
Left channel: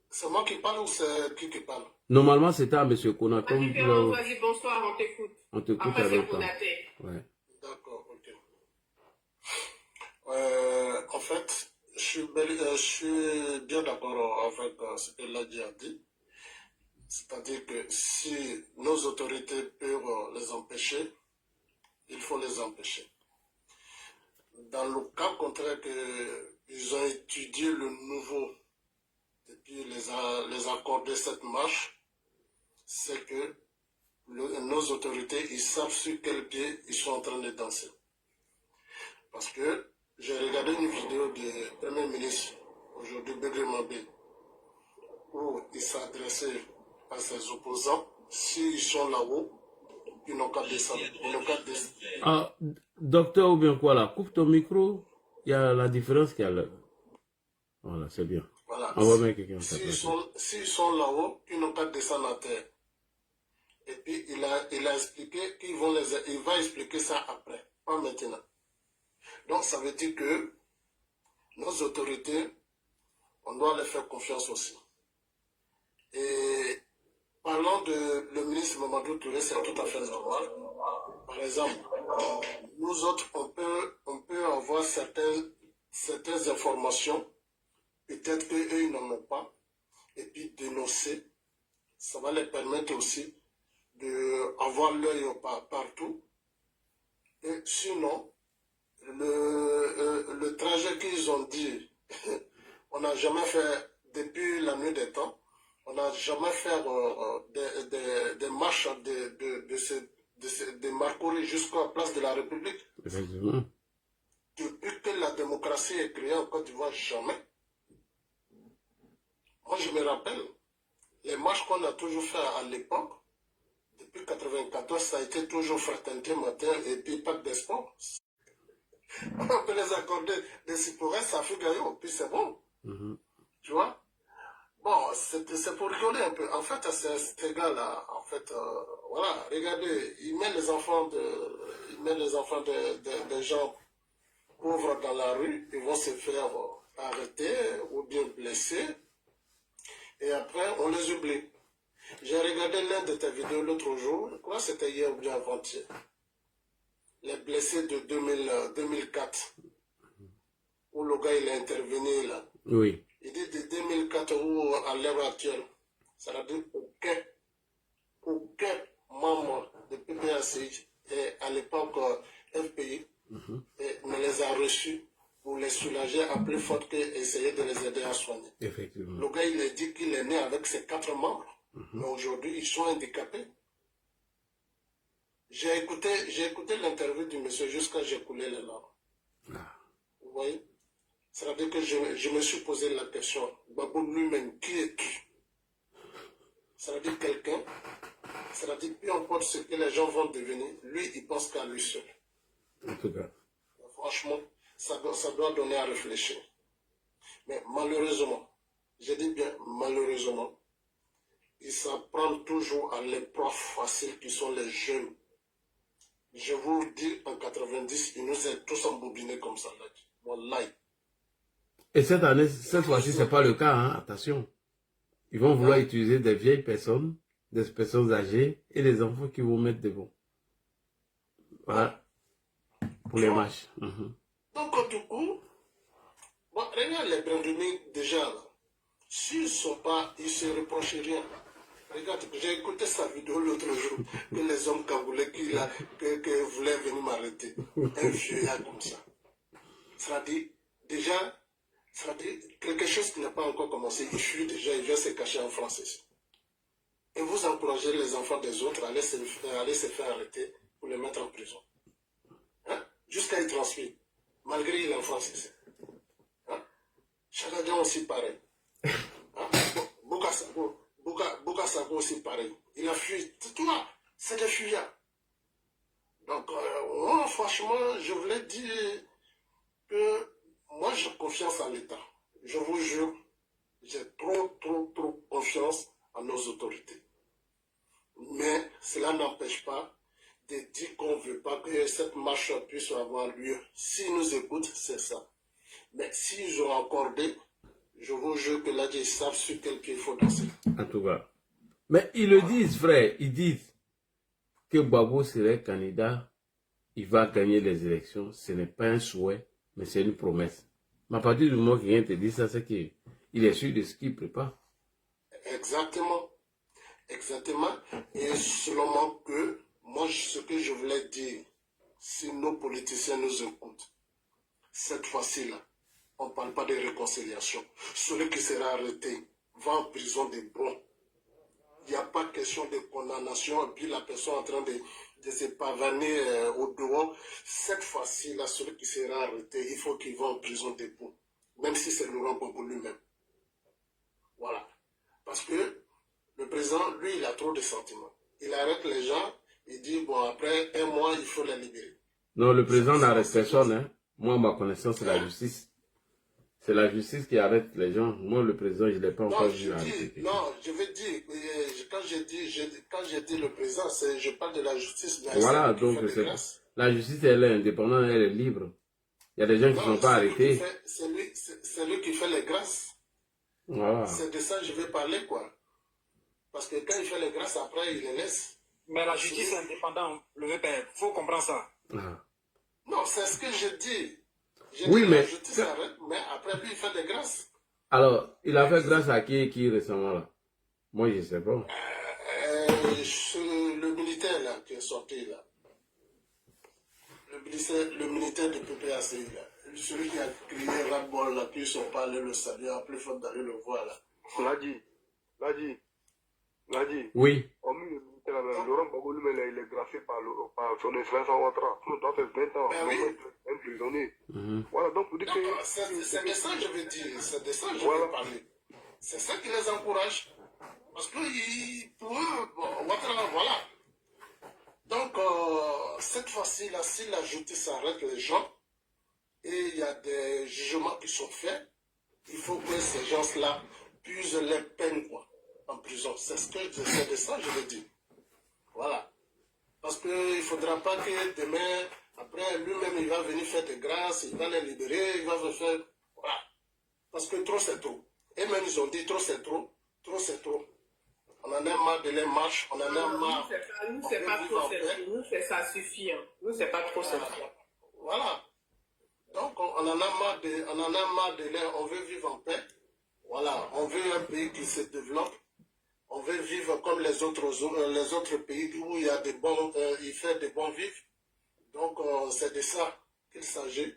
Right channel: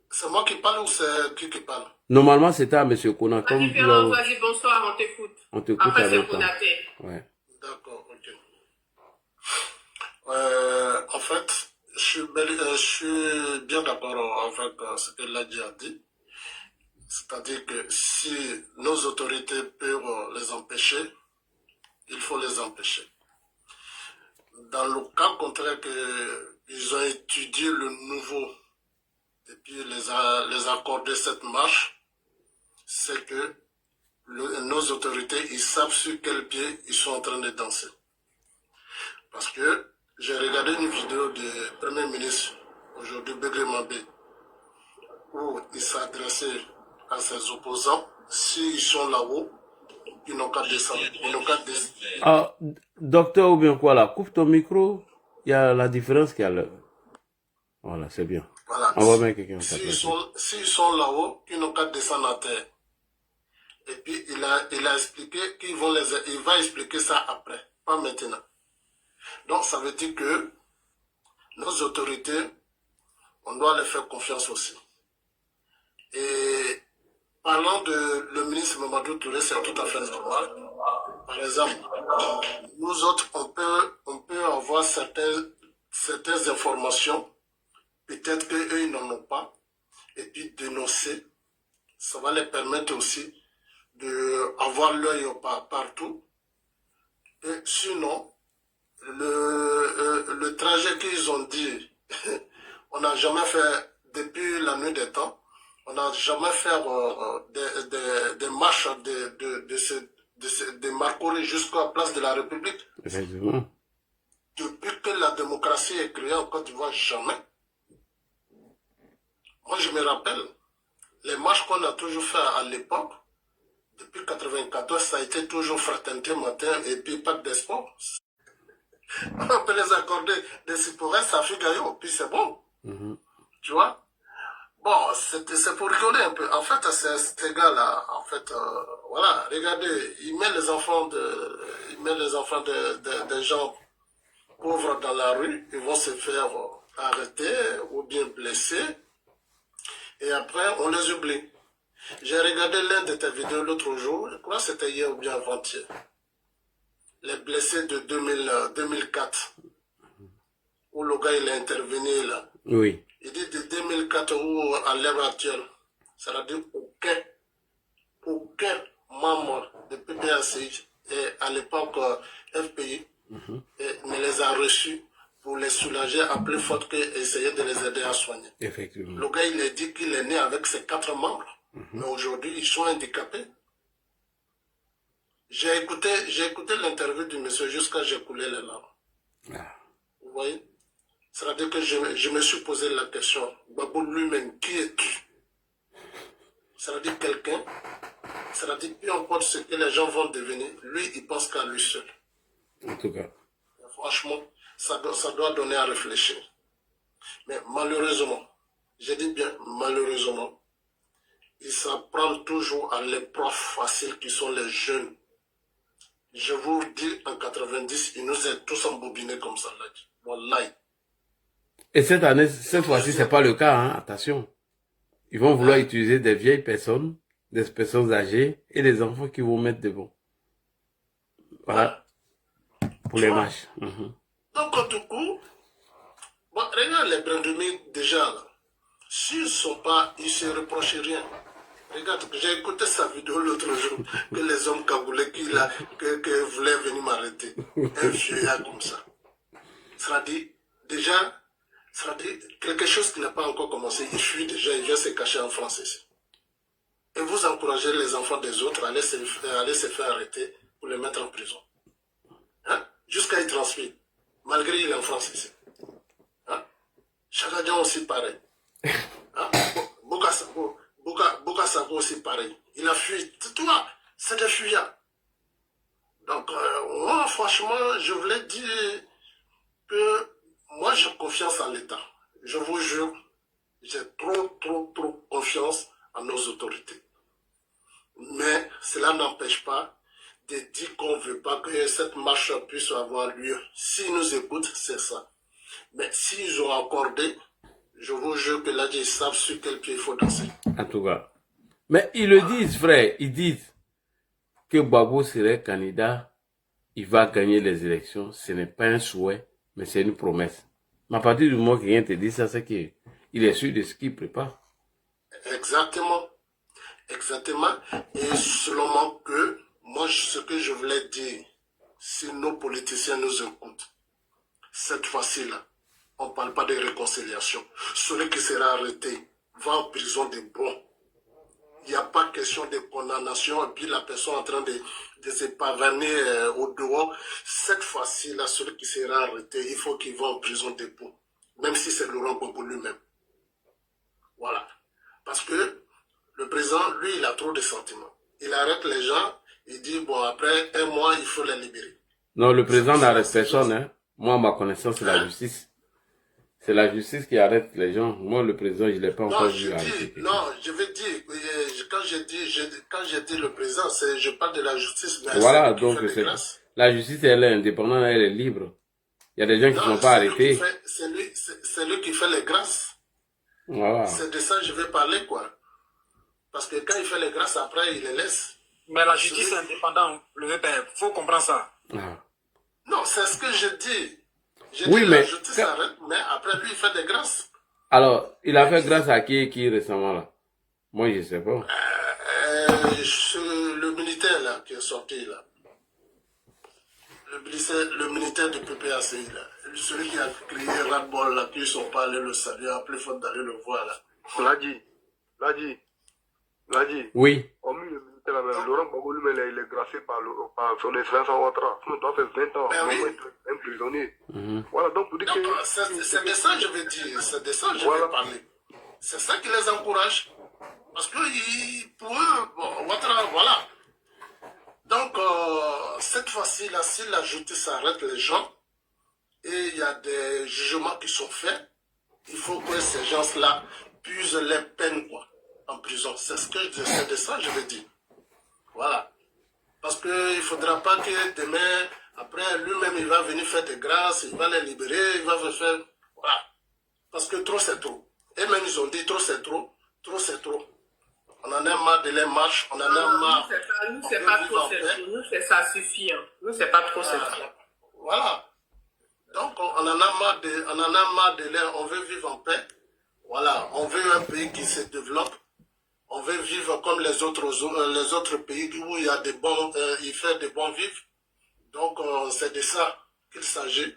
C'est moi qui parle ou c'est qui parle? Normalement, c'était à M. Kona. La différence, vas-y, bonsoir, on t'écoute. On t'écoute après, avec c'est Konaté. Ouais. D'accord, ok. En fait, je suis bien d'accord avec ce que Ladji a dit. C'est-à-dire que si nos autorités peuvent les empêcher, il faut les empêcher. Dans le cas contraire qu'ils ont étudié le nouveau et puis les accorder cette marche, c'est que nos autorités, ils savent sur quel pied ils sont en train de danser. Parce que j'ai regardé une vidéo du Premier ministre, aujourd'hui Begré Mabé, où il s'adressait à ses opposants. S'ils sont là-haut, ils n'ont qu'à descendre. Ah, docteur ou bien quoi là, coupe ton micro, il y a la différence qu'il y a là. Voilà, c'est bien. Voilà. On va mettre quelqu'un S'ils sont là-haut, ils n'ont qu'à descendre à terre. Et puis il a expliqué il va expliquer ça après, pas maintenant. Donc ça veut dire que nos autorités, on doit les faire confiance aussi. Et parlant de le ministre Mamadou Touré, c'est tout à fait normal. Par exemple, nous autres, on peut avoir certaines informations, peut-être qu'eux, ils n'en ont pas, et puis dénoncer. Ça va les permettre aussi d'avoir l'œil partout. Et sinon, le trajet qu'ils ont dit, on n'a jamais fait depuis la nuit des temps, on n'a jamais fait des marches de Marcory jusqu'à la place de la République. Effectivement. Depuis que la démocratie est créée en Côte d'Ivoire, jamais. Moi, je me rappelle, les marches qu'on a toujours fait à l'époque, depuis 1994, ça a été toujours fraternité matin et puis pas d'espoir. On peut les accorder des cyprès, ça fait gaillot, puis c'est bon. Tu vois? Bon, c'est pour rigoler un peu. En fait, ces gars-là, en fait, voilà, regardez, ils mettent les enfants des gens pauvres dans la rue, ils vont se faire arrêter ou bien blesser, et après, on les oublie. J'ai regardé l'un de tes vidéos l'autre jour, je crois que c'était hier ou bien avant-hier. Les blessés de 2004, où le gars il est intervenu là. Oui. Il dit de 2004 ou à l'heure actuelle, ça veut dire aucun membre de PPAC et à l'époque FPI ne les a reçus pour les soulager à plus forte qu'essayer de les aider à soigner. Effectivement. Le gars il a dit qu'il est né avec ses 4 membres, mais aujourd'hui ils sont handicapés. J'ai écouté l'interview du monsieur jusqu'à j'ai coulé les larmes. Vous voyez? C'est-à-dire que je me suis posé la question, Babou lui-même, qui est qui? C'est-à-dire quelqu'un, c'est-à-dire peu importe ce que les gens vont devenir, lui, il pense qu'à lui seul. En tout cas. Franchement, ça doit donner à réfléchir. Mais malheureusement, je dis bien malheureusement, ils s'en prennent toujours à l'épreuve facile qui sont les jeunes. Je vous dis, en 90, ils nous ont tous embobinés comme ça. Wallahi. Et cette fois-ci, c'est pas le cas, hein? Attention. Ils vont vouloir utiliser des vieilles personnes, des personnes âgées et des enfants qui vont mettre devant. Voilà. Pour les matchs. Donc, du coup, bon, regarde les Brandumi déjà là. s'ils sont pas, ils se reprochent rien. Regarde, j'ai écouté sa vidéo l'autre jour, que les hommes cagoulés que voulaient venir m'arrêter. Un vieillard comme ça. Ça dit, déjà, ça dit quelque chose qui n'a pas encore commencé. Il fuit déjà, il vient se cacher en France ici. Et vous encouragez les enfants des autres à aller se faire arrêter pour les mettre en prison. Hein? Jusqu'à y transmettre, malgré qu'il est en France ici. Hein? Chagadian aussi pareil. Hein? Boka Sako aussi pareil. Il a fui. Toi, c'est des fuyards. Donc, moi, franchement, je voulais dire que moi, j'ai confiance en l'État. Je vous jure, j'ai trop confiance en nos autorités. Mais cela n'empêche pas de dire qu'on ne veut pas que cette marche puisse avoir lieu. S'ils nous écoutent, c'est ça. Mais s'ils ont accordé, je vous jure que là, ils savent sur quel pied il faut danser. En tout cas. Mais ils le disent, frère. Ils disent que Gbagbo serait candidat. Il va gagner les élections. Ce n'est pas un souhait, mais c'est une promesse. Mais à partir du moment que quelqu'un te dit ça, c'est qu'il est sûr de ce qu'il prépare. Exactement. Exactement. Et seulement que, moi, ce que je voulais dire, si nos politiciens nous écoutent, cette fois-ci-là, on ne parle pas de réconciliation. Celui qui sera arrêté va en prison de bon. Il n'y a pas question de condamnation et puis la personne en train de se pavaner au dehors. Cette fois-ci-là, celui qui sera arrêté, il faut qu'il va en prison de bon. Même si c'est Laurent Gbagbo lui-même. Voilà. Parce que le président, lui, il a trop de sentiments. Il arrête les gens, il dit, bon, après un mois, il faut les libérer. Non, le président n'arrête personne. Hein. Moi, ma connaissance, c'est la justice. C'est la justice qui arrête les gens. Moi, le président, je ne l'ai pas encore vu arrêter. Non, je veux dire, quand j'ai dit le président, je parle de la justice. Mais voilà, donc la justice, elle est indépendante, elle est libre. Il y a des gens qui ne sont pas arrêtés. C'est lui qui fait les grâces. Voilà. C'est de ça que je vais parler, quoi. Parce que quand il fait les grâces, après, il les laisse. Mais la justice est indépendante, le VPF, il faut comprendre ça. Ah. Non, c'est ce que je dis. Oui, mais... La justice arrête, mais après, lui, il fait des grâces. Alors, il a fait grâce à qui récemment, là? Moi, je ne sais pas. Le militaire, là, qui est sorti, là. Le militaire du PPACI, là. Celui qui a crié ras-le-bol, là, qu'ils ne sont pas allés le saluer, après, il faut d'aller le voir, là. L'a dit. Oui. On met le militaire là même. Laurent Gbagbo lui-même, il est gracié par son Vincent Ouattara. Il doit faire 20 ans. Ben oui. Un prisonnier. Mm-hmm. Voilà, donc pour dire que... C'est de ça que je veux dire. C'est de ça que je veux parler. C'est ça qui les encourage. Parce que pour eux, bon, Ouattara, voilà. Donc, cette fois-ci, là, si la justice arrête les gens, et il y a des jugements qui sont faits, il faut que ces gens-là puissent les peines, quoi, en prison. C'est de ça que je veux dire. Voilà. Parce qu'il ne faudra pas que demain, après, lui-même, il va venir faire des grâces, il va les libérer, il va faire... Voilà. Parce que trop, c'est trop. Et même, ils ont dit, trop, c'est trop. Trop, c'est trop. On en a marre de les marches, on en a marre. Nous, c'est pas trop, c'est trop. Nous, ça suffit. Hein. Nous, c'est pas trop, c'est trop. Voilà. Donc, on en a marre de l'air, on veut vivre en paix. Voilà, on veut un pays qui se développe. On veut vivre comme les autres pays où il y a des bons, il fait des bons vivres. Donc, c'est de ça qu'il s'agit.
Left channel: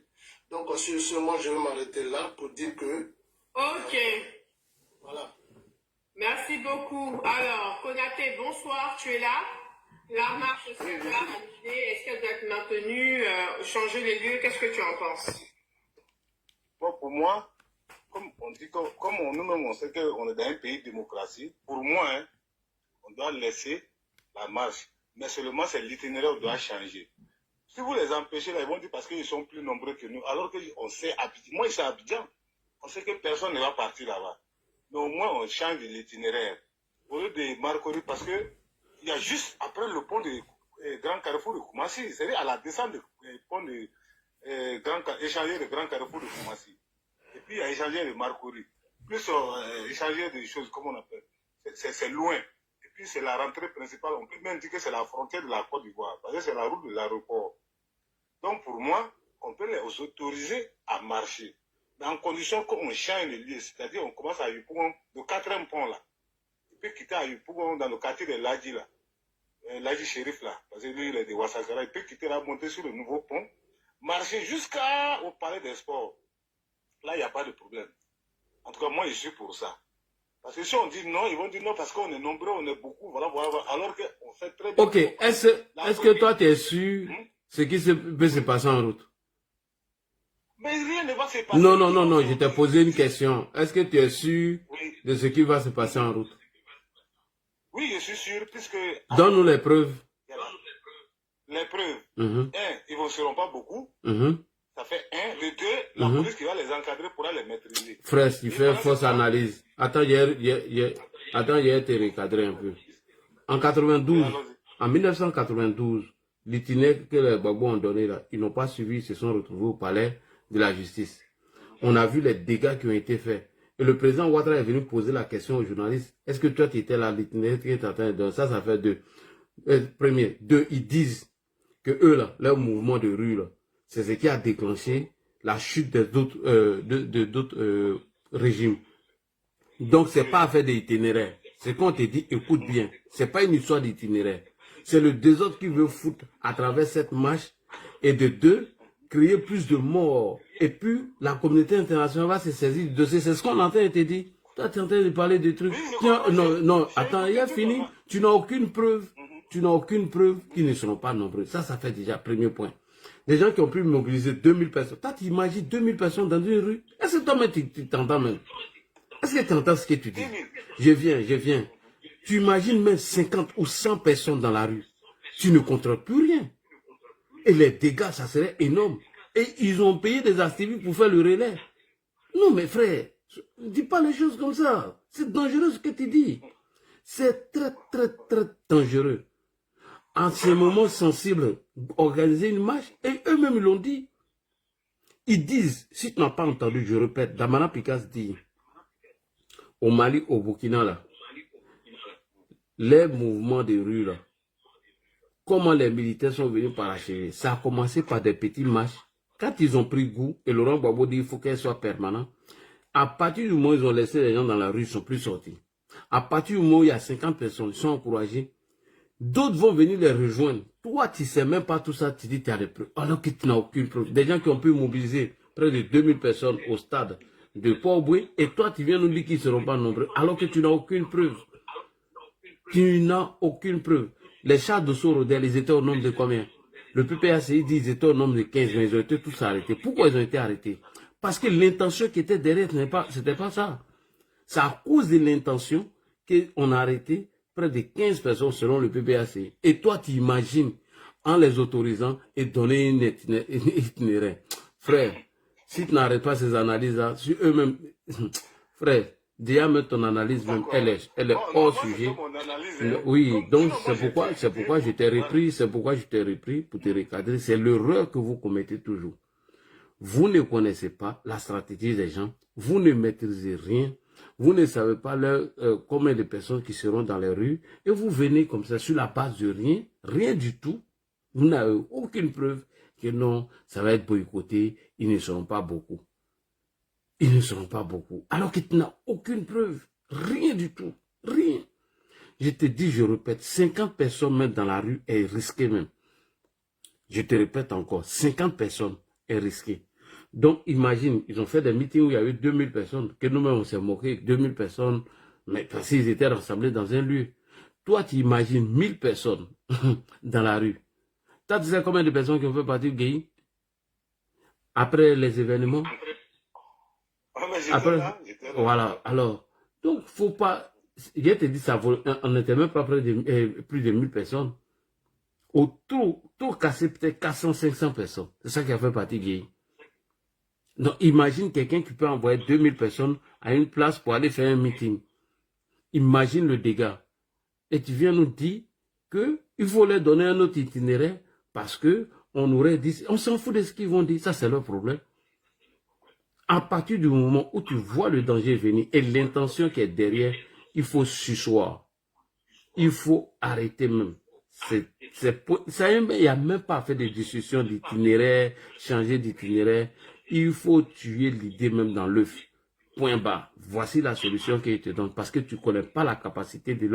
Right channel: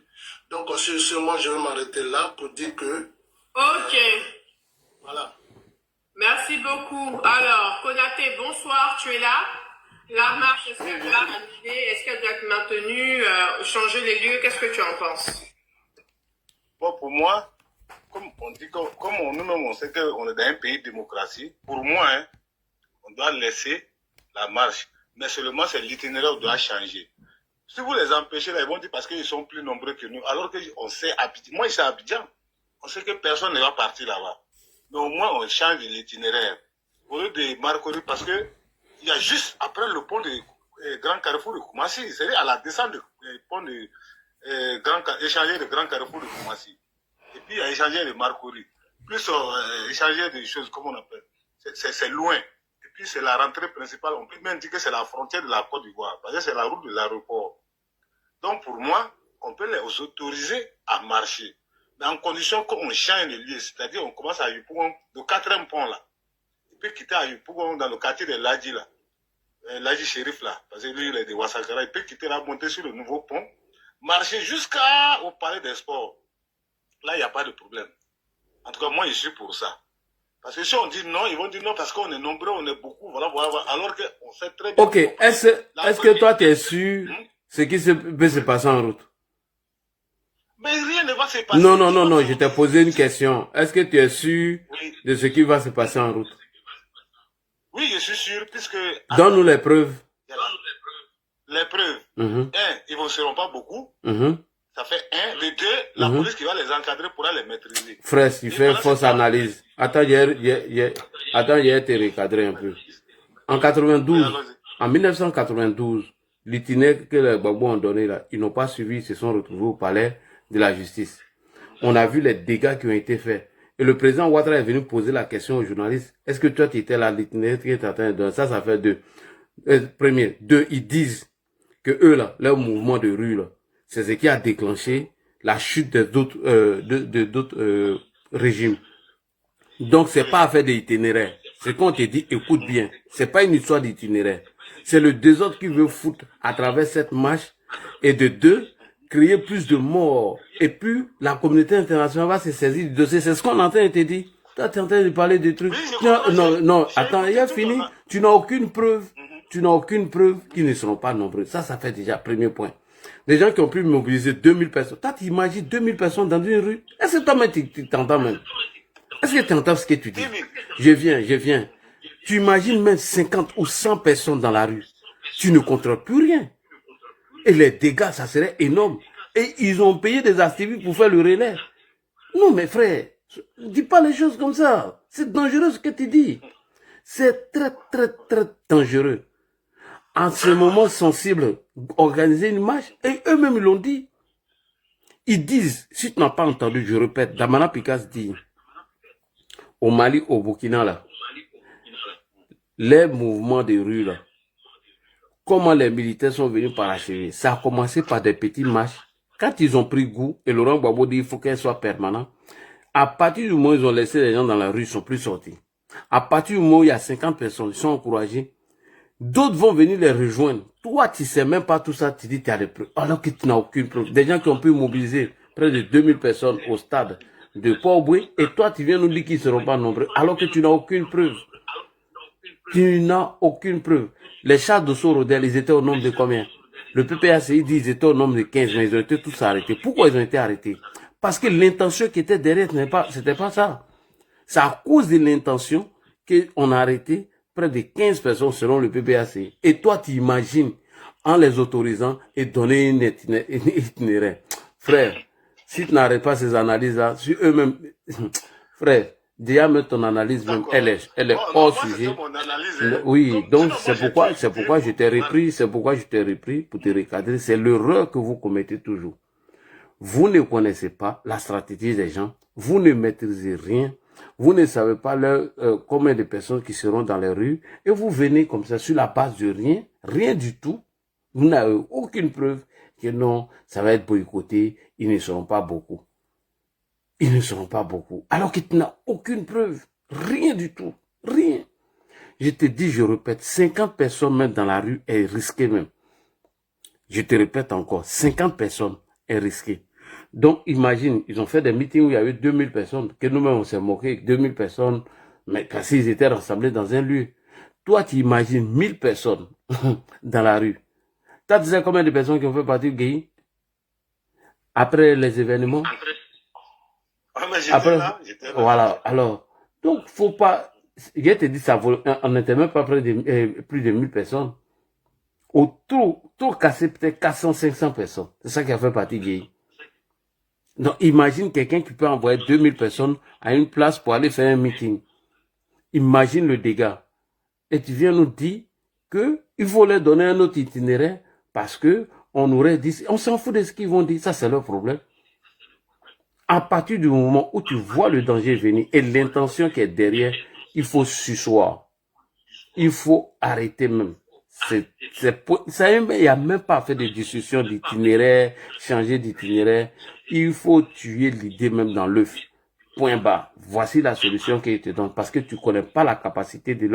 Donc, sur moi, je vais m'arrêter là pour dire que... Ok. Voilà. Merci beaucoup. Alors, Konaté, bonsoir, tu es là? La marche, est-ce qu'elle doit annuler? Est-ce qu'elle doit être maintenue? Changer les lieux? Qu'est-ce que tu en penses? Bon, pour moi, comme on dit, comme nous-mêmes, on sait qu'on est dans un pays de démocratie, pour moi, hein, on doit laisser la marche. Mais seulement, c'est l'itinéraire qui doit changer. Si vous les empêchez, là, ils vont dire parce qu'ils sont plus nombreux que nous. Alors qu'on sait, moi, je suis à Abidjan. On sait que personne ne va partir là-bas. Mais au moins, on change l'itinéraire. Au lieu de Marcory, parce que il y a juste après le pont de Grand Carrefour de Koumassi, c'est-à-dire à la descente du pont de échanger de Grand Carrefour de Koumassi. Et puis, il y a échanger de Marcory. Plus échanger des choses, comme on appelle. C'est loin. Et puis, c'est la rentrée principale. On peut même dire que c'est la frontière de la Côte d'Ivoire. Parce que c'est la route de l'aéroport. Donc, pour moi, on peut les autoriser à marcher. Mais en condition qu'on change de lieu, c'est-à-dire on commence à Yopougon, le 4e pont là. Il peut quitter à Yopougon dans le quartier de Ladji là. Ladji Shérif là, parce que lui il est de Ouassagara. Il peut quitter là, monter sur le nouveau pont, marcher jusqu'au palais des sports. Là, il n'y a pas de problème. En tout cas, moi, je suis pour ça. Parce que si on dit non, ils vont dire non parce qu'on est nombreux, on est beaucoup, voilà, voilà. Alors qu'on fait très bien. Ok, est-ce que toi, tu es sûr ce qui peut se passer en route? Mais rien ne va se passer. Non, je t'ai posé une question. Est-ce que tu es sûr de ce qui va se passer en route? Oui, je suis sûr, puisque... Donne-nous les preuves. Les preuves. Ils ne seront pas beaucoup. Ça fait 1. De 2, la police qui va les encadrer pourra les maîtriser. Frère, il fait une fausse analyse. Attends, hier, t'es recadré un peu. En 1992, l'itinéraire que les Gbagbo ont donné là, ils n'ont pas suivi, ils se sont retrouvés au palais de la justice. On a vu les dégâts qui ont été faits. Et le président Ouattara est venu poser la question aux journalistes. Est-ce que toi, tu étais là, l'itinéraire qui est en train de donner? Ça fait 2. Premier. 2, ils disent que eux, là, leur mouvement de rue, là, c'est ce qui a déclenché la chute d'autres régimes. Donc, c'est pas affaire d'itinéraire. C'est qu'on te dit, écoute bien, c'est pas une histoire d'itinéraire. C'est le désordre qui veut foutre à travers cette marche. Et de 2, créer plus de morts. Et puis, la communauté internationale va se saisir du dossier. C'est ce qu'on entend et te dire. Toi, tu es en train de parler de trucs. Non, attends, il a fini. Tu n'as aucune preuve. Tu n'as aucune preuve qu'ils ne seront pas nombreux. Ça fait déjà premier point. Des gens qui ont pu mobiliser 2000 personnes. Toi, tu imagines 2000 personnes dans une rue. Est-ce que toi-même, tu t'entends même? Est-ce que tu entends ce que tu dis? Je viens. Tu imagines même 50 ou 100 personnes dans la rue. Tu ne contrôles plus rien. Et les dégâts, ça serait énorme. Et ils ont payé des activistes pour faire le relais. Non, mais frère, dis pas les choses comme ça. C'est dangereux ce que tu dis. C'est très, très, très dangereux. En ce moment sensible, organiser une marche, et eux-mêmes l'ont dit. Ils disent, si tu n'as pas entendu, je répète, Damana Pikas dit, au Mali, au Burkina, là, les mouvements de rue, là, comment les militaires sont venus parachever. Ça a commencé par des petites marches. Quand ils ont pris goût, et Laurent Gbagbo dit, il faut qu'elles soient permanentes, à partir du moment où ils ont laissé les gens dans la rue, ils ne sont plus sortis. À partir du moment où il y a 50 personnes, ils sont encouragés. D'autres vont venir les rejoindre. Toi, tu ne sais même pas tout ça, tu dis que tu as des preuves. Alors que tu n'as aucune preuve. Des gens qui ont pu mobiliser près de 2000 personnes au stade de Port-Boué, et toi, tu viens nous dire qu'ils ne seront pas nombreux, alors que tu n'as aucune preuve. Tu n'as aucune preuve. Les chars de Sorodel, ils étaient au nombre de combien? Le PPACI dit qu'ils étaient au nombre de 15, mais ils ont été tous arrêtés. Pourquoi ils ont été arrêtés? Parce que l'intention qui était derrière, ce n'était pas ça. C'est à cause de l'intention qu'on a arrêté près de 15 personnes selon le PPACI. Et toi, tu imagines, en les autorisant et donner une itinéraire. Frère, si tu n'arrêtes pas ces analyses-là, sur eux-mêmes, frère, déjà même ton analyse, même, elle est hors sujet. Oui, donc c'est pourquoi je t'ai repris, pour te recadrer. C'est l'erreur que vous commettez toujours. Vous ne connaissez pas la stratégie des gens, vous ne maîtrisez rien, vous ne savez pas combien de personnes qui seront dans les rues, et vous venez comme ça sur la base de rien du tout. Vous n'avez aucune preuve que non, ça va être boycotté, ils ne seront pas beaucoup. Ils ne seront pas beaucoup. Alors que tu n'as aucune preuve, rien du tout, rien. Je te dis, je répète, 50 personnes même dans la rue est risqué même. Je te répète encore, 50 personnes est risqué. Donc, imagine, ils ont fait des meetings où il y avait 2000 personnes, que nous-mêmes on s'est moqué, 2000 personnes, mais parce qu'ils étaient rassemblés dans un lieu. Toi, tu imagines 1000 personnes dans la rue. Toi, tu sais combien de personnes qui ont fait partie du GUI après les événements? Après, voilà, alors, donc, faut pas, je te dis, ça vaut, on n'était même pas près de plus de 1000 personnes. Autour cassé peut-être 400, 500 personnes. C'est ça qui a fait partie du GUI. Donc, imagine quelqu'un qui peut envoyer 2000 personnes à une place pour aller faire un meeting. Imagine le dégât. Et tu viens nous dire qu'il faut leur donner un autre itinéraire parce que on aurait dit, on s'en fout de ce qu'ils vont dire. Ça, c'est leur problème. À partir du moment où tu vois le danger venir et l'intention qui est derrière, il faut s'asseoir. Il faut arrêter même. il n'y a même pas fait de discussion d'itinéraire, changer d'itinéraire. Il faut tuer l'idée même dans l'œuf. Point bas. Voici la solution qu'ils te donnent parce que tu ne connais pas la capacité de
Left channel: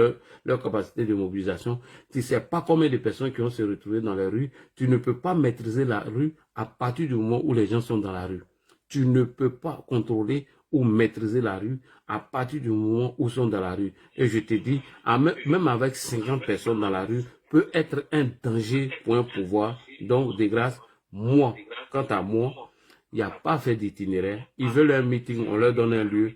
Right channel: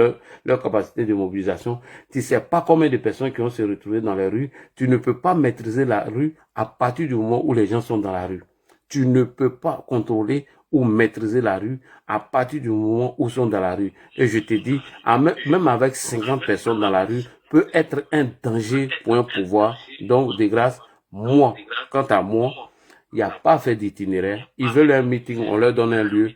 leur capacité de mobilisation. Tu ne sais pas combien de personnes qui vont se retrouver dans la rue. Tu ne peux pas maîtriser la rue à partir du moment où les gens sont dans la rue. Tu ne peux pas contrôler ou maîtriser la rue à partir du moment où ils sont dans la rue. Et je te dis, même avec 50 personnes dans la rue, peut être un danger pour un pouvoir. Donc, de grâce, moi, quant à moi, il n'y a pas fait d'itinéraire. Ils veulent un meeting, on leur donne un lieu,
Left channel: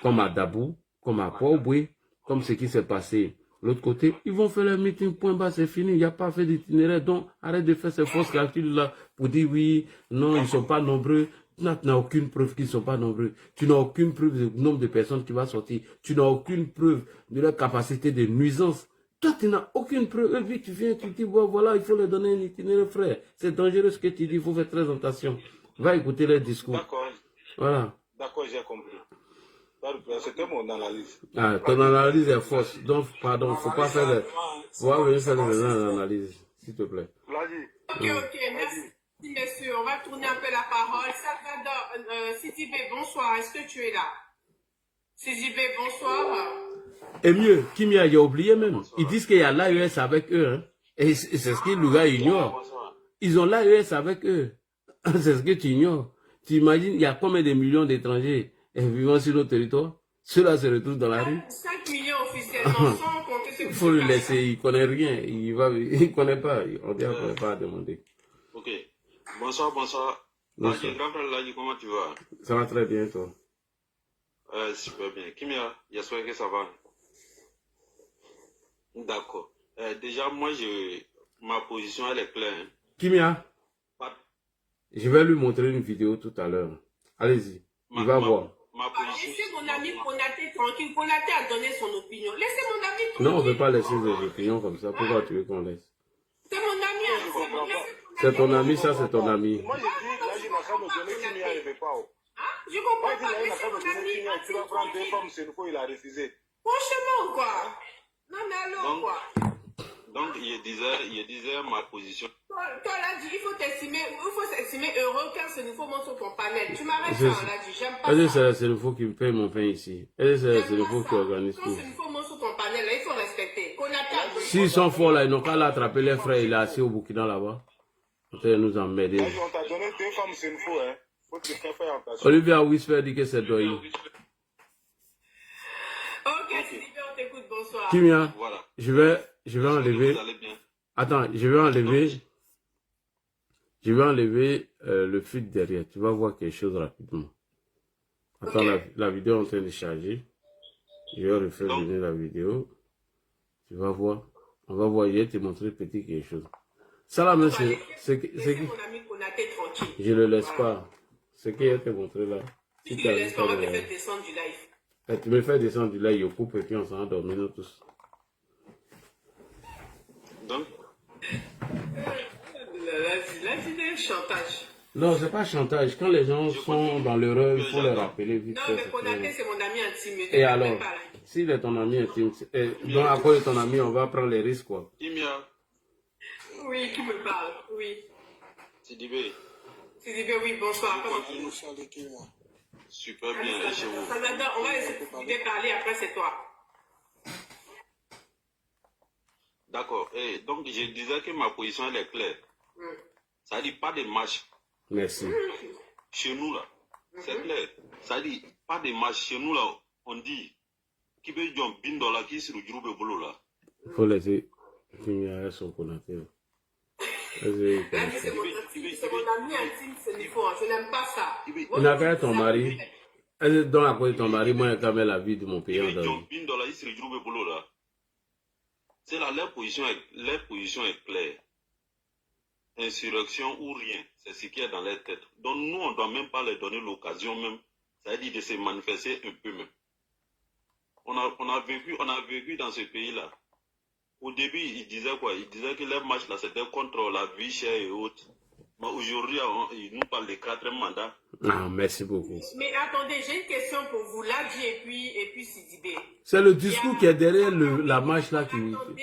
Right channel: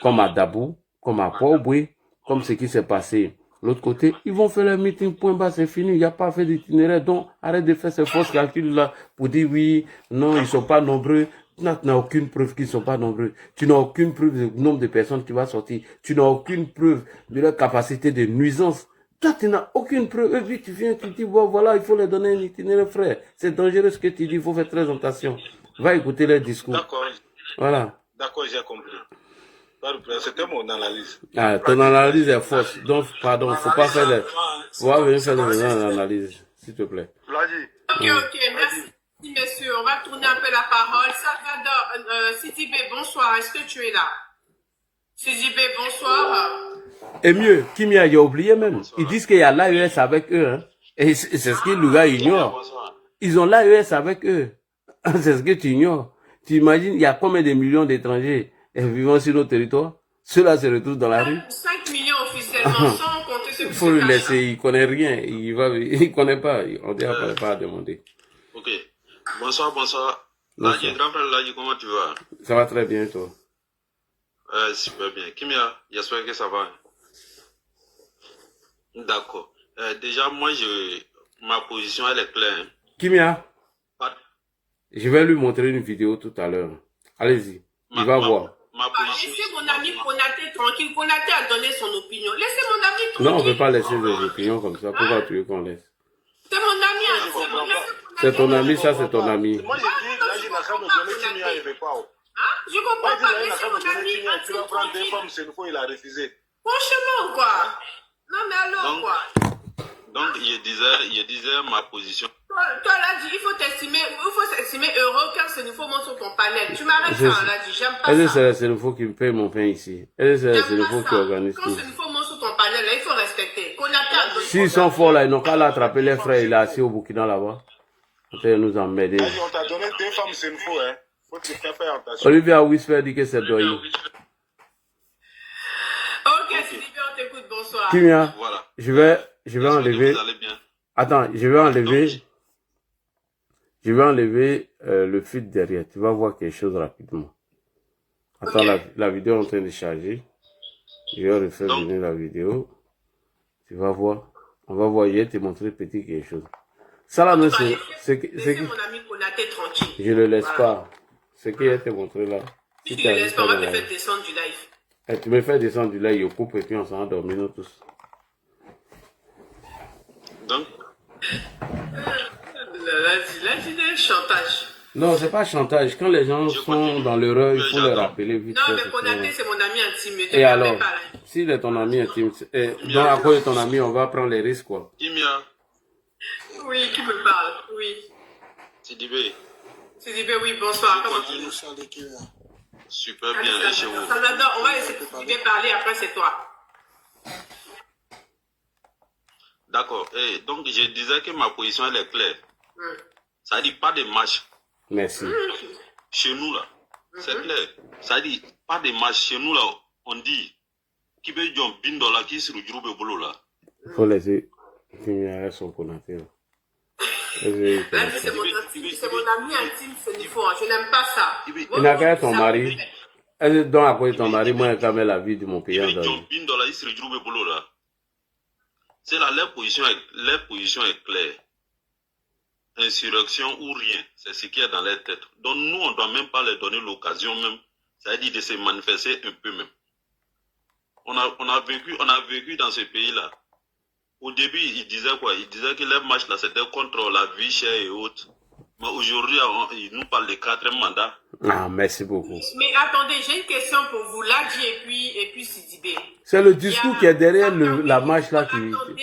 comme à Dabou, comme à Port-au-Boué, comme ce qui s'est passé de l'autre côté. Ils vont faire leur meeting, point bas, c'est fini. Il n'y a pas fait d'itinéraire. Donc, arrête de faire ces fausses calculs-là pour dire oui, non, ils ne sont pas nombreux. Tu n'as aucune preuve qu'ils ne sont pas nombreux. Tu n'as aucune preuve du nombre de personnes qui vont sortir. Tu n'as aucune preuve de leur capacité de nuisance. Toi, tu n'as aucune preuve. Et puis, tu viens, tu dis, bon, voilà, il faut leur donner un itinéraire, frère. C'est dangereux ce que tu dis, il faut faire très attention. Va écouter leur discours. D'accord. Voilà. D'accord, j'ai compris. C'était mon analyse. Ah, ton analyse est fausse. Donc, pardon, il ne faut pas faire le... On va venir faire l'analyse, s'il te plaît. Ok, merci, messieurs. On va tourner un peu la parole. Salvador, Sidibé, bonsoir. Est-ce que tu es là? Sidibé, bonsoir. Et mieux, Kimia, il a oublié même. Ils disent qu'il y a l'AES avec eux. Hein. Et c'est ce que le gars ignore. Ils ont l'AES avec eux. C'est ce que tu ignores. Tu imagines, il y a combien de millions d'étrangers vivant sur notre territoire? Ceux-là se retrouvent dans la rue. 5 millions officiellement, sans compter ceux qui Il faut le laisser, il ne connaît rien. Il ne connaît pas. On ne pas à demander. Ok. Bonsoir. Ladji, grand frère Ladji, comment tu vas? Ça va très bien, toi? Super bien. Kimia, j'espère que ça va. D'accord. Déjà, moi, ma position, elle est claire. Hein. Kimia, je vais lui montrer une vidéo tout à l'heure. Allez-y, il va voir. Laissez mon ami Konaté tranquille. Konaté a donné son opinion. Laissez mon ami tranquille. Non, on ne peut pas laisser des opinions comme ça. Pourquoi tu veux qu'on laisse? C'est mon ami. C'est ton ami, ça c'est ton ami. Moi, je dis, là, je n'ai qu'à me donner Kimia, il ne veut pas. Je comprends pas. Laissez mon ami. Tu vas prendre des femmes, c'est une fois, il a refusé. Franchement, quoi. Non, mais alors, quoi. Donc, je disais ma position. Toi, là, il faut s'estimer heureux quand c'est nouveau monte sur ton panel. Tu m'arrêtes ça, là, j'aime pas ça. Est-ce que c'est nouveau qui me paye mon pain ici? Est-ce que c'est nouveau qui organise tout? Quand c'est nouveau monte sur ton panel, là, il faut respecter. S'ils sont forts, là, ils n'ont qu'à l'attraper les frères. Il est assis au Burkina, là-bas. Ils nous emmerder. On t'a donné 2 femmes, c'est une fois, hein. Faut te faire attention. Olivia Whisper dit que c'est Doyi. Ok, Sylvie, on t'écoute, bonsoir. Kimia, je vais enlever. Attends, je vais enlever le feed derrière. Tu vas voir quelque chose rapidement. Attends, la vidéo est en train de charger. Je vais refaire venir la vidéo. Tu vas voir. On va voir, je vais te montrer petit quelque chose. Ça là, c'est que mon ami Konaté tranquille. je ne le laisse pas. Ce que je te montrer là. Si tu ne le laisses pas, on va te faire descendre du live. Et tu me fais descendre du live, je coupe et puis on s'en va dormir nous tous. Donc Là, c'est un chantage. Non, c'est pas chantage. Quand les gens sont dans l'erreur, il faut les rappeler vite. Non, mais Konaté, c'est mon ami intime. Et alors, s'il est ton ami intime, donc à cause de ton ami, on va prendre les risques, quoi. Kimia. Oui, qui me parle? Oui. Sidibé. Sidibé, oui, bonsoir. Comment tu vas? Super bien, et chez vous? Salvador, on va laisser Sidibé parler, après c'est toi. D'accord. Donc, je disais que ma position, elle est claire. Ça dit pas de marche. Merci. Chez nous, là, c'est clair. Ça dit pas de marche. Chez nous, là, on dit qui veut John Bindola qui se retrouve au boulot, là. Il faut laisser Kimia son Konaté. C'est mon ami intime, c'est niveau. Je n'aime pas ça. Il n'a qu'à être ton mari. Donc, à cause de ton mari, moi, j'ai quand même la vie de mon pays. John Bindola, il se retrouve au boulot, là. C'est là, leur position est claire. Insurrection ou rien, c'est ce qui est dans leur tête. Donc nous, on ne doit même pas leur donner l'occasion même, c'est-à-dire de se manifester un peu même. On a vécu dans ce pays-là. Au début, ils disaient quoi? Ils disaient que leur marche là, c'était contre la vie chère et autres. Mais aujourd'hui, ils nous parlent de 4e mandat. Ah, merci beaucoup. Mais attendez, j'ai une question pour vous, Ladji et puis Sidibé. C'est le discours qui est derrière la marche là qui... Attendez.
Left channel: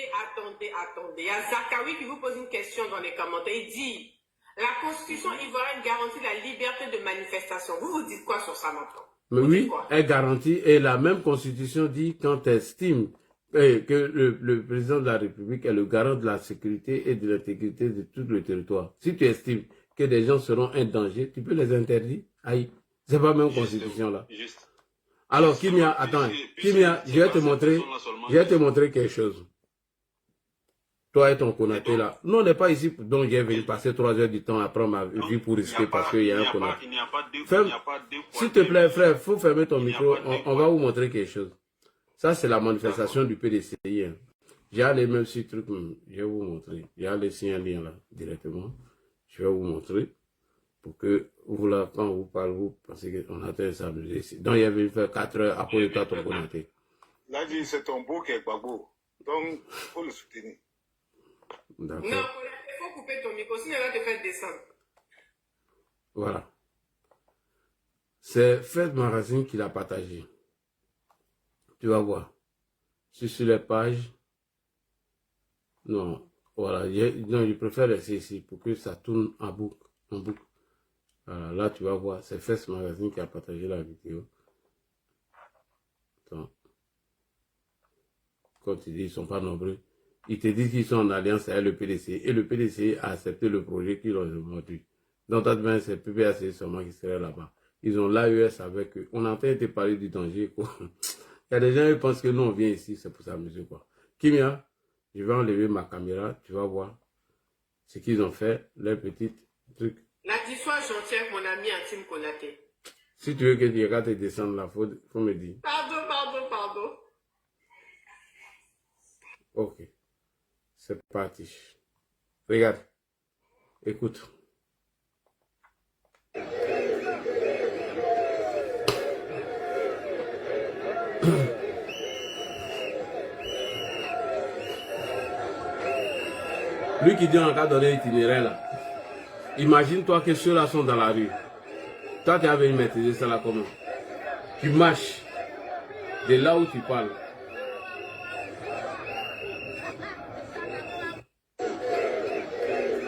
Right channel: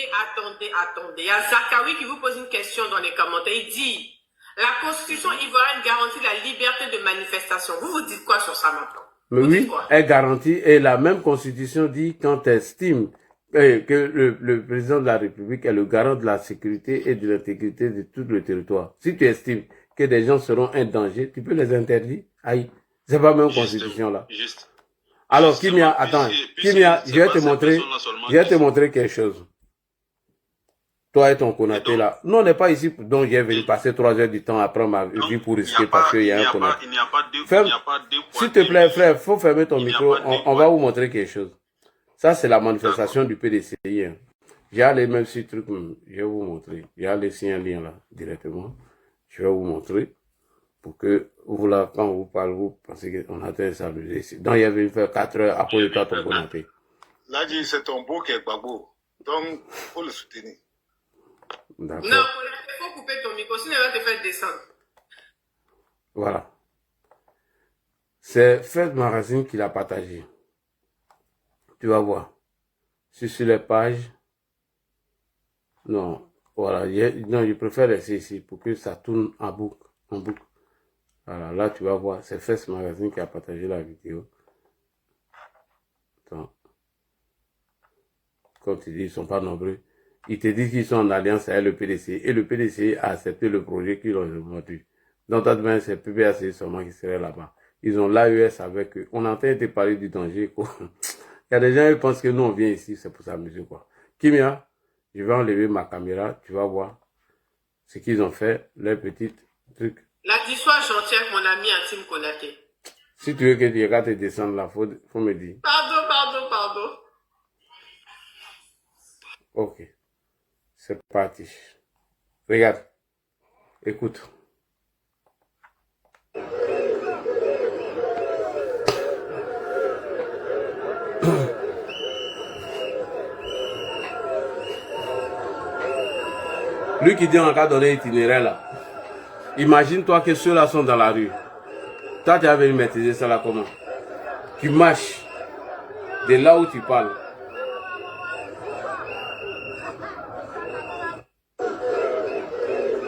Il y a Zakawi qui vous pose une question dans les commentaires. Il dit, la Constitution ivoirienne garantit la liberté de manifestation. Vous dites quoi sur ça maintenant? Mais oui, elle garantit, et la même Constitution dit quand elle estime que le président de la République est le garant de la sécurité et de l'intégrité de tout le territoire. Si tu estimes que des gens seront un danger, tu peux les interdire. Aïe, c'est pas la même Constitution là. Juste. Alors, Kimia, attends, Kimia, je vais te montrer quelque chose. Toi et ton Konaté là. Non, on n'est pas ici, donc j'ai venu passer 3 heures du temps à prendre ma vie pour risquer parce qu'il y a un Konaté. S'il te plaît, frère, faut fermer ton micro, on va vous montrer quelque chose. Ça, c'est la manifestation du PDCI. Hein. J'ai allé même sur truc, je vais vous montrer. J'ai allé sur un lien là, directement. Je vais vous montrer. Pour que vous là, quand on vous parle, vous pensez qu'on a été s'amuser ici. Donc, il y avait fait 4 heures après toi, ton Konaté. Là, c'est ton beau qui est babo. Donc, il faut le soutenir. Non, il faut couper ton micro, sinon il va te faire descendre. Voilà. C'est Fred Magazine qui l'a partagé. Tu vas voir. Si sur les pages. Non, voilà. Non, je préfère laisser ici pour que ça tourne en boucle. Voilà, là tu vas voir. C'est Fred Magazine qui a partagé la vidéo. Attends. Quand tu dis qu'ils ne sont pas nombreux. Ils te disent qu'ils sont en alliance avec le PDC. Et le PDC a accepté le projet qu'ils ont monté. Donc, c'est PPAC seulement qui serait là-bas. Ils ont l'AES avec eux. On entend te parler du danger, quoi. Il y a des gens qui pensent que nous, on vient ici, c'est pour s'amuser, quoi. Kimia, je vais enlever ma caméra. Tu vas voir ce qu'ils ont fait, leurs petits trucs. La sois gentil avec mon ami intime Konaté. Si tu veux que tu regardes te descendre là, faut me dire. Pardon. Ok. C'est parti. Regarde. Écoute. Lui qui dit on va donner itinéraire là. Imagine-toi que ceux-là sont dans la rue. Toi, tu as venu maîtriser ça là comment? Tu marches de là où tu parles.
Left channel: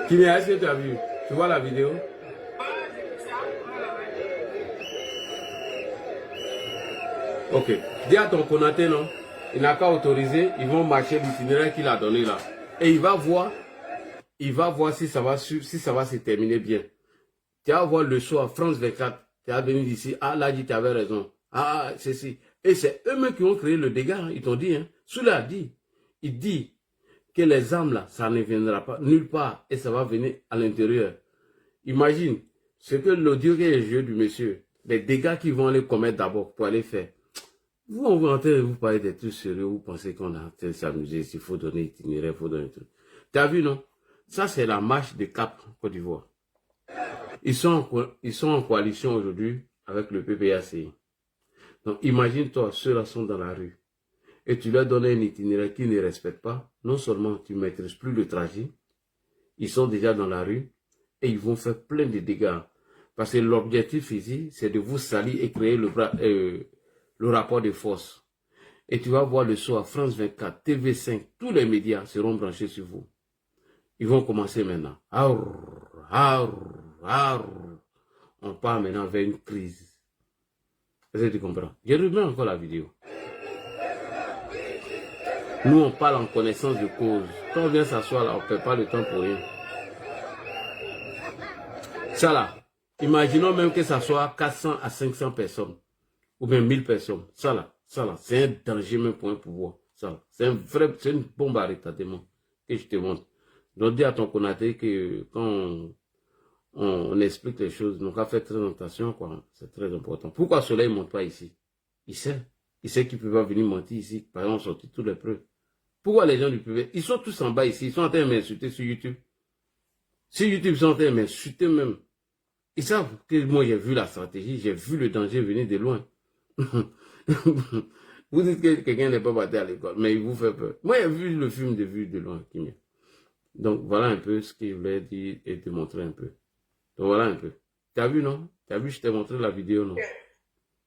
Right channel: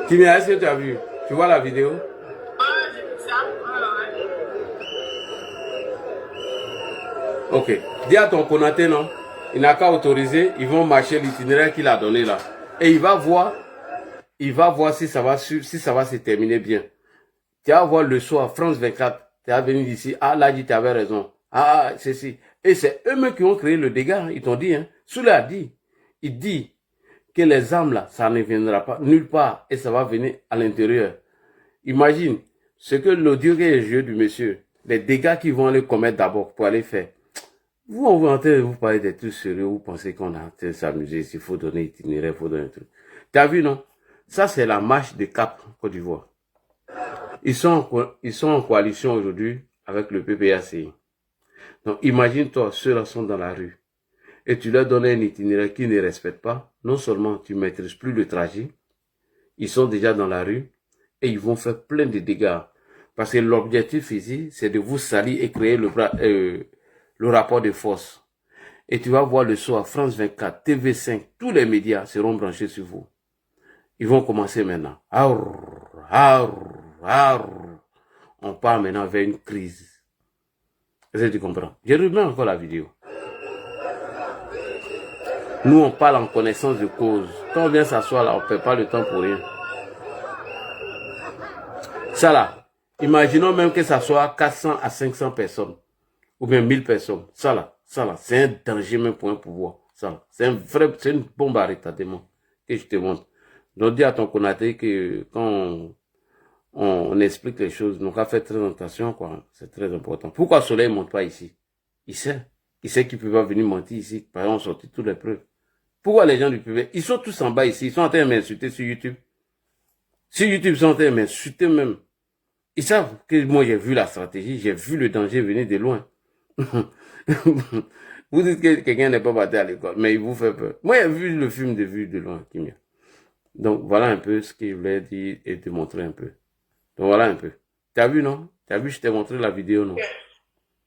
Kimia, est-ce que tu as vu? Tu vois la vidéo? J'ai vu ça. Ok. Dis à ton Konaté, non? Il n'a qu'à autoriser, ils vont marcher l'itinéraire qu'il a donné là. Et il va voir si ça va se terminer bien. Tu vas voir le soir, France 24, tu es venu ici, ah là, tu avais raison. Ah, c'est si. Et c'est eux-mêmes qui ont créé le dégât, ils t'ont dit, hein. Soula a dit, il dit que les armes là, ça ne viendra pas nulle part et ça va venir à l'intérieur. Imagine ce que l'audio que j'ai du monsieur, les dégâts qu'ils vont aller commettre d'abord pour aller faire. Vous, on va vous parler des trucs sérieux, vous pensez qu'on a en s'amuser, s'il faut donner itinéraire, il faut donner un truc. Tu as vu, non? Ça, c'est la marche de Cap, Côte d'Ivoire. Ils sont en coalition aujourd'hui avec le PPACI. Donc, imagine-toi, ceux-là sont dans la rue. Et tu leur donnes un itinéraire qu'ils ne respectent pas. Non seulement tu ne maîtrises plus le trajet, ils sont déjà dans la rue et ils vont faire plein de dégâts. Parce que l'objectif ici, c'est de vous salir et créer le rapport de force. Et tu vas voir le soir, France 24, TV5, tous les médias seront branchés sur vous. Ils vont commencer maintenant. On part maintenant vers une crise. Est-ce que tu comprends? Je remets encore la vidéo. Nous, on parle en connaissance de cause. Quand on vient s'asseoir là, on ne perd pas le temps pour rien. Ça là, imaginons même que ça soit 400 à 500 personnes. Ou bien 1000 personnes. Ça là, c'est un danger même pour un pouvoir. Ça là, c'est une bombe à retardement que je te montre. Donc dis à ton Konaté que quand on explique les choses, nous avons fait très attention, quoi. C'est très important. Pourquoi le soleil ne monte pas ici? Il sait qu'il peut pas venir mentir ici. Par exemple, on sortit toutes les preuves. Pourquoi les gens du PV, ils sont tous en bas ici, ils sont en train de m'insulter sur YouTube. Sur YouTube, ils sont en train de m'insulter même. Ils savent que moi j'ai vu la stratégie, j'ai vu le danger venir de loin. Vous dites que quelqu'un n'est pas battu à l'école, mais il vous fait peur. Moi j'ai vu le film de vue de loin, Kimia. Donc voilà un peu ce qu'il voulait dire et te montrer un peu. Donc voilà un peu. Tu as vu, non? Tu as vu, je t'ai montré la vidéo, non?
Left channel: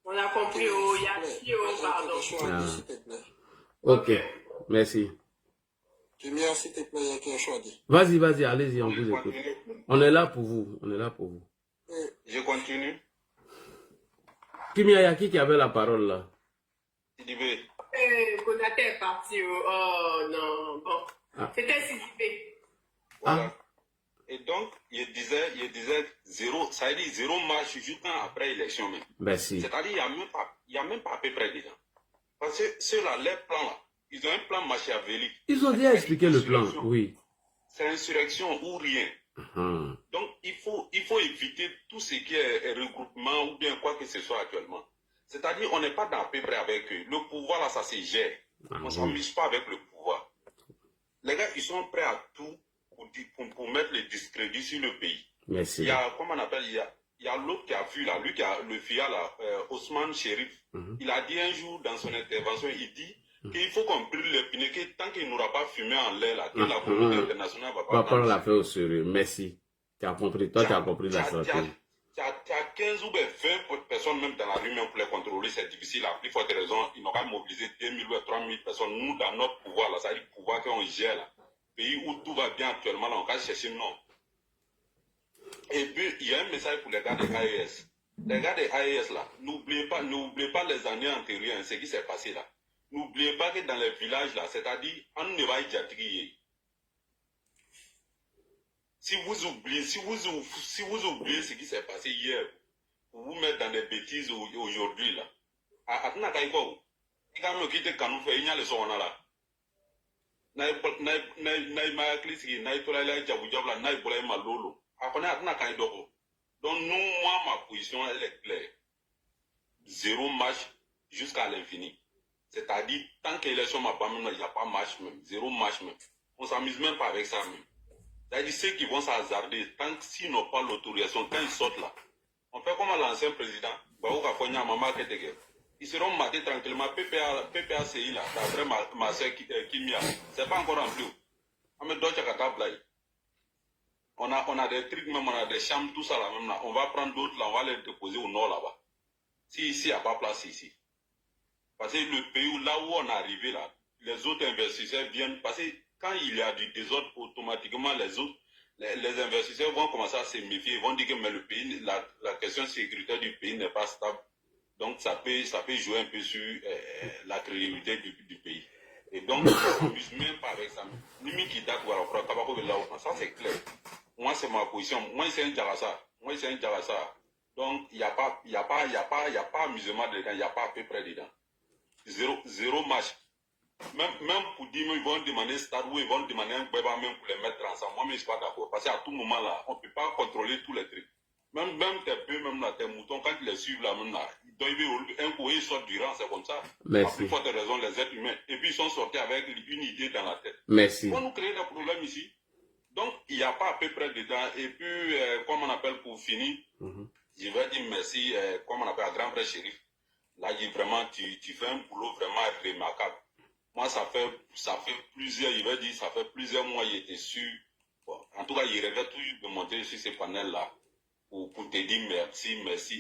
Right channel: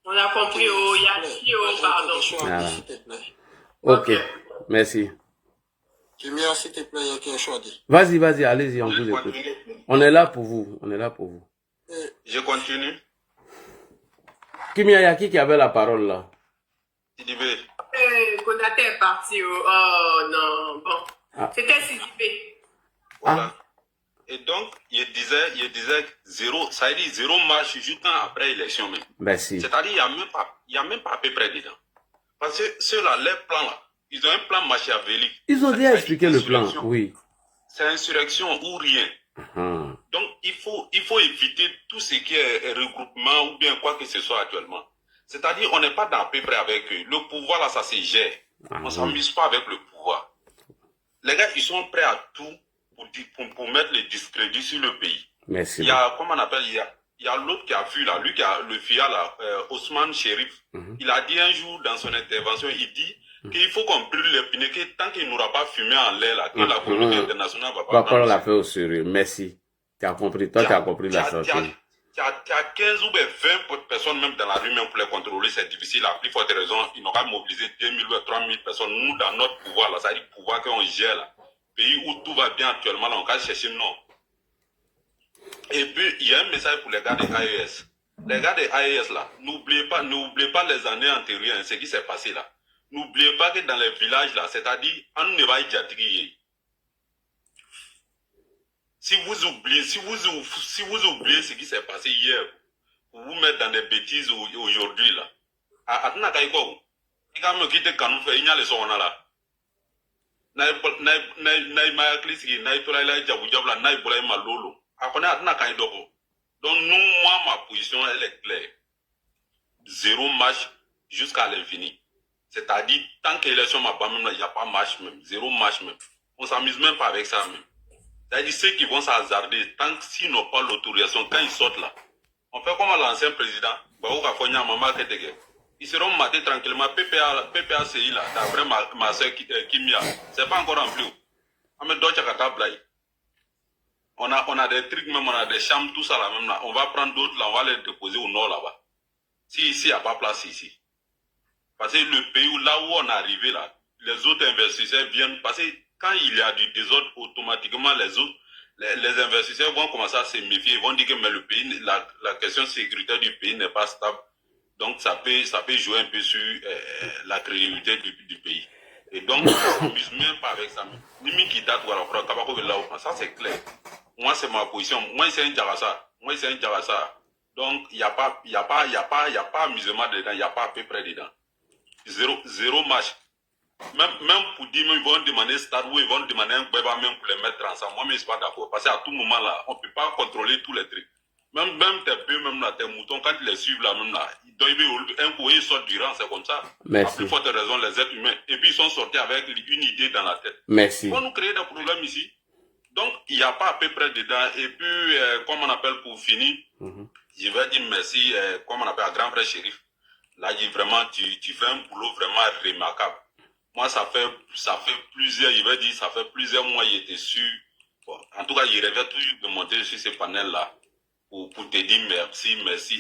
On a compris, oh, Yachi, oh, pardon. Voilà. S'il te plaît. Ok, merci. Kimia, s'il te plaît, il y a quelque chose à dire. Vas-y, allez-y, on vous écoute. On est là pour vous, Je continue. Kimia, il y a qui avait la parole là? Sidibé. Konaté est parti, oh, non, bon. Ah. C'était Sidibé. Voilà. Et donc, il disait zéro, ça veut dire zéro marche juste après l'élection même. Merci. C'est-à-dire, il n'y a même pas à peu près dedans. Parce que ceux-là, les plans là, ils ont un plan machiavélique. Ils ont déjà expliqué le plan, oui. C'est insurrection ou rien. Donc, il faut éviter tout ce qui est regroupement ou bien quoi que ce soit actuellement. C'est-à-dire, on n'est pas dans à peu près avec eux. Le pouvoir, là, ça se gère. On ne s'amuse pas avec le pouvoir. Les gars, ils sont prêts à tout pour mettre le discrédit sur le pays. Merci. Il y a, comment on appelle, il y a l'autre qui a vu, là, lui qui a le FIA, là, Ousmane Chérif. Il a dit un jour dans son intervention, il dit qu'il faut qu'on brûle les pneus, que tant qu'il n'aura pas fumé en l'air, là, que la communauté internationale va pas prendre la fait au sérieux. Merci. Tu as compris. Toi, tu as compris la sortie. Il y a 15 ou 20 personnes même dans la rue, même pour les contrôler, c'est difficile. À plus forte raison, ils n'ont pas mobilisé 2000 ou 3000 personnes. Nous, dans notre pouvoir, là, ça dit pouvoir qu'on gère, là. Pays où tout va bien actuellement, là, on va chercher non. Et puis, il y a un message pour les gars des AES. Les gars des AES, là, n'oubliez pas les années antérieures, ce qui s'est passé là. N'oubliez pas que dans les villages, là, c'est-à-dire, on ne va pas y. Si vous oubliez ce qui s'est passé hier, vous vous mettez dans des bêtises aujourd'hui, là. Attends, il y a un quitter quand nous faisons, il y a les sons là. Donc, moi, ma position, elle est claire. Zéro marche jusqu'à l'infini. C'est-à-dire, tant que l'élection m'a pas même, il n'y a pas marche même. Zéro marche même. On ne s'amuse même pas avec ça même. C'est-à-dire, ceux qui vont s'hasarder, tant qu'ils n'ont pas l'autorisation, quand ils sortent là, on fait comme l'ancien président, ils seront matés tranquillement. PPACI là, d'après ma soeur Kimia, c'est pas encore rempli. On a des trucs, même on a des chambres, tout ça là même là. On va prendre d'autres là, on va les déposer au nord là-bas. Si ici, il n'y a pas place ici. Parce que le pays où, là où on est arrivé là, les autres investisseurs viennent, parce que quand il y a du désordre, automatiquement les investisseurs vont commencer à se méfier, ils vont dire que mais le pays, la question sécuritaire du pays n'est pas stable. Donc ça peut jouer un peu sur la crédibilité du pays. Et donc on ne s'amuse même pas avec ça. Ça c'est clair. Moi c'est ma position. Moi c'est un Djarassa. Donc il n'y a pas amusement dedans, il n'y a pas à peu près dedans. Zéro match. Même pour dire, ils vont demander stade ou ils vont demander un bébé même pour les mettre ensemble. Moi, je ne suis pas d'accord. Parce qu'à tout moment là, on ne peut pas contrôler tous les trucs. Même tes bœufs, même là, tes moutons, quand ils les suivent là, même là, un coup, ils sortent du rang, c'est comme ça. Merci. À plus forte raison, les êtres humains. Et puis, ils sont sortis avec une idée dans la tête. Merci. Ils vont nous créer des problèmes ici. Donc, il n'y a pas à peu près dedans. Et puis, comme on appelle pour finir, je vais dire merci, comme on appelle à grand frère Chérif. Là, vraiment, tu fais un boulot vraiment remarquable. Moi, ça fait plusieurs, il va dire, ça fait plusieurs mois, il était sûr. Bon, en tout cas, il rêvait toujours de monter sur ce panel-là pour te dire merci.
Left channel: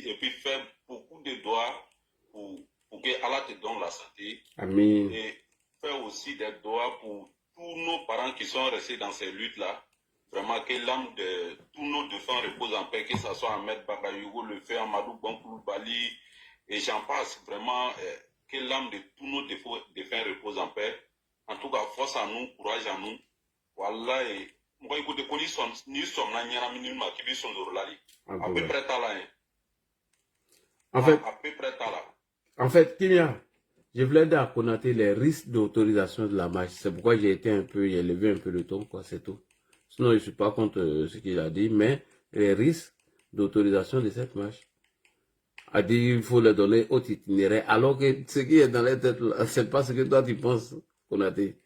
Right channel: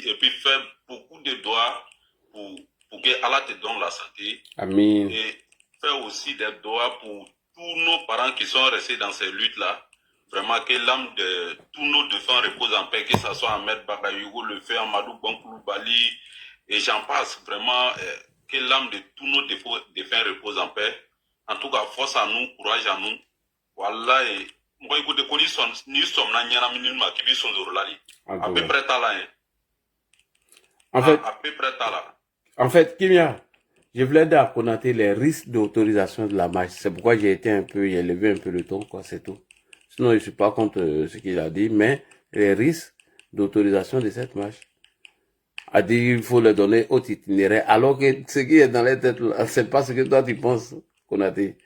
Et puis faire beaucoup de doigts pour que Allah te donne la santé. Amen. Et faire aussi des doigts pour tous nos parents qui sont restés dans ces luttes-là. Vraiment, que l'âme de tous nos défunts repose en paix, que ce soit Ahmed Bagayougo, le fait Amadou Bankoulou Bali, et j'en passe vraiment. Que l'âme de tous nos défunts repose en paix. En tout cas, force à nous, courage à nous. Voilà. Et moi, écoute, nous sommes là, qui sont à peu près là. À peu près là. En fait, Kimia, je voulais dire à Konaté les risques d'autorisation de la marche. C'est pourquoi j'ai élevé un peu le ton, quoi, c'est tout. Sinon, je ne suis pas contre ce qu'il a dit, mais les risques d'autorisation de cette marche. A dit il faut le donner au itinéraire, alors que ce qui est dans les têtes, c'est pas ce que toi tu penses, Konaté.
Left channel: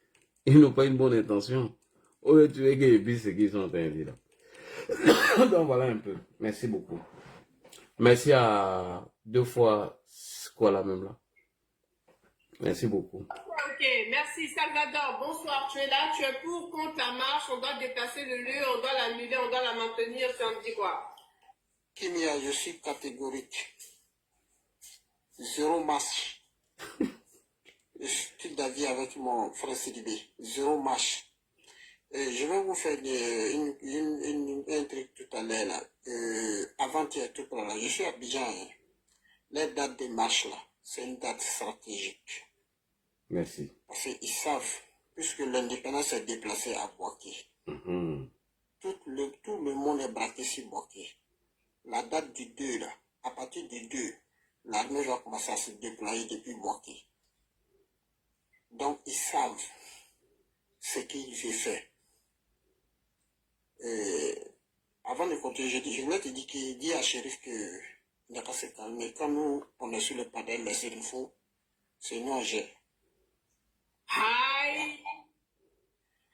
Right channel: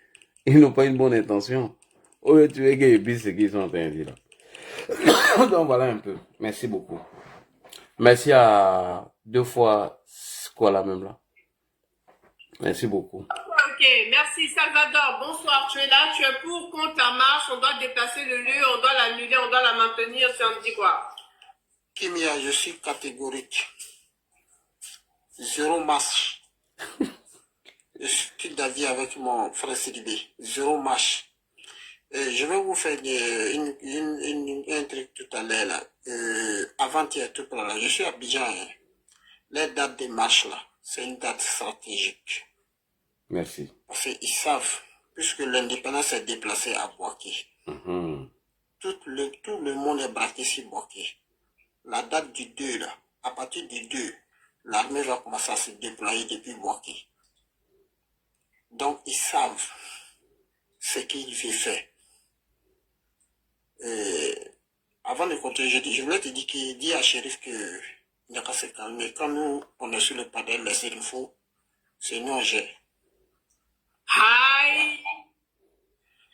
Ils n'ont pas une bonne intention. Au lieu de tuer que ce qu'ils sont en train de dire là. Donc voilà un peu. Merci beaucoup. Merci à 2 fois quoi là même là. Merci beaucoup. Ok, merci Salvador. Bonsoir, tu es là, tu es pour, contre la marche, on doit déplacer le lieu, on doit l'annuler, on doit la maintenir, c'est un petit quoi. Kimia, je suis catégorique. Zéro marche. Je suis d'avis avec mon frère Sidibé. Zéro marche. Je vais vous faire un truc tout à l'heure là. Avant-hier, tout là. Je suis à Abidjan. Hein. Les dates de marche là, c'est une date stratégique. Merci. Parce qu'ils savent, puisque l'indépendance est déplacée à Boaké. Tout le monde est braqué sur Boaké. La date du 2 là, à partir du 2, l'armée va commencer à se déployer depuis Boaké. Donc ils savent ce qu'il veut faire. Avant de continuer, je voulais te dire qu'il dit à Shérif que il n'a qu'à se calmer. Quand nous, on est sur le panel, les infos, c'est nous on gère. Hi.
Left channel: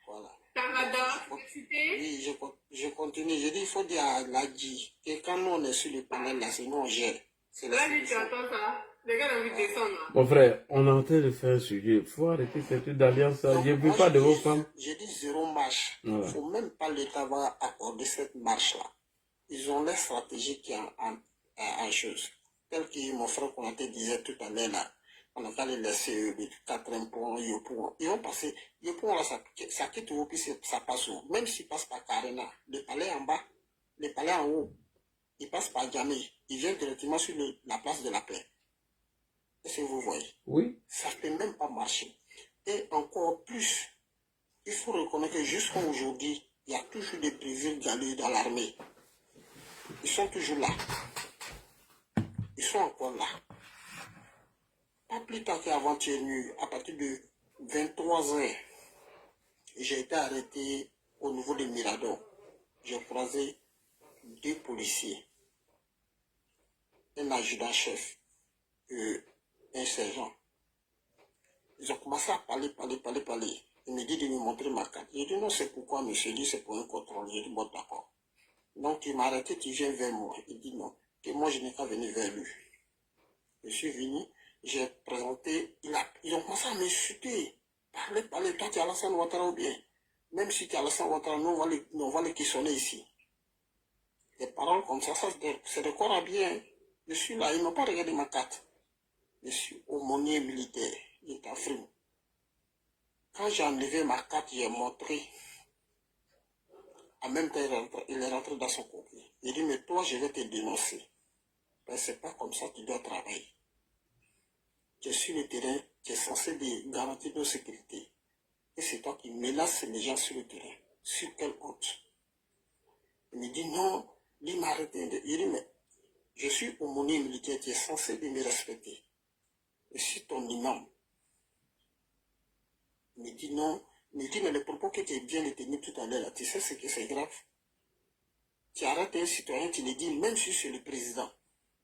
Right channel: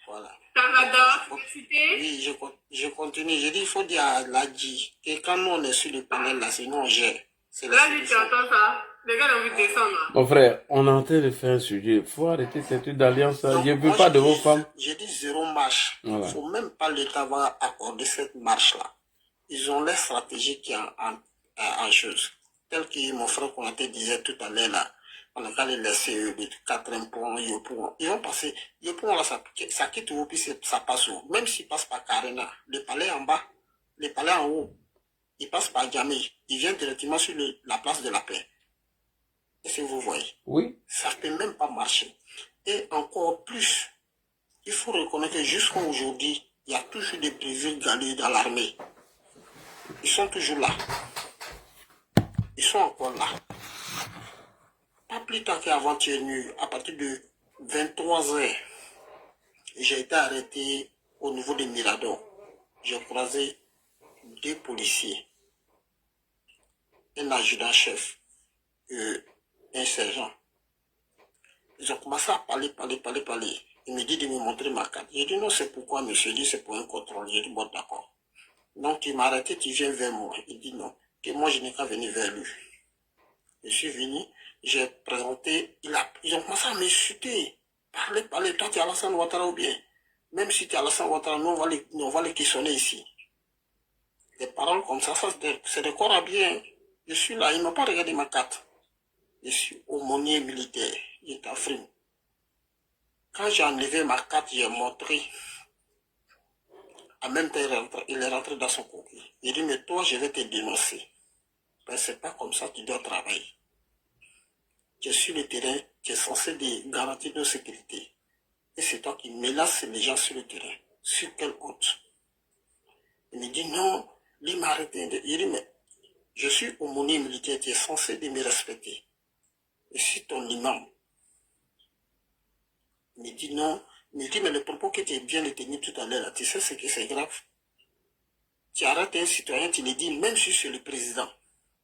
Voilà. Canada, Oui, je continue. Je dis, il faut dire à Ladji que quand nous on est sur le panel, là, c'est nous on gère. Là, tu entends ça? Les gars ont envie de descendre. Mon frère, on est en train de faire un sujet. Il faut arrêter cette truc d'alliance. Je ne veux pas de vos femmes. J'ai dit zéro marche. Il Voilà. ne faut même pas l'État va accorder cette marche-là. Ils ont leur stratégie qui est en chose. Tel que mon frère Konaté disait tout à l'heure là. On a qu'à les laisser de 4 points, Yopouan. Ils vont passer. Yopouan là, ça quitte où, puis ça passe où. Même s'ils passent par Karena, le palais en bas, le palais en haut, ils passent par Djamé. Ils viennent directement sur la place de la paix. Est-ce que vous voyez? Oui. Ça ne peut même pas marcher. Et encore plus, il faut reconnaître que jusqu'à aujourd'hui, il y a toujours des privés galés dans l'armée. Ils sont toujours là. Ils sont encore là. Pas plus tard qu'avant-hier nuit, à partir de 23h, j'ai été arrêté au niveau de Mirador. J'ai croisé 2 policiers, un adjudant-chef et un sergent. Ils ont commencé à parler. Il me dit de me montrer ma carte. J'ai dit non, c'est pourquoi, monsieur. Il dit c'est pour un contrôle. J'ai dit bon, d'accord. Donc il m'a arrêté, tu viens vers moi. Il dit non, que moi je n'ai qu'à venir vers lui. Je suis venu, j'ai présenté, ils ont commencé à m'insulter. Parlez, toi tu es Alassane Ouattara ou bien. Même si tu es Alassane Ouattara, nous on va les questionner ici. Des paroles comme ça, c'est des corps à bien. Je suis là, ils n'ont pas regardé ma carte. Je suis aumônier militaire, j'étais à Frim. Quand j'ai enlevé ma carte, j'ai montré. En même temps, il est rentré dans son coquille. Il dit, mais toi, je vais te dénoncer. Ben, c'est pas comme ça que tu dois travailler. Tu es sur le terrain, tu es censé garantir nos sécurité. Et c'est toi qui menaces les gens sur le terrain. Sur quelle honte? Il me dit, non, il m'a arrêté. Il dit, mais je suis aumônier militaire, tu es censé de me respecter. Et si ton imam me dit non, me dit, mais le propos que tu viens de tenir tout à l'heure, tu sais ce que c'est grave. Tu arrêtes un citoyen, tu le dis, même si c'est le président.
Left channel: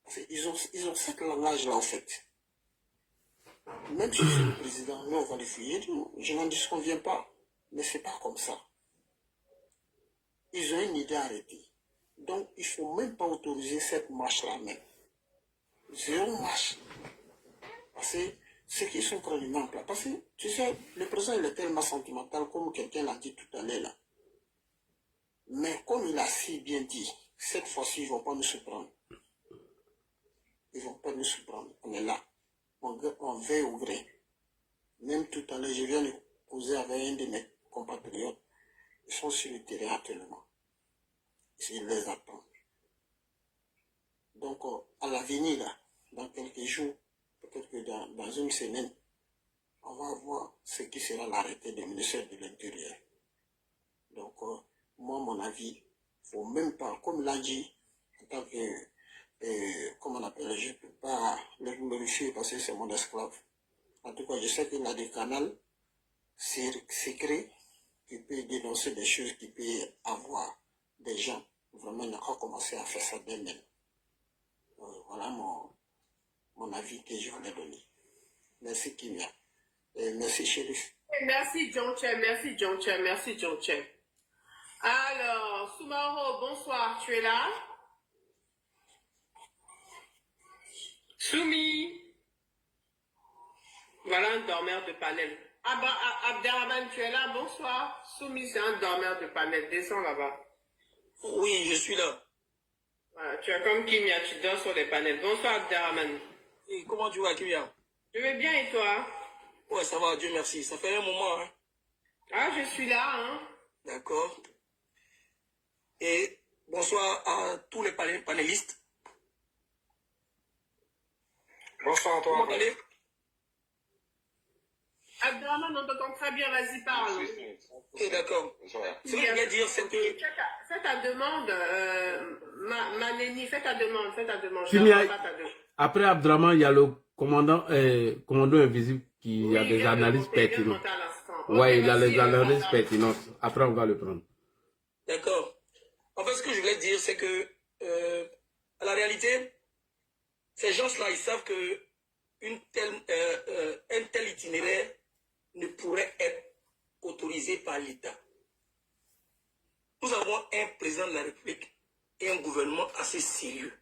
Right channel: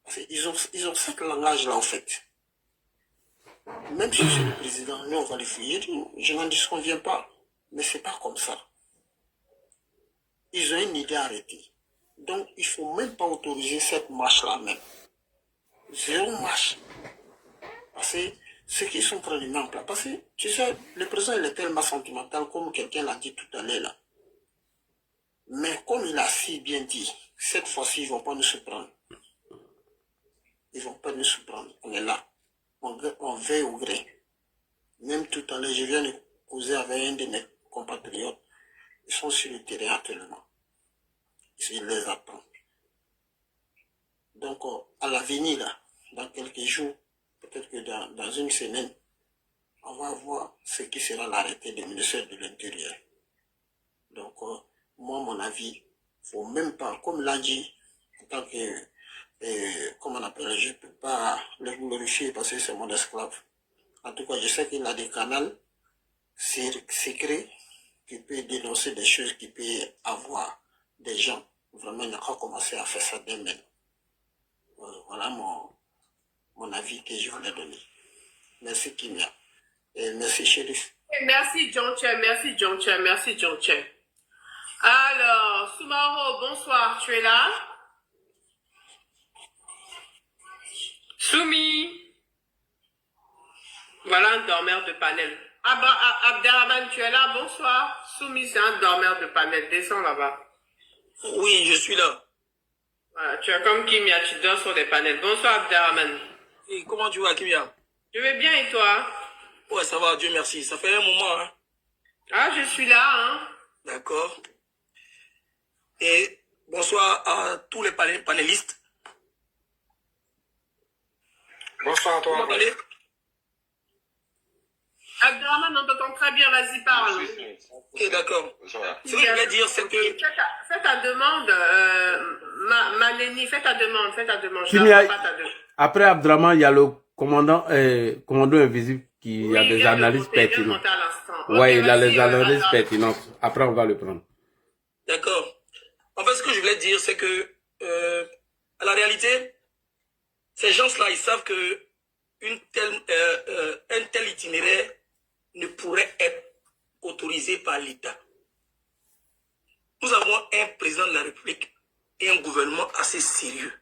Parce qu'ils ont ce langage-là, en fait. Même si c'est le président, nous, on va le fouiller. Je n'en disconviens pas. Mais c'est pas comme ça. Ils ont une idée arrêtée. Donc, il ne faut même pas autoriser cette marche-là même. Zéro marche. Parce que ceux qui sont en train de mettre en place, parce que, tu sais, le président, il est tellement sentimental, comme quelqu'un l'a dit tout à l'heure là. Mais comme il a si bien dit, cette fois-ci, ils ne vont pas nous surprendre. Ils ne vont pas nous surprendre. On est là. On veille au gré. Même tout à l'heure, je viens de causer avec un de mes compatriotes. Ils sont sur le terrain actuellement. Ils les attendent. Donc, à l'avenir, là, dans quelques jours, peut-être que dans une semaine, on va voir ce qui sera l'arrêté du ministère de l'Intérieur. Donc, moi, mon avis, il ne faut même pas, comme l'a dit, en tant que, comment on appelle, je ne peux pas le glorifier parce que c'est mon esclave. En tout cas, je sais qu'il a des canaux secrets qui peuvent dénoncer des choses, qui peuvent avoir des gens. Vraiment, il a commencé à faire ça d'eux-mêmes. Voilà mon avis que je voulais donner. Merci Kimia. Et merci Chérif. Merci John Che, merci John Che, merci John Che. Alors, Soumaro, bonsoir, tu es là? Soumi. Voilà un dormeur de panel. Abderrahman, tu es là? Bonsoir. Soumi, c'est un dormeur de panel. Descends là-bas. Oui, je suis là. Voilà, tu es comme Kimia, tu dors sur des panels. Bonsoir Abderrahmane. Et comment tu vas, Kimia? Je vais bien et toi? Ouais, ça va, Dieu merci. Ça fait un moment, hein? Ah, je suis là, hein? D'accord. Et bonsoir à tous les panélistes. Bonsoir à toi. Comment allez? Abderrahmane, on t'entend très bien, vas-y, parle. Ok, d'accord. Ce que je voulais dire, c'est que... Fais ta demande, Maneni, fais ta demande. Après Abdraman, il y a le commandant invisible qui a des analyses pertinentes. Ouais, il a les analyses pertinentes. Après, on va le prendre. D'accord. En fait, ce que je voulais dire, c'est que, à la réalité, ces gens-là, ils savent que un tel itinéraire ne pourrait être autorisé par l'État. Nous avons un président de la République et un gouvernement assez sérieux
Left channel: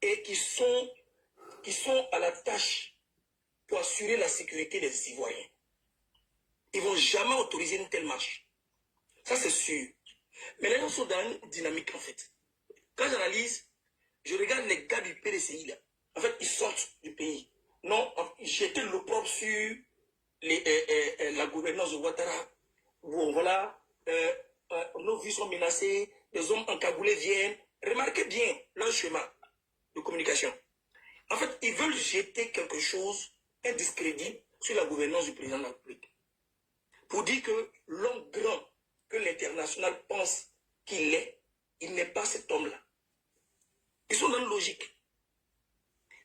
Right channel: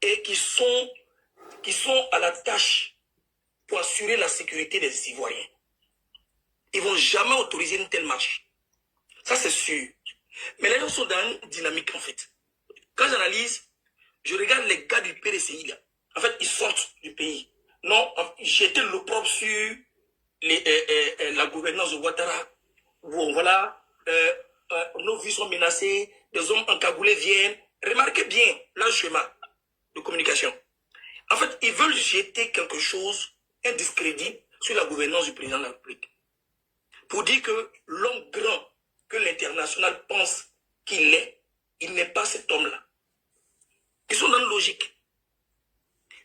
et qui sont à la tâche pour assurer la sécurité des Ivoiriens. Ils ne vont jamais autoriser une telle marche. Ça, c'est sûr. Mais les gens sont dans une dynamique, en fait. Quand j'analyse, je regarde les gars du PDCI, là. En fait, ils sortent du pays. Non, j'étais l'opprobre sur la gouvernance de Ouattara. Bon, voilà, nos vies sont menacées, des hommes encagoulés viennent. Remarquez bien leur schéma de communication. En fait, ils veulent jeter quelque chose, un discrédit, sur la gouvernance du président de la République. Pour dire que l'homme grand que l'international pense qu'il est, il n'est pas cet homme-là. Ils sont dans une logique.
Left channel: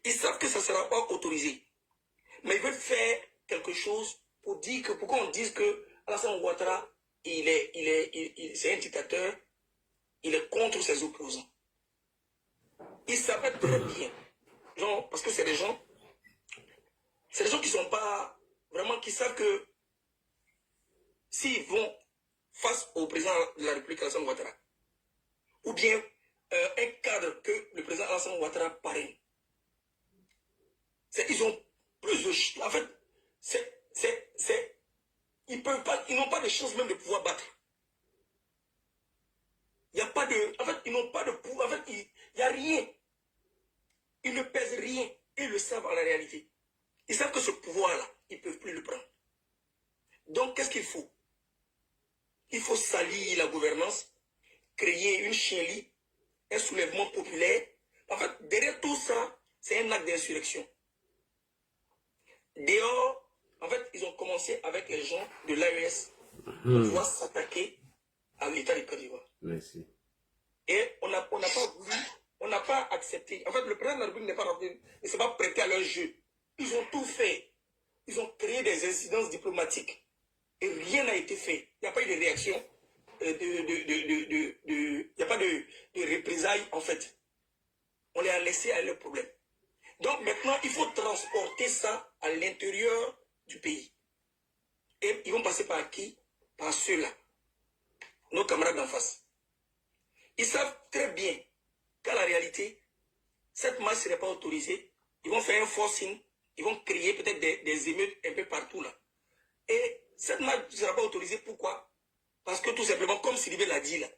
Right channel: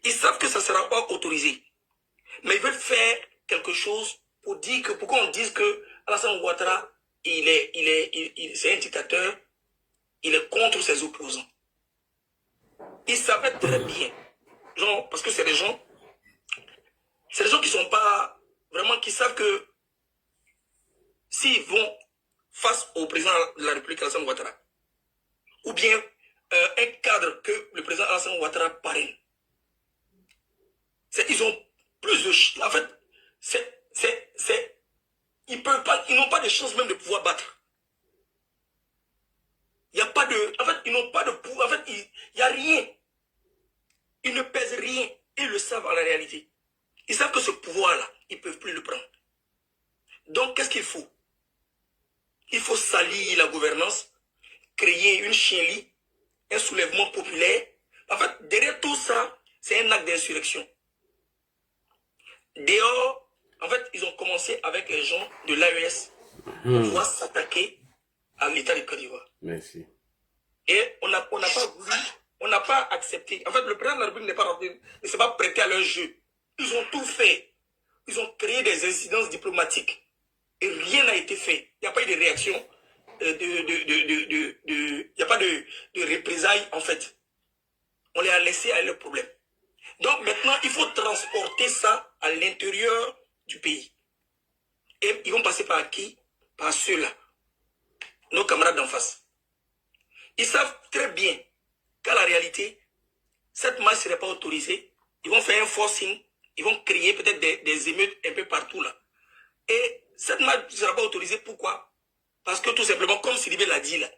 Ils savent que ça ne sera pas autorisé. Mais ils veulent faire quelque chose pour dire que, pourquoi on dit que Alassane Ouattara, c'est un dictateur, il est contre ses opposants. Ils savaient très bien, genre, parce que c'est des gens qui sont pas, vraiment, qui savent que s'ils vont face au président de la République, Alassane Ouattara, ou bien un cadre que le président Alassane Ouattara parraine, ils ont plus de... En fait, ils n'ont pas de chance même de pouvoir battre. Il n'y a pas de... En fait, ils n'ont pas de pouvoir. En fait, il n'y a rien. Ils ne pèsent rien. Ils le savent en la réalité. Ils savent que ce pouvoir-là, ils ne peuvent plus le prendre. Donc, qu'est-ce qu'il faut? Il faut salir la gouvernance, créer une chienlit, un soulèvement populaire. En fait, derrière tout ça, c'est un acte d'insurrection. Dehors, en fait, ils ont commencé avec les gens de l'AES pour pouvoir s'attaquer à l'État de Côte d'Ivoire. Merci. Et on n'a pas voulu, on n'a pas accepté. En fait, le président de la République ne s'est pas prêté à leur jeu. Ils ont tout fait. Ils ont créé des incidences diplomatiques. Et rien n'a été fait. Il n'y a pas eu de réaction, il n'y a pas de représailles, en fait. On les a laissés à leur problème. Donc maintenant, il faut transporter ça à l'intérieur du pays. Et ils vont passer par qui? Par ceux-là. Nos camarades d'en face. Ils savent très bien qu'à la réalité, cette marche ne serait pas autorisée. Ils vont faire un forcing. Ils vont créer peut-être des émeutes un peu partout là. Et cette marche ne sera pas autorisée. Pourquoi? Parce que tout simplement, comme Sidibé l'a dit là,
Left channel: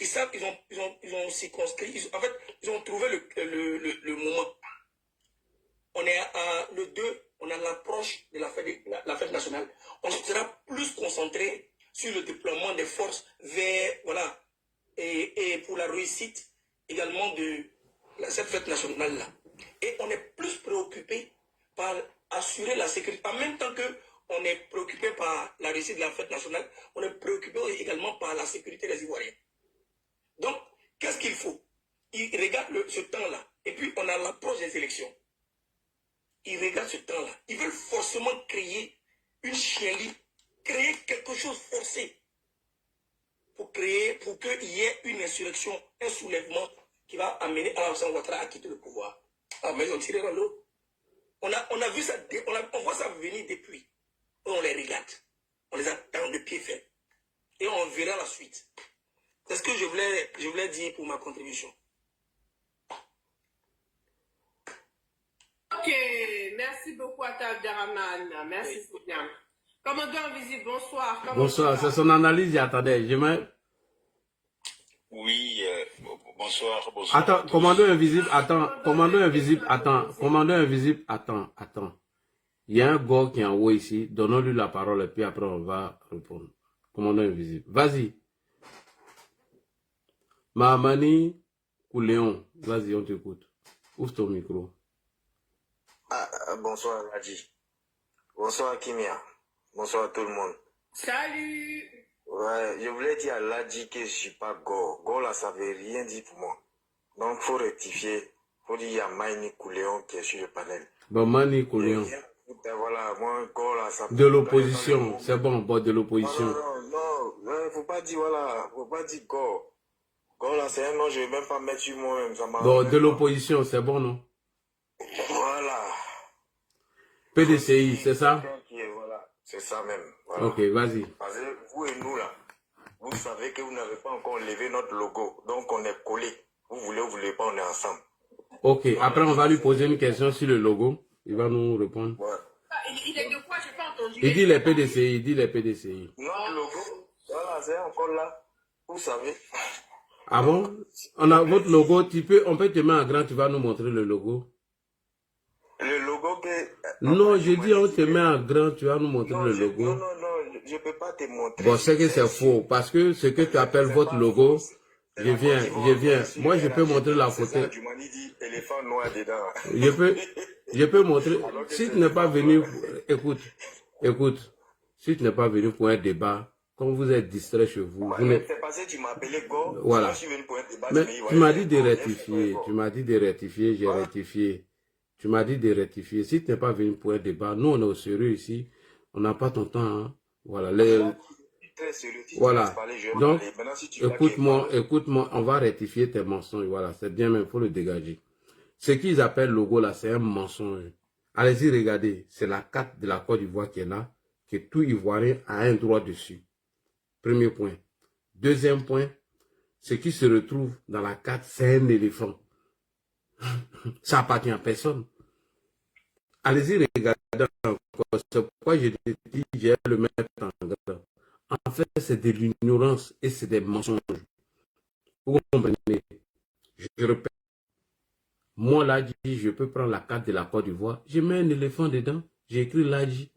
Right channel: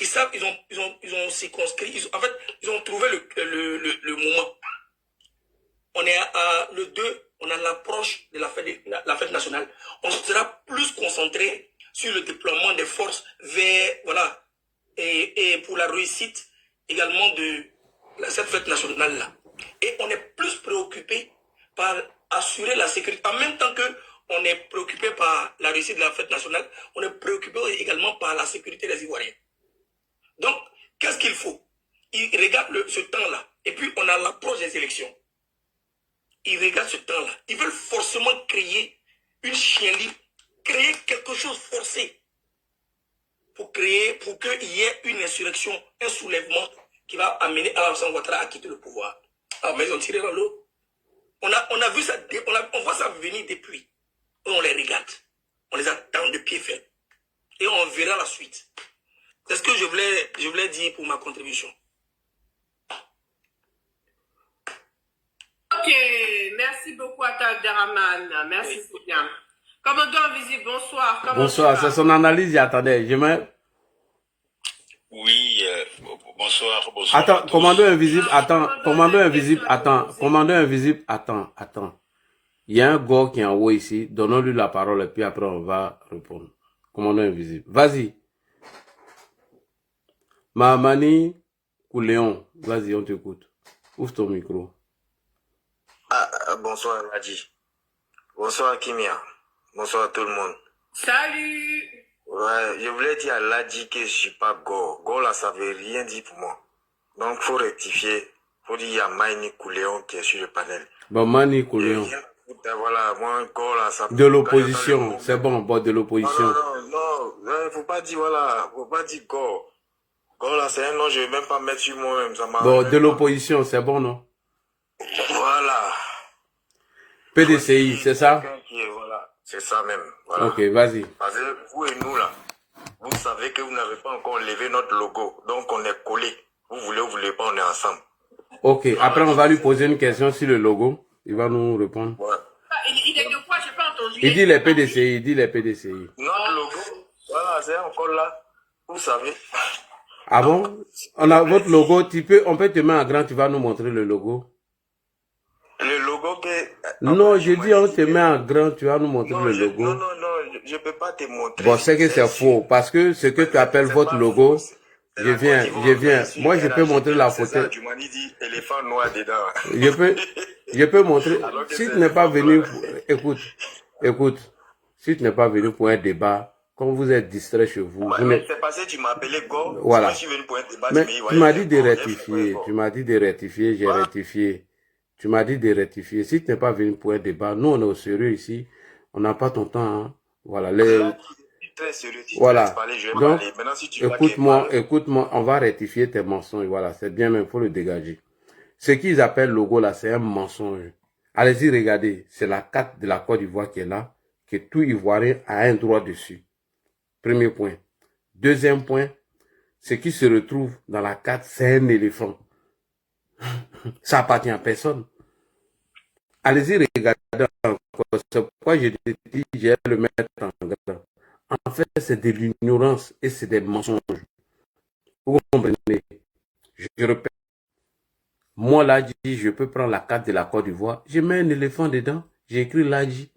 ils savent, ils ont circonscrit, en fait, ils ont trouvé le moment. On est le 2, on a l'approche de la fête nationale. On sera plus concentré sur le déploiement des forces vers, voilà, et pour la réussite également de cette fête nationale-là. Et on est plus préoccupé par assurer la sécurité. En même temps qu'on est préoccupé par la réussite de la fête nationale, on est préoccupé également par la sécurité des Ivoiriens. Donc, qu'est-ce qu'il faut? Ils regardent ce temps-là. Et puis, on a l'approche des élections. Ils regardent ce temps-là. Ils veulent forcément créer une chienlit, créer quelque chose forcé pour qu'il y ait une insurrection, un soulèvement qui va amener Alassane Ouattara à quitter le pouvoir. Alors, mais ils ont tiré dans l'eau. On a vu ça, on voit ça venir depuis. Et on les regarde. On les attend de pied ferme. Et on verra la suite. C'est ce que je voulais dire pour ma contribution. Ok, merci beaucoup à Abderrahmane. Merci, c'est bien. Commandant Invisible, bonsoir. Bonsoir, c'est son analyse, j'attendais. Oui, Bonsoir, bonsoir. Attends, commandant invisible, attends, commandant invisible, attends, commandant invisible, attends. Il y a un gars qui est en haut ici, donnons-lui la parole et puis après on va répondre. Commandant invisible, vas-y. Mahamani Kouléon, vas-y, on t'écoute. Ouvre ton micro. Bonsoir Ladji. Bonsoir Kimia. Bonsoir tout le monde. Salut. Ouais, je voulais dire à Ladji que je suis pas Go. Go là, ça veut rien dire pour moi. Donc faut rectifier. Faut dire il y a Mani Kouléon qui est sur le panel. Bon, Mani Kouléon. Voilà, moi Go là, ça. De l'opposition, c'est bon, de l'opposition. Non, faut pas dire voilà, faut pas dire Go. Go là, c'est un nom, je vais même pas mettre sur moi-même. Bon, de l'opposition, c'est bon, non? Voilà. PDCI, c'est ça? Voilà, c'est ça même. Voilà. Ok, vas-y. Parce que vous et nous là, vous savez que vous n'avez pas encore levé notre logo, donc on est collés. Vous voulez pas, on est ensemble. Ok, après on va lui poser une question sur le logo. Il va nous répondre. Ouais. Il est de quoi? J'ai pas entendu. Il dit les PDCI, Notre logo, voilà, c'est encore là. Vous savez. Ah bon? On a votre logo, on peut te mettre en grand, tu vas nous montrer le logo. Le logo que... Non, je dis on te met en grand, tu vas nous montrer le logo. Non, je peux pas te montrer. Bon, c'est que c'est faux, parce que ce que tu appelles votre logo, je viens. Moi, je peux montrer la photo. Tu m'as dit éléphant noir dedans. Je peux montrer. Si tu n'es pas venu, écoute, si tu n'es pas venu pour un débat, quand vous êtes distrait chez vous, c'est parce que tu m'as appelé Go. Voilà. Je suis venu pour un débat. Mais tu m'as dit de rectifier, j'ai rectifié. Tu m'as dit de rectifier. Si tu n'es pas venu pour un débat, nous on est au sérieux ici. On n'a pas ton temps. Hein. Voilà. Voilà. Donc, écoute-moi, on va rectifier tes mensonges. Voilà, c'est bien, mais il faut le dégager. Ce qu'ils appellent logo là, c'est un mensonge. Allez-y, regardez. C'est la carte de la Côte d'Ivoire qui est là, que tout Ivoirien a un droit dessus. Premier point. Deuxième point, ce qui se retrouve dans la carte, c'est un éléphant. Ça appartient à personne. Allez-y, regardez encore. C'est pourquoi je te dis, je vais le mettre en grand. En fait, c'est de l'ignorance et c'est des mensonges. Vous comprenez? Je répète. Moi, Ladji, je peux prendre la carte de la Côte d'Ivoire. Je mets un éléphant dedans. J'ai écrit Ladji.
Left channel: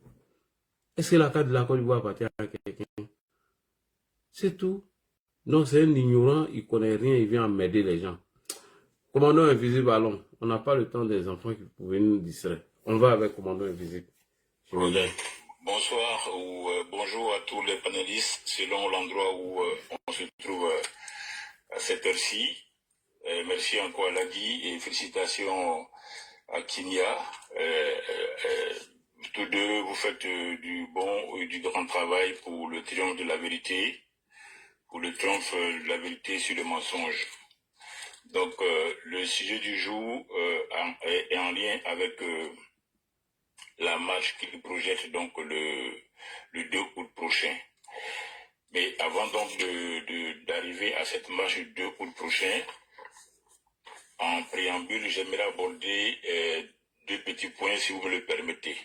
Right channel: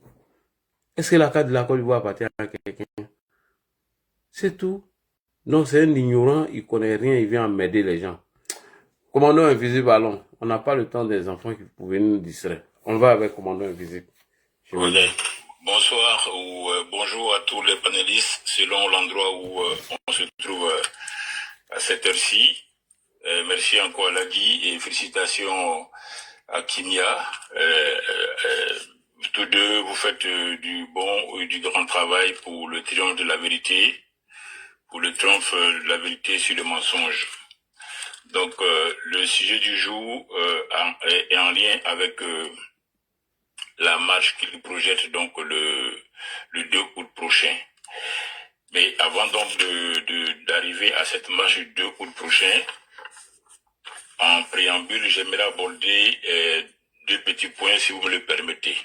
Est-ce que la carte de la Côte d'Ivoire appartient à quelqu'un? C'est tout. Donc, c'est un ignorant. Il ne connaît rien. Il vient m'aider les gens. Commandant invisible, allons. On n'a pas le temps des enfants qui pouvaient nous distraire. On va avec commandant invisible. Bonsoir ou bonjour à tous les panélistes selon l'endroit où on se trouve à cette heure-ci. Merci encore à Ladji et félicitations à Kimia. Tous deux, vous faites du bon et du grand travail pour le triomphe de la vérité, pour le triomphe de la vérité sur le mensonge. Donc, le sujet du jour est en lien avec la marche qu'il projette donc le 2 août prochain. Mais avant donc d'arriver à cette marche du 2 août prochain, en préambule, j'aimerais aborder deux petits points si vous me le permettez.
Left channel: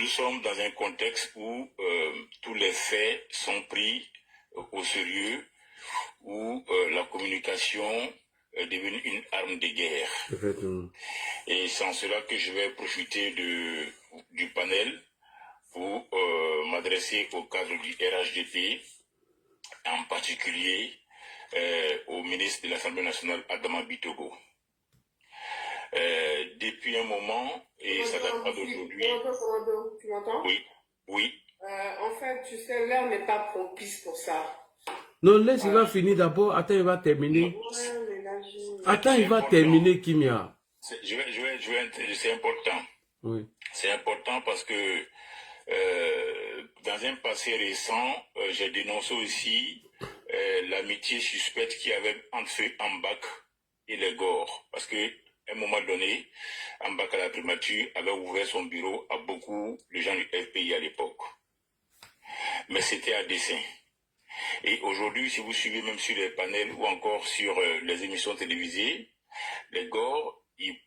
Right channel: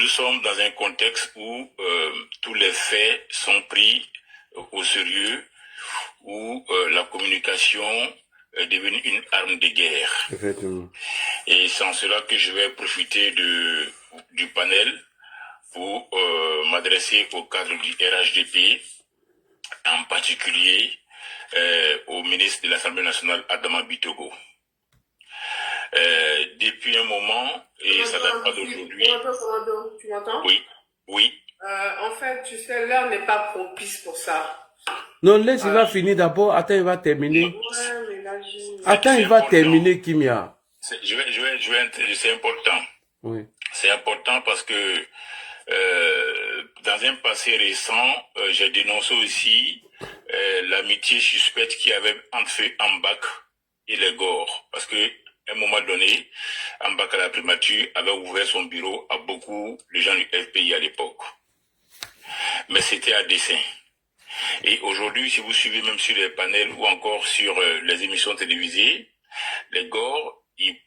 Nous sommes dans un contexte où tous les faits sont pris au sérieux, où la communication est devenue une arme de guerre. Effectivement. Et c'est en cela que je vais profiter du panel pour m'adresser au cadre du RHDP, en particulier au ministre de l'Assemblée nationale, Adama Bitogo. Depuis un moment, et ça date pas d'aujourd'hui. Tu m'entends? Oui. En fait, tu sais, l'heure n'est pas propice pour ça. Non, laisse, il va finir d'abord. Attends, il va terminer. Ouais, mais là, Attends, il va terminer, Kimia. C'est important. Oui. C'est important parce que dans un passé récent, j'ai dénoncé aussi l'amitié suspecte qu'il y avait entre Ambak et les Gor. Parce que à un moment donné, Ambak à la primature avait ouvert son bureau à beaucoup de gens du FPI à l'époque. Mais c'était à dessein. Et aujourd'hui, si vous suivez même sur les panels ou encore sur les émissions télévisées, les Gor, ils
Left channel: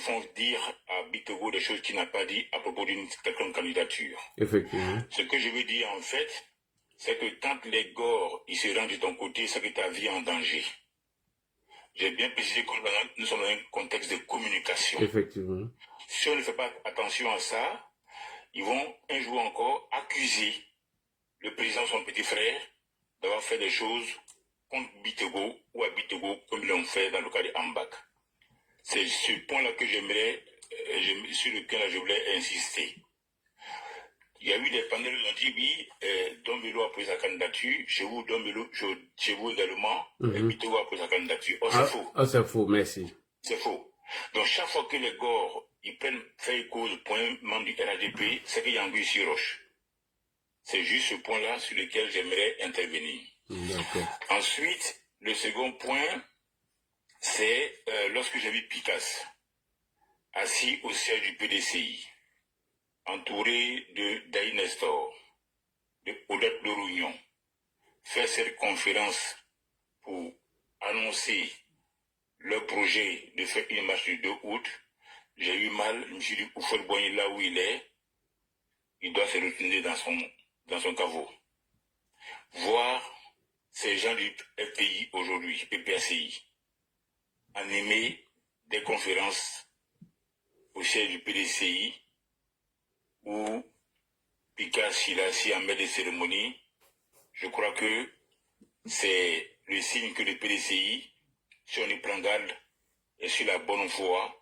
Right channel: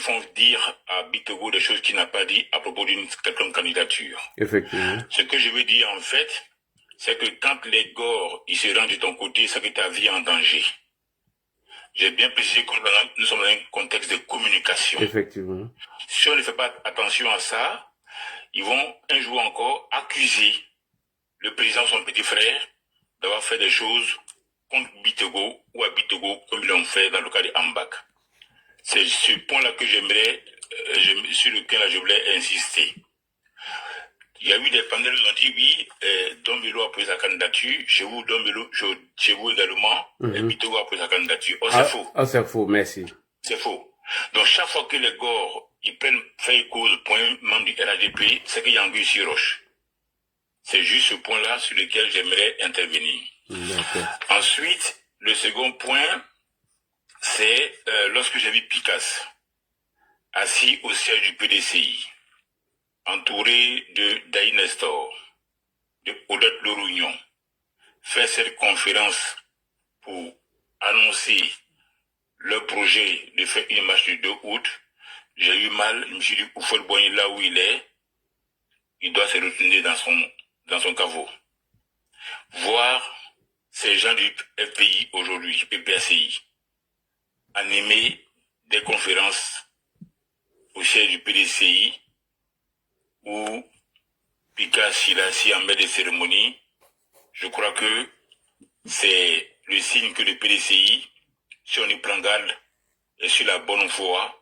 font dire à Bitogo des choses qu'il n'a pas dit à propos d'une quelconque candidature. Effectivement. Ce que je veux dire en fait, c'est que quand les gores ils se rendent de ton côté, c'est que ta vie est en danger. J'ai bien précisé que nous sommes dans un contexte de communication. Effectivement. Si on ne fait pas attention à ça, ils vont un jour encore accuser le président, son petit frère, d'avoir fait des choses contre Bitogo ou à Bitogo comme ils l'ont fait dans le cas de Ambak. C'est ce point-là que j'aimerais, sur lequel je voulais insister. Il y a eu des panels qui ont dit oui, Dombelo a pris sa candidature, chez vous, chez vous également, Bitogo a pris sa candidature. Oh, c'est faux. Oh, c'est faux, merci. C'est faux. Donc chaque fois que les gores ils prennent fait cause pour un membre du RHDP, c'est qu'il y a anguille sur roche. C'est juste ce point-là sur lequel j'aimerais intervenir. Ensuite, le second point, c'est lorsque j'ai vu Picasse assis au siège du PDCI, entouré de Daï Nestor, de Odette Lerougnon, faire cette conférence pour annoncer leur projet de faire une marche du 2 août, j'ai eu mal, je me suis dit, Oufol Boigny, là où il est, il doit se retourner dans son caveau. Voir ces gens du FPI aujourd'hui, PPACI, animer des conférences au siège du PDCI, où Picasse il est assis en maître de cérémonie, je crois que c'est le signe que le PDCI, si on y prend garde, est sur la bonne voie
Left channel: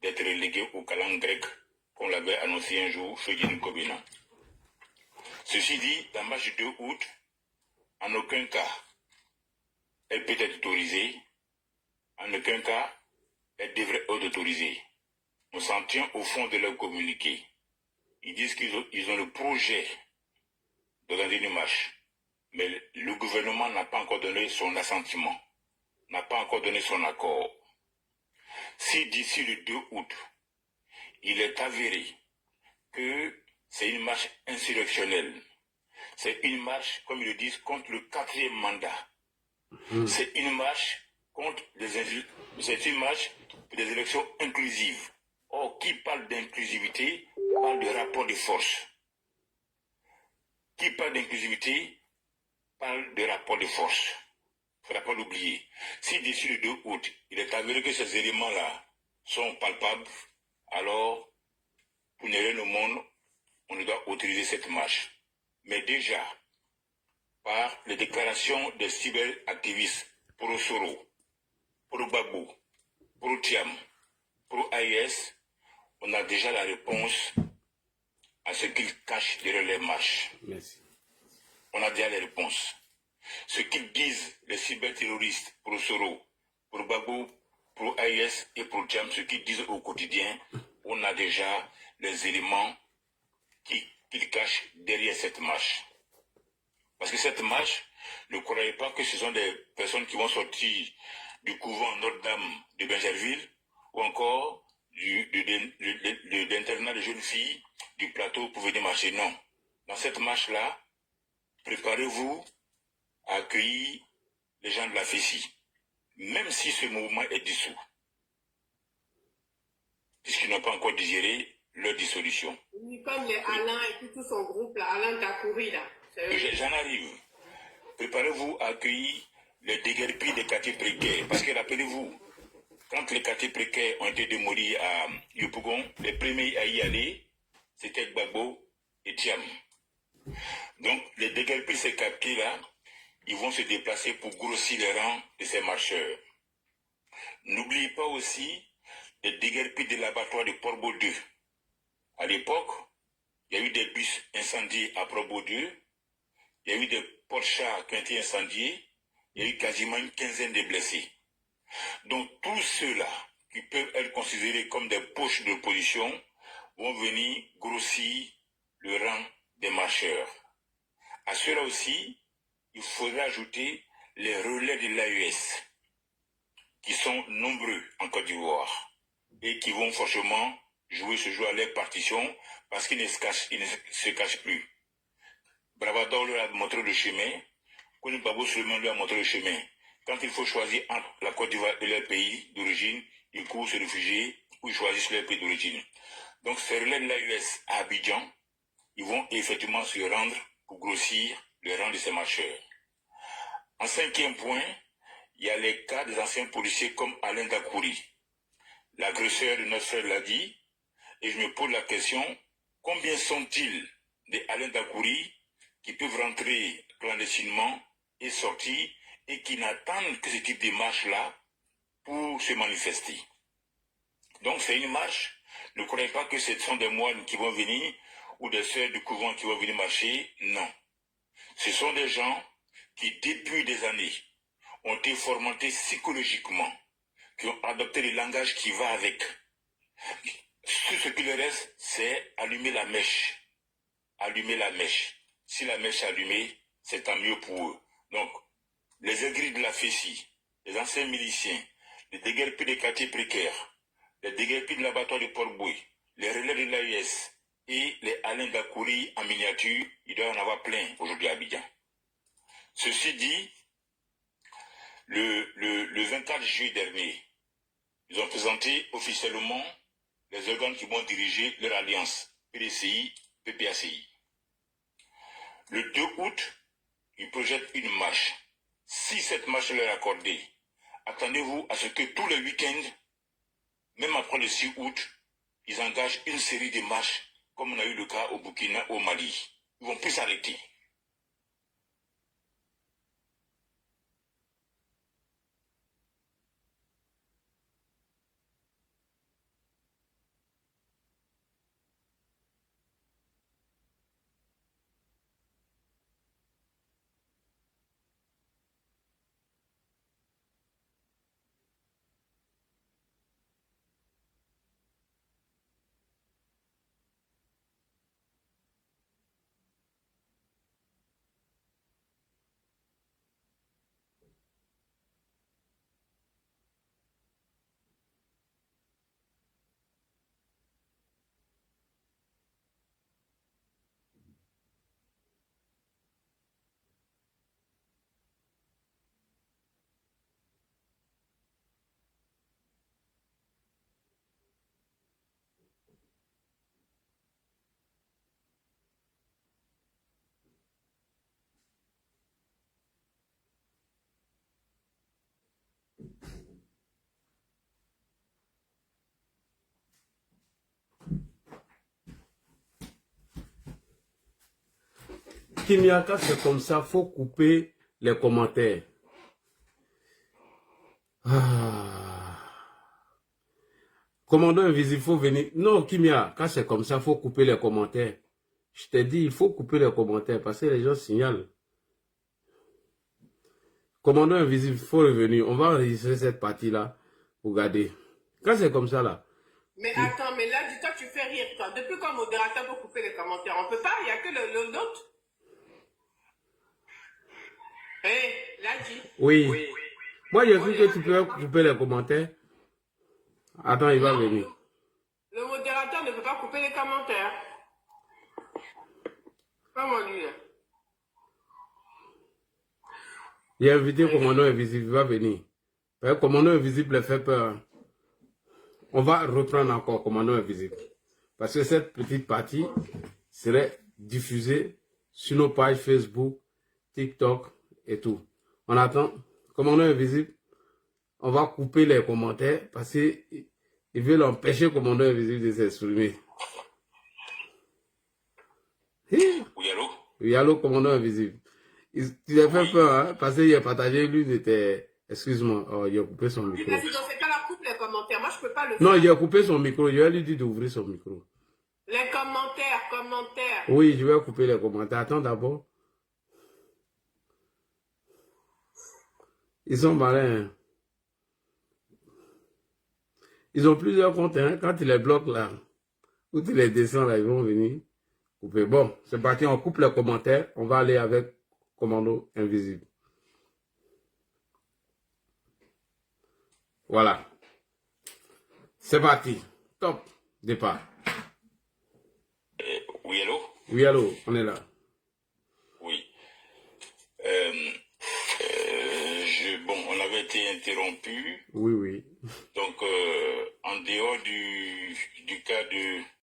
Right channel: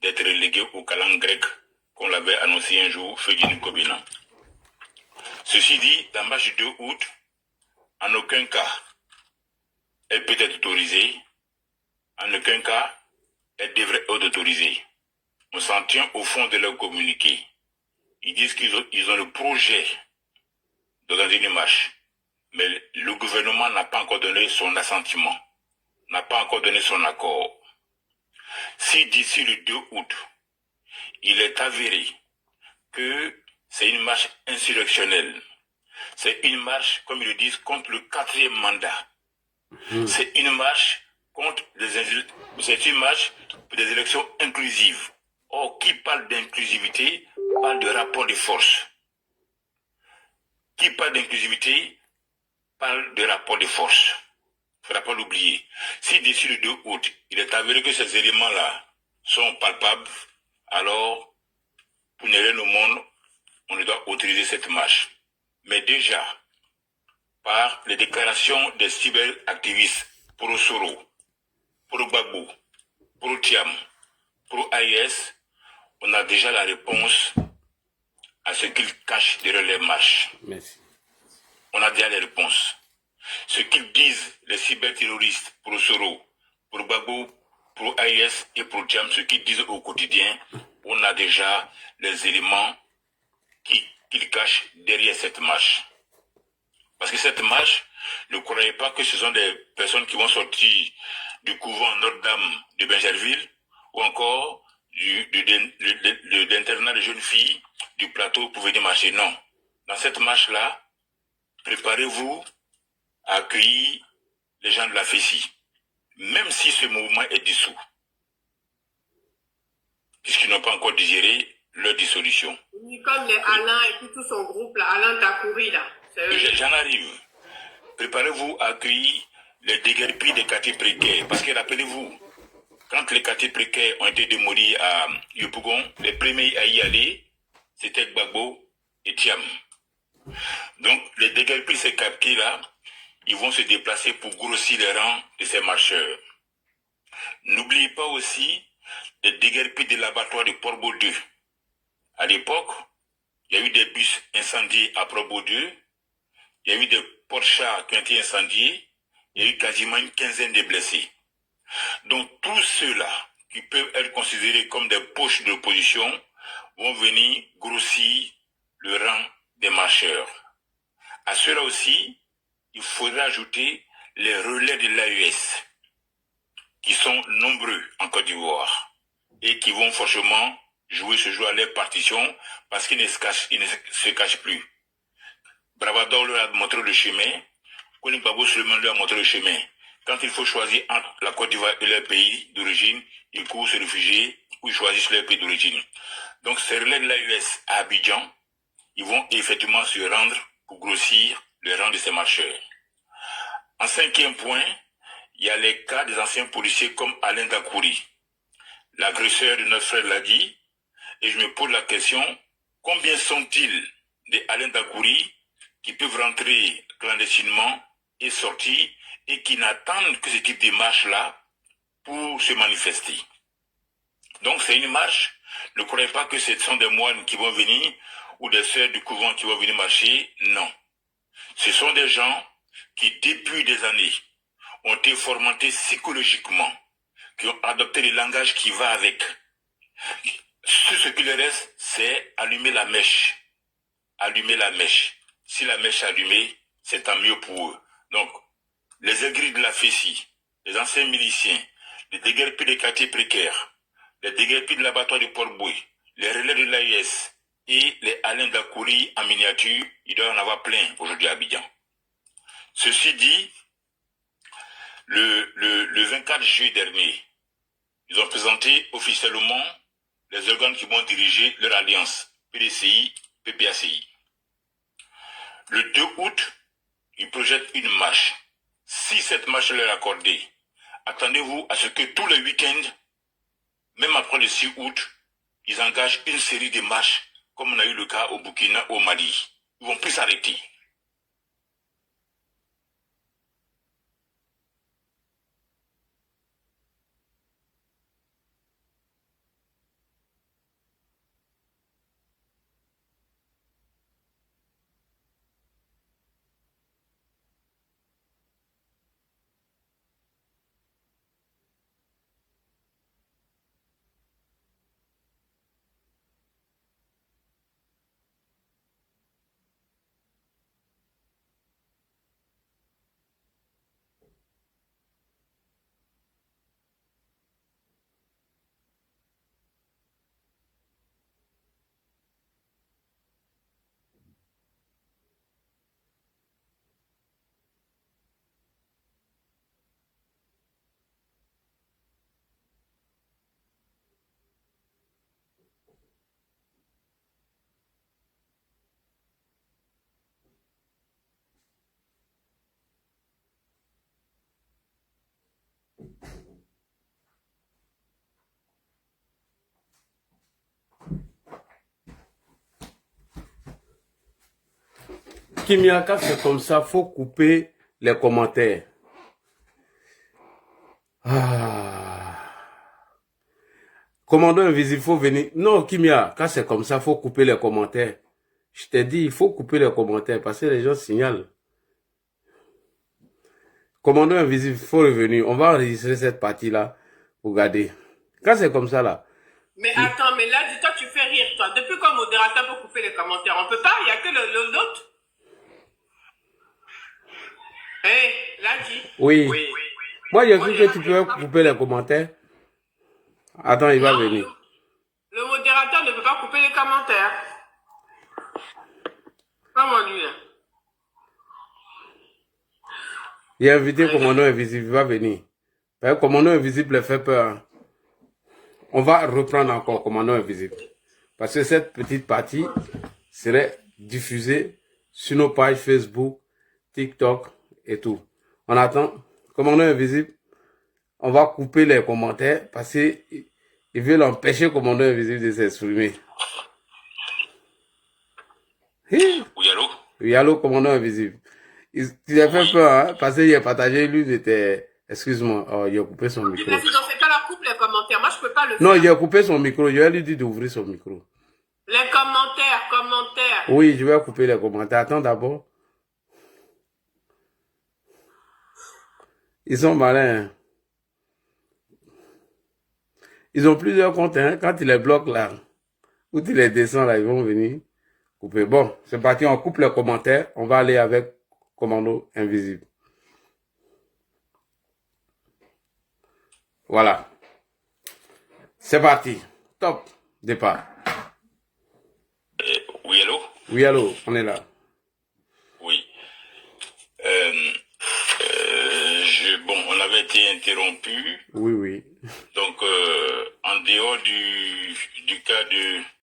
d'être relégué au calan grec, qu'on l'avait annoncé un jour, Fedine Kobina. Ceci dit, la marche du 2 août, en aucun cas, elle peut être autorisée, en aucun cas, elle devrait être autorisée. On s'en tient au fond de leur communiqué. Ils disent qu'ils ont le projet d'organiser une marche, mais le gouvernement n'a pas encore donné son assentiment, n'a pas encore donné son accord. Si d'ici le 2 août, il est avéré que c'est une marche insurrectionnelle, c'est une marche, comme ils le disent, contre le 4e mandat. C'est une marche contre c'est une marche pour des élections inclusives. Or, qui parle d'inclusivité parle de rapport de force. Qui parle d'inclusivité parle de rapport de force. Il ne faudra pas l'oublier. Si d'ici le 2 août, il est avéré que ces éléments-là sont palpables, alors, pour ne rien au monde, on doit autoriser cette marche. Mais déjà, par les déclarations des cyberactivistes pro-Soro, pro-Gbagbo, pro-Tiam, pro-AIS, on a déjà la réponse à ce qu'ils cachent derrière les marches. Merci. On a déjà les réponses. Ce qu'ils disent, les cyberterroristes pro-Soro, pro-Gbagbo, pro-AIS et pro-Tiam, ce qu'ils disent au quotidien, on a déjà les éléments qu'ils cachent derrière cette marche. Parce que cette marche, ne croyez pas que ce sont des personnes qui vont sortir du couvent Notre-Dame de Benjerville ou encore d'internat de jeunes filles du plateau pour venir marcher. Non. Dans cette marche-là, préparez-vous à accueillir les gens de la FECI, même si ce mouvement est dissous, puisqu'ils n'ont pas encore digéré leur dissolution. Oui, comme les Alain et puis tout son groupe, là, Alain Dakouri, là. J'en arrive. Préparez-vous à accueillir les déguerpis des quartiers précaires. Parce que rappelez-vous, quand les quartiers précaires ont été démolis à Yopougon, les premiers à y aller, c'était Gbagbo et Tiam. Donc, les déguerpis de ces quartiers-là, ils vont se déplacer pour grossir les rangs de ces marcheurs. N'oubliez pas aussi les déguerpis de l'abattoir de Port-Baudeux. À l'époque, il y a eu des bus incendiés à Port-Baudeux, il y a eu des porte-chars qui ont été incendiés, il y a eu quasiment une quinzaine de blessés. Donc tous ceux-là qui peuvent être considérés comme des poches de l'opposition vont venir grossir le rang des marcheurs. À cela aussi, il faudra ajouter les relais de l'AES, qui sont nombreux en Côte d'Ivoire et qui vont forcément jouer ce jeu à leur partition parce qu'ils ne se cachent plus. Bravador leur a montré le chemin, Koni Babo Suleiman leur a montré le chemin. Quand il faut choisir entre la Côte d'Ivoire et leur pays d'origine, ils courent se réfugier ou ils choisissent leur pays d'origine. Donc ces relais de l'AES à Abidjan, ils vont effectivement se rendre pour grossir le rang de ces marcheurs. En 5e point, il y a les cas des anciens policiers comme Alain Dakouri, l'agresseur de notre frère Ladi, et je me pose la question, combien sont-ils des Alain Dakouri qui peuvent rentrer clandestinement et sortir et qui n'attendent que ce type de marche-là pour se manifester. Donc c'est une marche. Ne croyez pas que ce sont des moines qui vont venir ou des sœurs du couvent qui vont venir marcher. Non. Ce sont des gens qui, depuis des années, ont été formatés psychologiquement, qui ont adopté le langage qui va avec. Tout ce qui leur reste, c'est allumer la mèche. Allumer la mèche. Si la mèche est allumée, c'est tant mieux pour eux. Donc, les aigris de la Fessie, les anciens miliciens, les déguerpis des quartiers précaires, les déguerpis de l'abattoir de Port-Boué, les relais de l'AIS et les Alain Dakouri en miniature, il doit y en avoir plein aujourd'hui à Abidjan. Ceci dit, le 24 juillet dernier, ils ont présenté officiellement les organes qui vont diriger leur alliance, PDCI, PPACI. Le 2 août, ils projettent une marche. Si cette marche leur est accordée, attendez-vous à ce que tous les week-ends, même après le 6 août, ils engagent une série de marches, comme on a eu le cas au Burkina, au Mali. Ils vont plus s'arrêter. Kimiaka, c'est comme ça, faut couper les commentaires. Ah. Commandant invisible, faut venir. Non, Kimia, quand c'est comme ça, faut couper les commentaires. Je t'ai dit, il faut couper les commentaires parce que les gens signalent. Commandant invisible, faut revenir. On va enregistrer cette partie-là pour garder. Quand c'est comme ça, là. Mais attends, mais là, dis-toi, tu fais rire, toi. Depuis quand modérateur peut couper les commentaires, on peut pas, il n'y a que l'autre. Hé, là, dis. Oui. Moi, j'ai vu que tu peux couper les commentaires. Attends, il va venir. Le modérateur ne peut pas couper les commentaires. Comment lui, là? Il a invité Commandant Invisible, il va venir. Commandant Invisible le fait peur. Hein. On va reprendre encore Commandant Invisible. Parce que cette petite partie serait diffusée sur nos pages Facebook, TikTok et tout. On attend. Commandant Invisible, on va couper les commentaires parce qu'ils veulent empêcher Commandant Invisible de s'exprimer. Oui, allô? Oui, allô, Commandant Invisible. Il a fait peur, hein, parce qu'il a partagé l'une de tes... Excuse-moi, oh, il a coupé son micro. Mais si on fait pas la coupe, les commentaires, moi je peux pas le faire. Non, il a coupé son micro, je vais lui dire d'ouvrir son micro. Les commentaires. Oui, je vais couper les commentaires. Attends d'abord. Ils sont malins. Hein. Ils ont plusieurs comptes, hein. Quand tu les bloques là, ou tu les descends là, ils vont venir couper. Bon, c'est parti, on coupe les commentaires. On va aller avec Commando Invisible. Voilà. C'est parti. Top. Départ. Oui, allô? Oui, allô, on est là. Oui. Bon, on avait été interrompu. Oui. Donc, en dehors du cas de